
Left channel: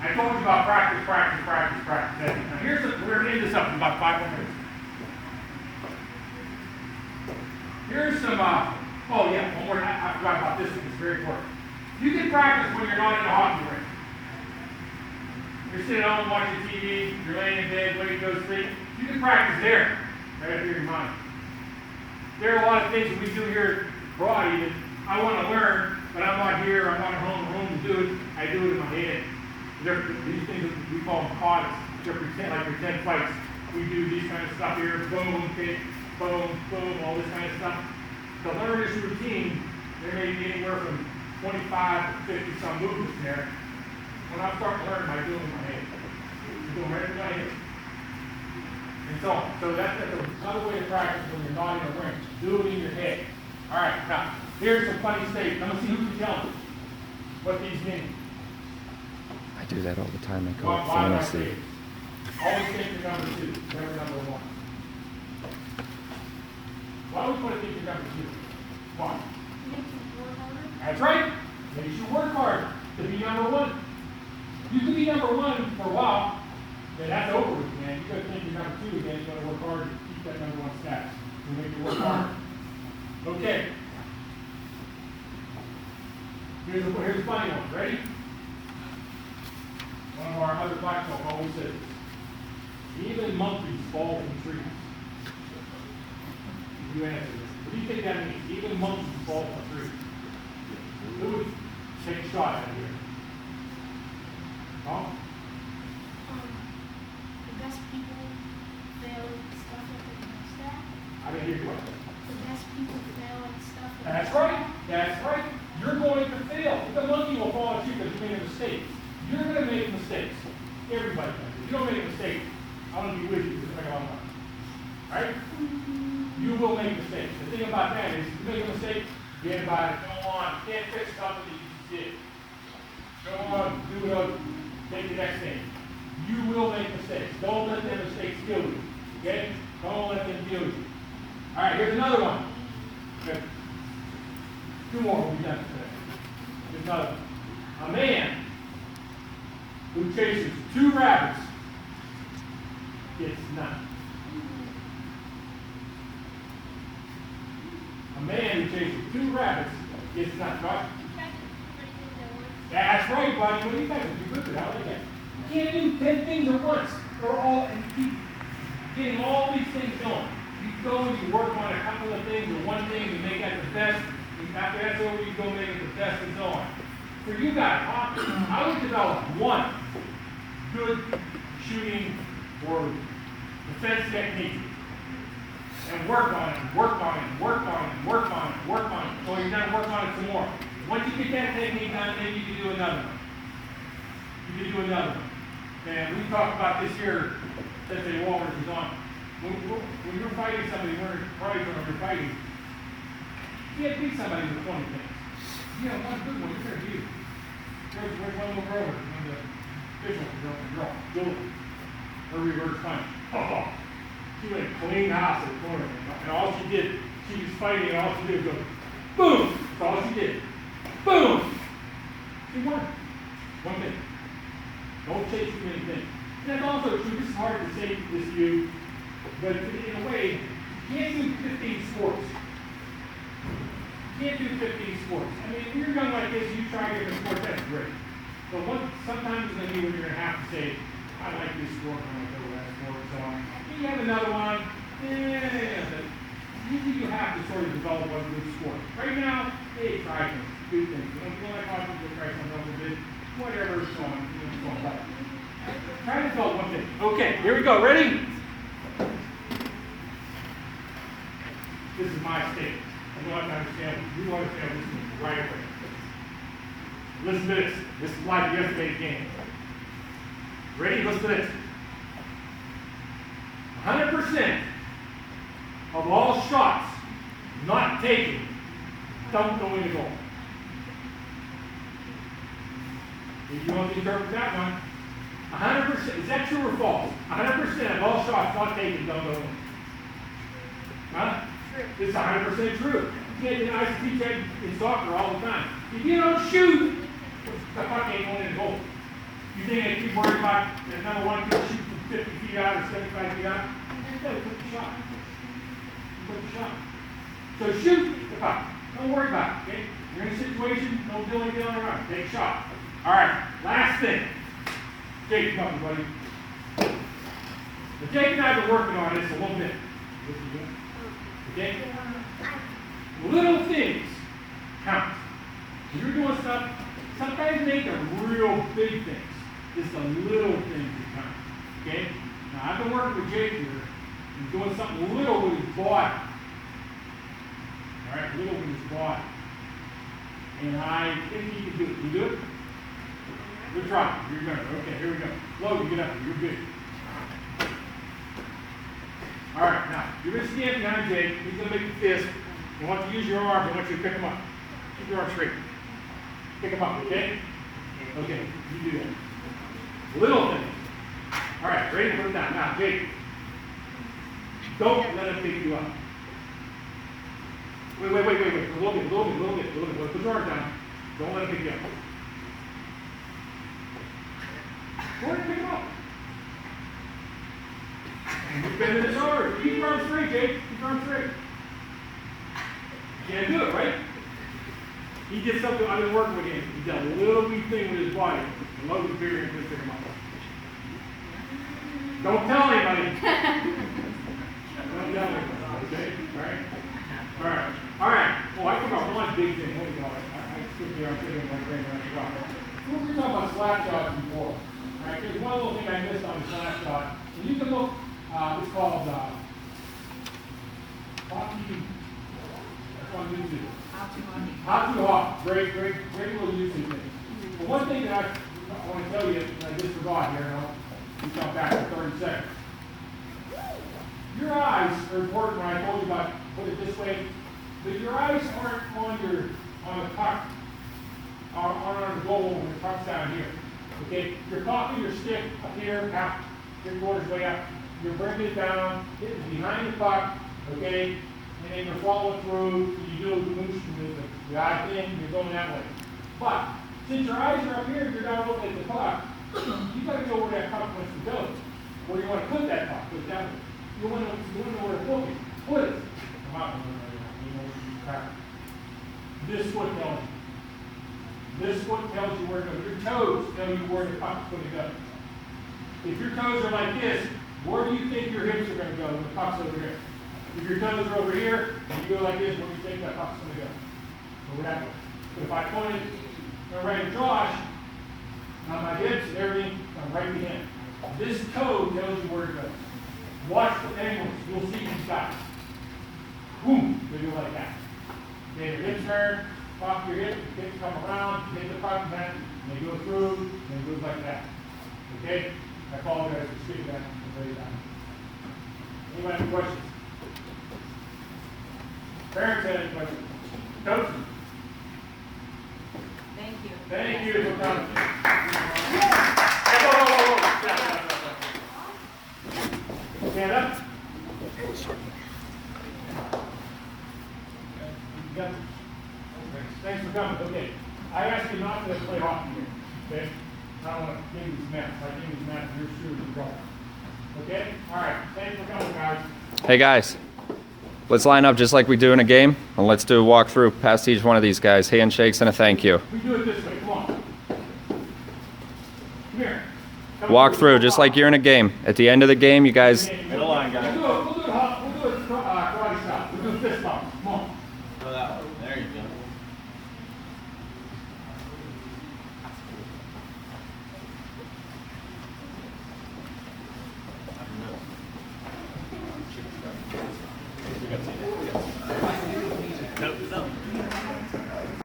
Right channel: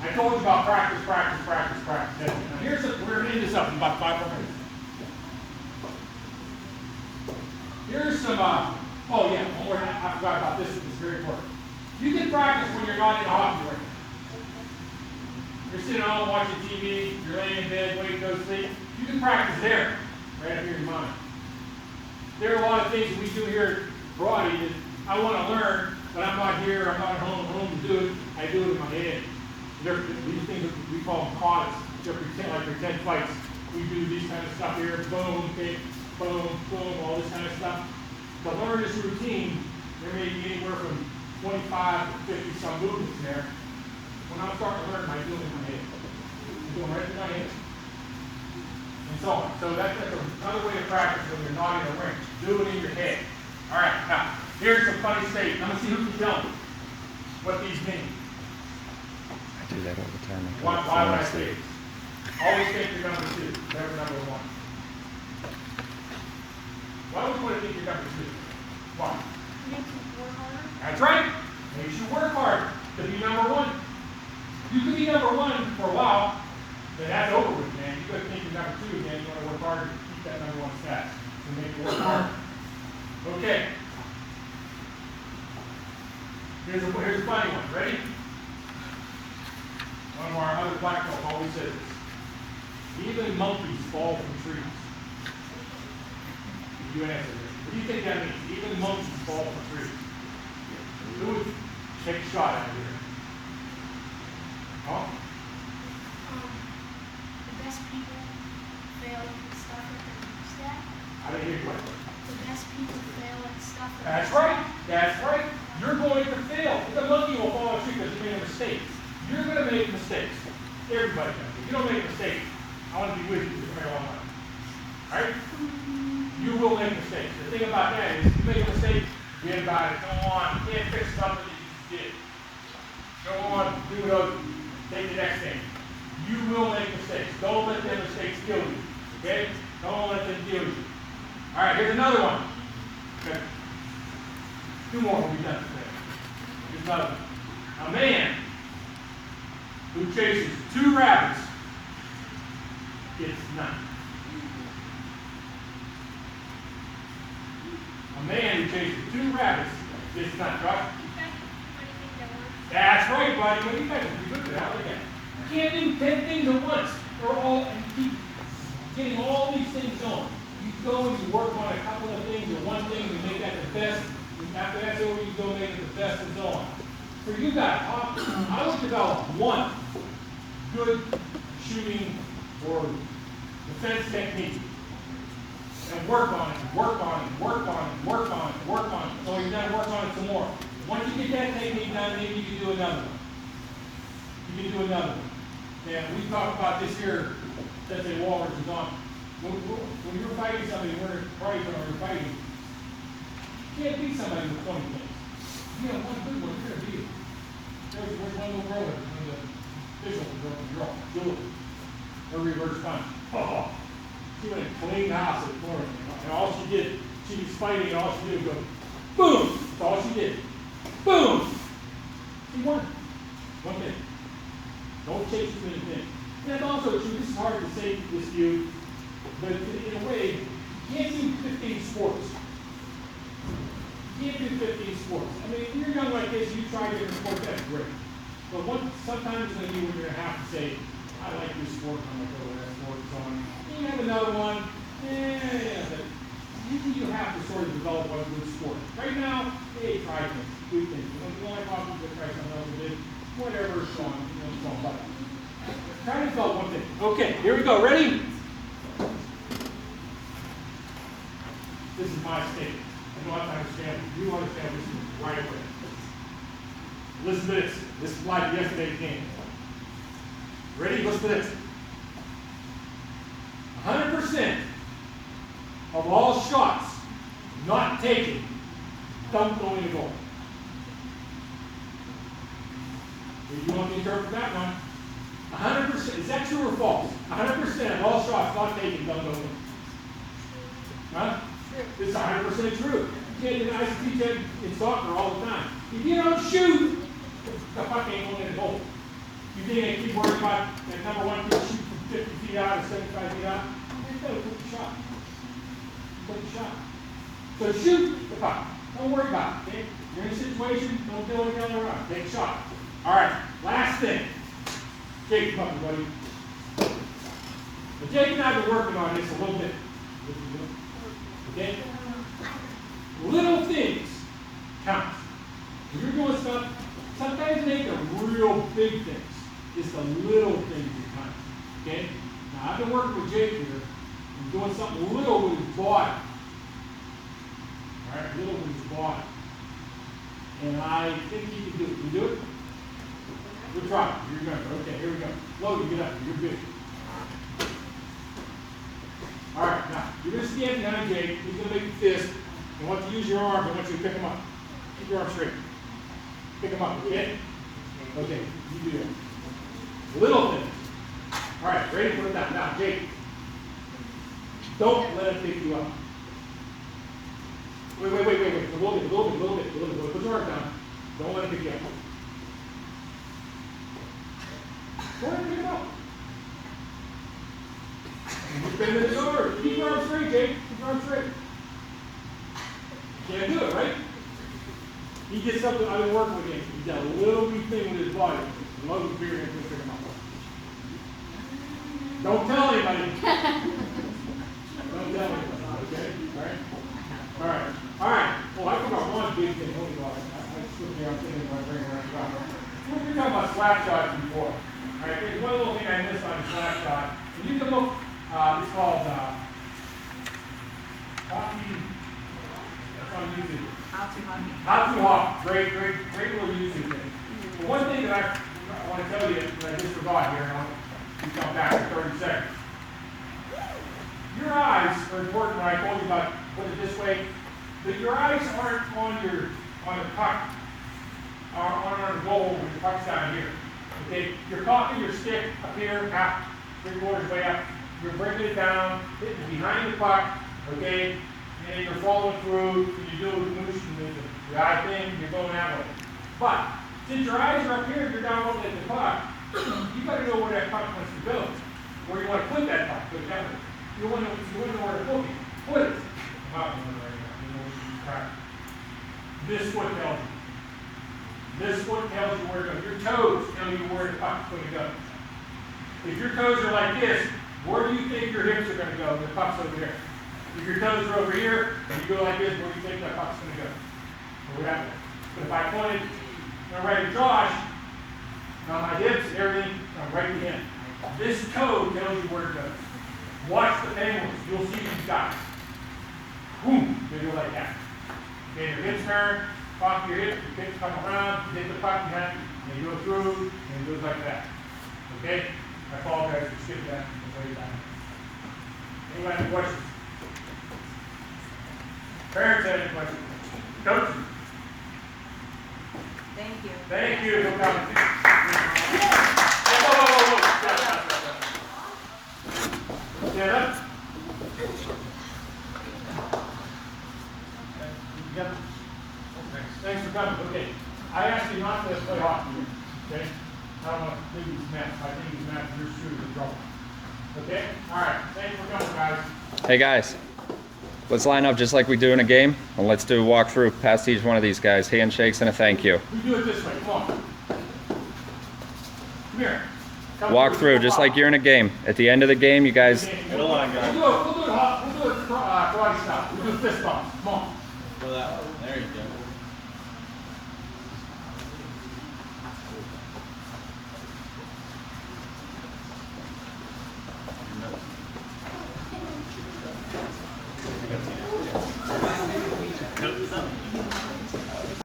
I told you about practice. Now we're into something about 5 more minutes. Here's some, oh yeah, one more, I forgot about this, it's very important. You can practice when you're not in a hockey rink. You're sitting home watching TV, you're laying in bed, waiting to go to sleep. You can practice there, right after your mind. There are a lot of things that we do here abroad even. I want to learn, but I'm not here, I'm not at home to do it. I do it in my head. These things, we call them pods. They're pretend fights. We do these kind of stuff here, boom, kick, boom, boom, all this kind of stuff. To learn this routine, there may be anywhere from 25 to 50 some movements there. When I'm starting to learn, I do it in my head. I do them right in my head. And so on. So that's another way to practice when you're not in the ring. Do it in your head. All right, now, here's some funny statements. Let me see who can tell me what these mean. I do that all the time. Why would I say it? Always think you're number 2, never number 1. Why would you want to think you're number 2? Why? Makes you work harder. That's right. Makes you work hard to be number 1. You can be number 1 for a while, then that's over with, man. You got to think you're number 2 again. You got to work harder to keep that number 1 status. So make you work harder. Okay. Here's a funny one. Ready? One of our other black folk always says this. Even monkeys fall from trees. You answer this. What do you think that means? Even monkeys fall from trees. Who would take a shot out of here? Huh? The best people fail at stuff that they're stack. I didn't hear you. The best people fail at stuff that That's right. That's right. You're going to fail. The monkey will fall a tree because you made a mistake. You're going to make mistakes. Everybody does. If you don't make a mistake, I want to be with you for a very long time. All right? You will make mistakes. The thing about that is, if you make a mistake, forget about it. Go on. You can't fix something that you just did. Go on. Do it over. Take the next thing. You will make mistakes. Don't let them mistakes kill you. Okay? Don't let them kill you. All right, here's another one. Okay. 2 more will be done today. Here's another one. A man who chases 2 rabbits gets none. A man who chases 2 rabbits gets none. Josh? That's right, buddy. What do you guys do? Good at that. I like that. You can't do 10 things at once. And keep getting all these things going. You go and you work on a couple of things or one thing, you make that the best. After that's over, you go make it the best and so on. For you guys, I would develop one good shooting or defense technique and work on it, work on it, work on it, work on it, work on it. So you're going to work on it some more. Once you get that technique done, then you can do another one. You can do another one. Man, we talked about this here, Sensei Walters is on. When you're fighting somebody, we're fighting, can't beat somebody with 20 things. You know, one good one, you're gonna beat it. There's one little roller, and the official can go and draw, do it. Or reverse punch. Oh, she went clean house at the corner. And all she did, she was fighting, and all she did was go, boom! That's all she did. Boom! She won. One thing. Don't chase too many things. And that's also true. This is hard to say this to you, but in a way, you can't do 15 sports. You can't do 15 sports. I mean, if you're young like this, you try to get in a sport, that's great. But sometimes it's going to be when you're going to have to say, I like this sport, I'm going to go to that sport, and so on. And you have another one, but usually you have to sort of develop one good sport. Right now, hey, try things, do things. You know, if you like watching, go try something else, and whatever, so on, so on. But try to develop one thing. Okay, here we go. Ready? This is my statement. I want to understand, you understand this is the right way. Listen to this. This is like yesterday's game. Ready? Listen to this. 100% of all shots not taken don't go in the goal. If you want to interpret that one, 100%, is that true or false? 100% of all shots not taken don't go in. Huh? It's 100% true. You can't deny to teach that in soccer all the time. If you don't shoot, the puck ain't going in the goal. You think they keep worrying about that number one kid shoot from 50 feet out or 75 feet out? No, put the shot. Put the shot. So shoot the puck. Don't worry about it. Okay? You're in a situation, don't do anything around. Take a shot. All right. Last thing. Jake, come up, buddy. But Jake and I have been working on this a little bit. Okay? Little things count. When you're doing stuff, sometimes they ain't the real big things. It's the little things that count. Okay? Now I've been working with Jake here and doing something little with his body. Alright, little with his body. And I think he can do it. Can you do it? Good try. You're gonna. Okay, here we go. Logan, get up. You're good. Alright, now you're gonna stand behind Jake. He's gonna make a fist. You want to use your arm, I want you to pick him up. Keep your arm straight. Pick him up, okay? Okay, you do that. Little things. All right, ready? Put it down. Now, Jake, don't let him pick you up. Wait. A little bit. Put your arm down. Don't let him pick you up. Go ahead and pick him up. And you're bending his arm. Keep your arm straight, Jake. Keep your arm straight. You can't do it, right? He did something I've been working with him. He did a little wee thing with his body. I love the fear and pick him up. Don't tell anybody. Don't tell anybody. Okay? All right. Oh, I forgot one big thing. Hold on. I skipped there. I'm sitting right there. We were talking about slap shots before. All right. There's one little thing I missed on the slap shot. And you can look. It's called hockey. That's on YouTube. How to hop. Great little YouTube thing. But one thing that I want to tell you, and I just forgot here, and I'll come back in 30 seconds. Your eyes are important when I told you about put it this way, but your eyes aren't on the puck, on the goal when the puck's down here. Okay? You're cocking your stick up here, half, 3/4 way up. You're bringing it down, hitting behind the puck, okay? And then you're following through, you do a motion, the eye thing, you're going that way. But since your eyes are up here, you're down looking at the puck, you got to know where that puck wants to go, where you want to put that puck. Put it down. You want to know where to put it. Put it. Come out right now. This foot tells you. This foot tells you where to go. Your toes tell you where the puck's going to go. If your toes are like this, where do you think your hips are going to go when the puck's over there? If your toes are over here, and you go like this, where do you think that puck's going to go? Whatever. But if I pointed right at Josh, on my hips and everything, I'm right to him. This toe tells you where to go. Watch the penguins. You'll see these guys. Boom. They go like that. Okay, your hips turn, pop your hips, your hips come around, you hit the puck behind, and they go through, and it goes like that. Okay? I apologize for skipping that. Anybody have any questions? Parents have any questions? Coach, Thank you. thank you for coming. Whoa. Stop. Stand up. You got it? Thanks for coming. Okay. I asked you not to play hockey here. Okay? I don't want to give you some mess. If I give you some mess, you're screwed with trouble. Okay? All right. Thanks for coming, guys. Hey guys, let's line up just like we do in a game, and let's do a walkthrough past each one of these guys. Handshakes and a thank you. We do it this way. Come on. Come here. Come Walk through just like you're in a game. At the end of the game, you guys Middle line, guys.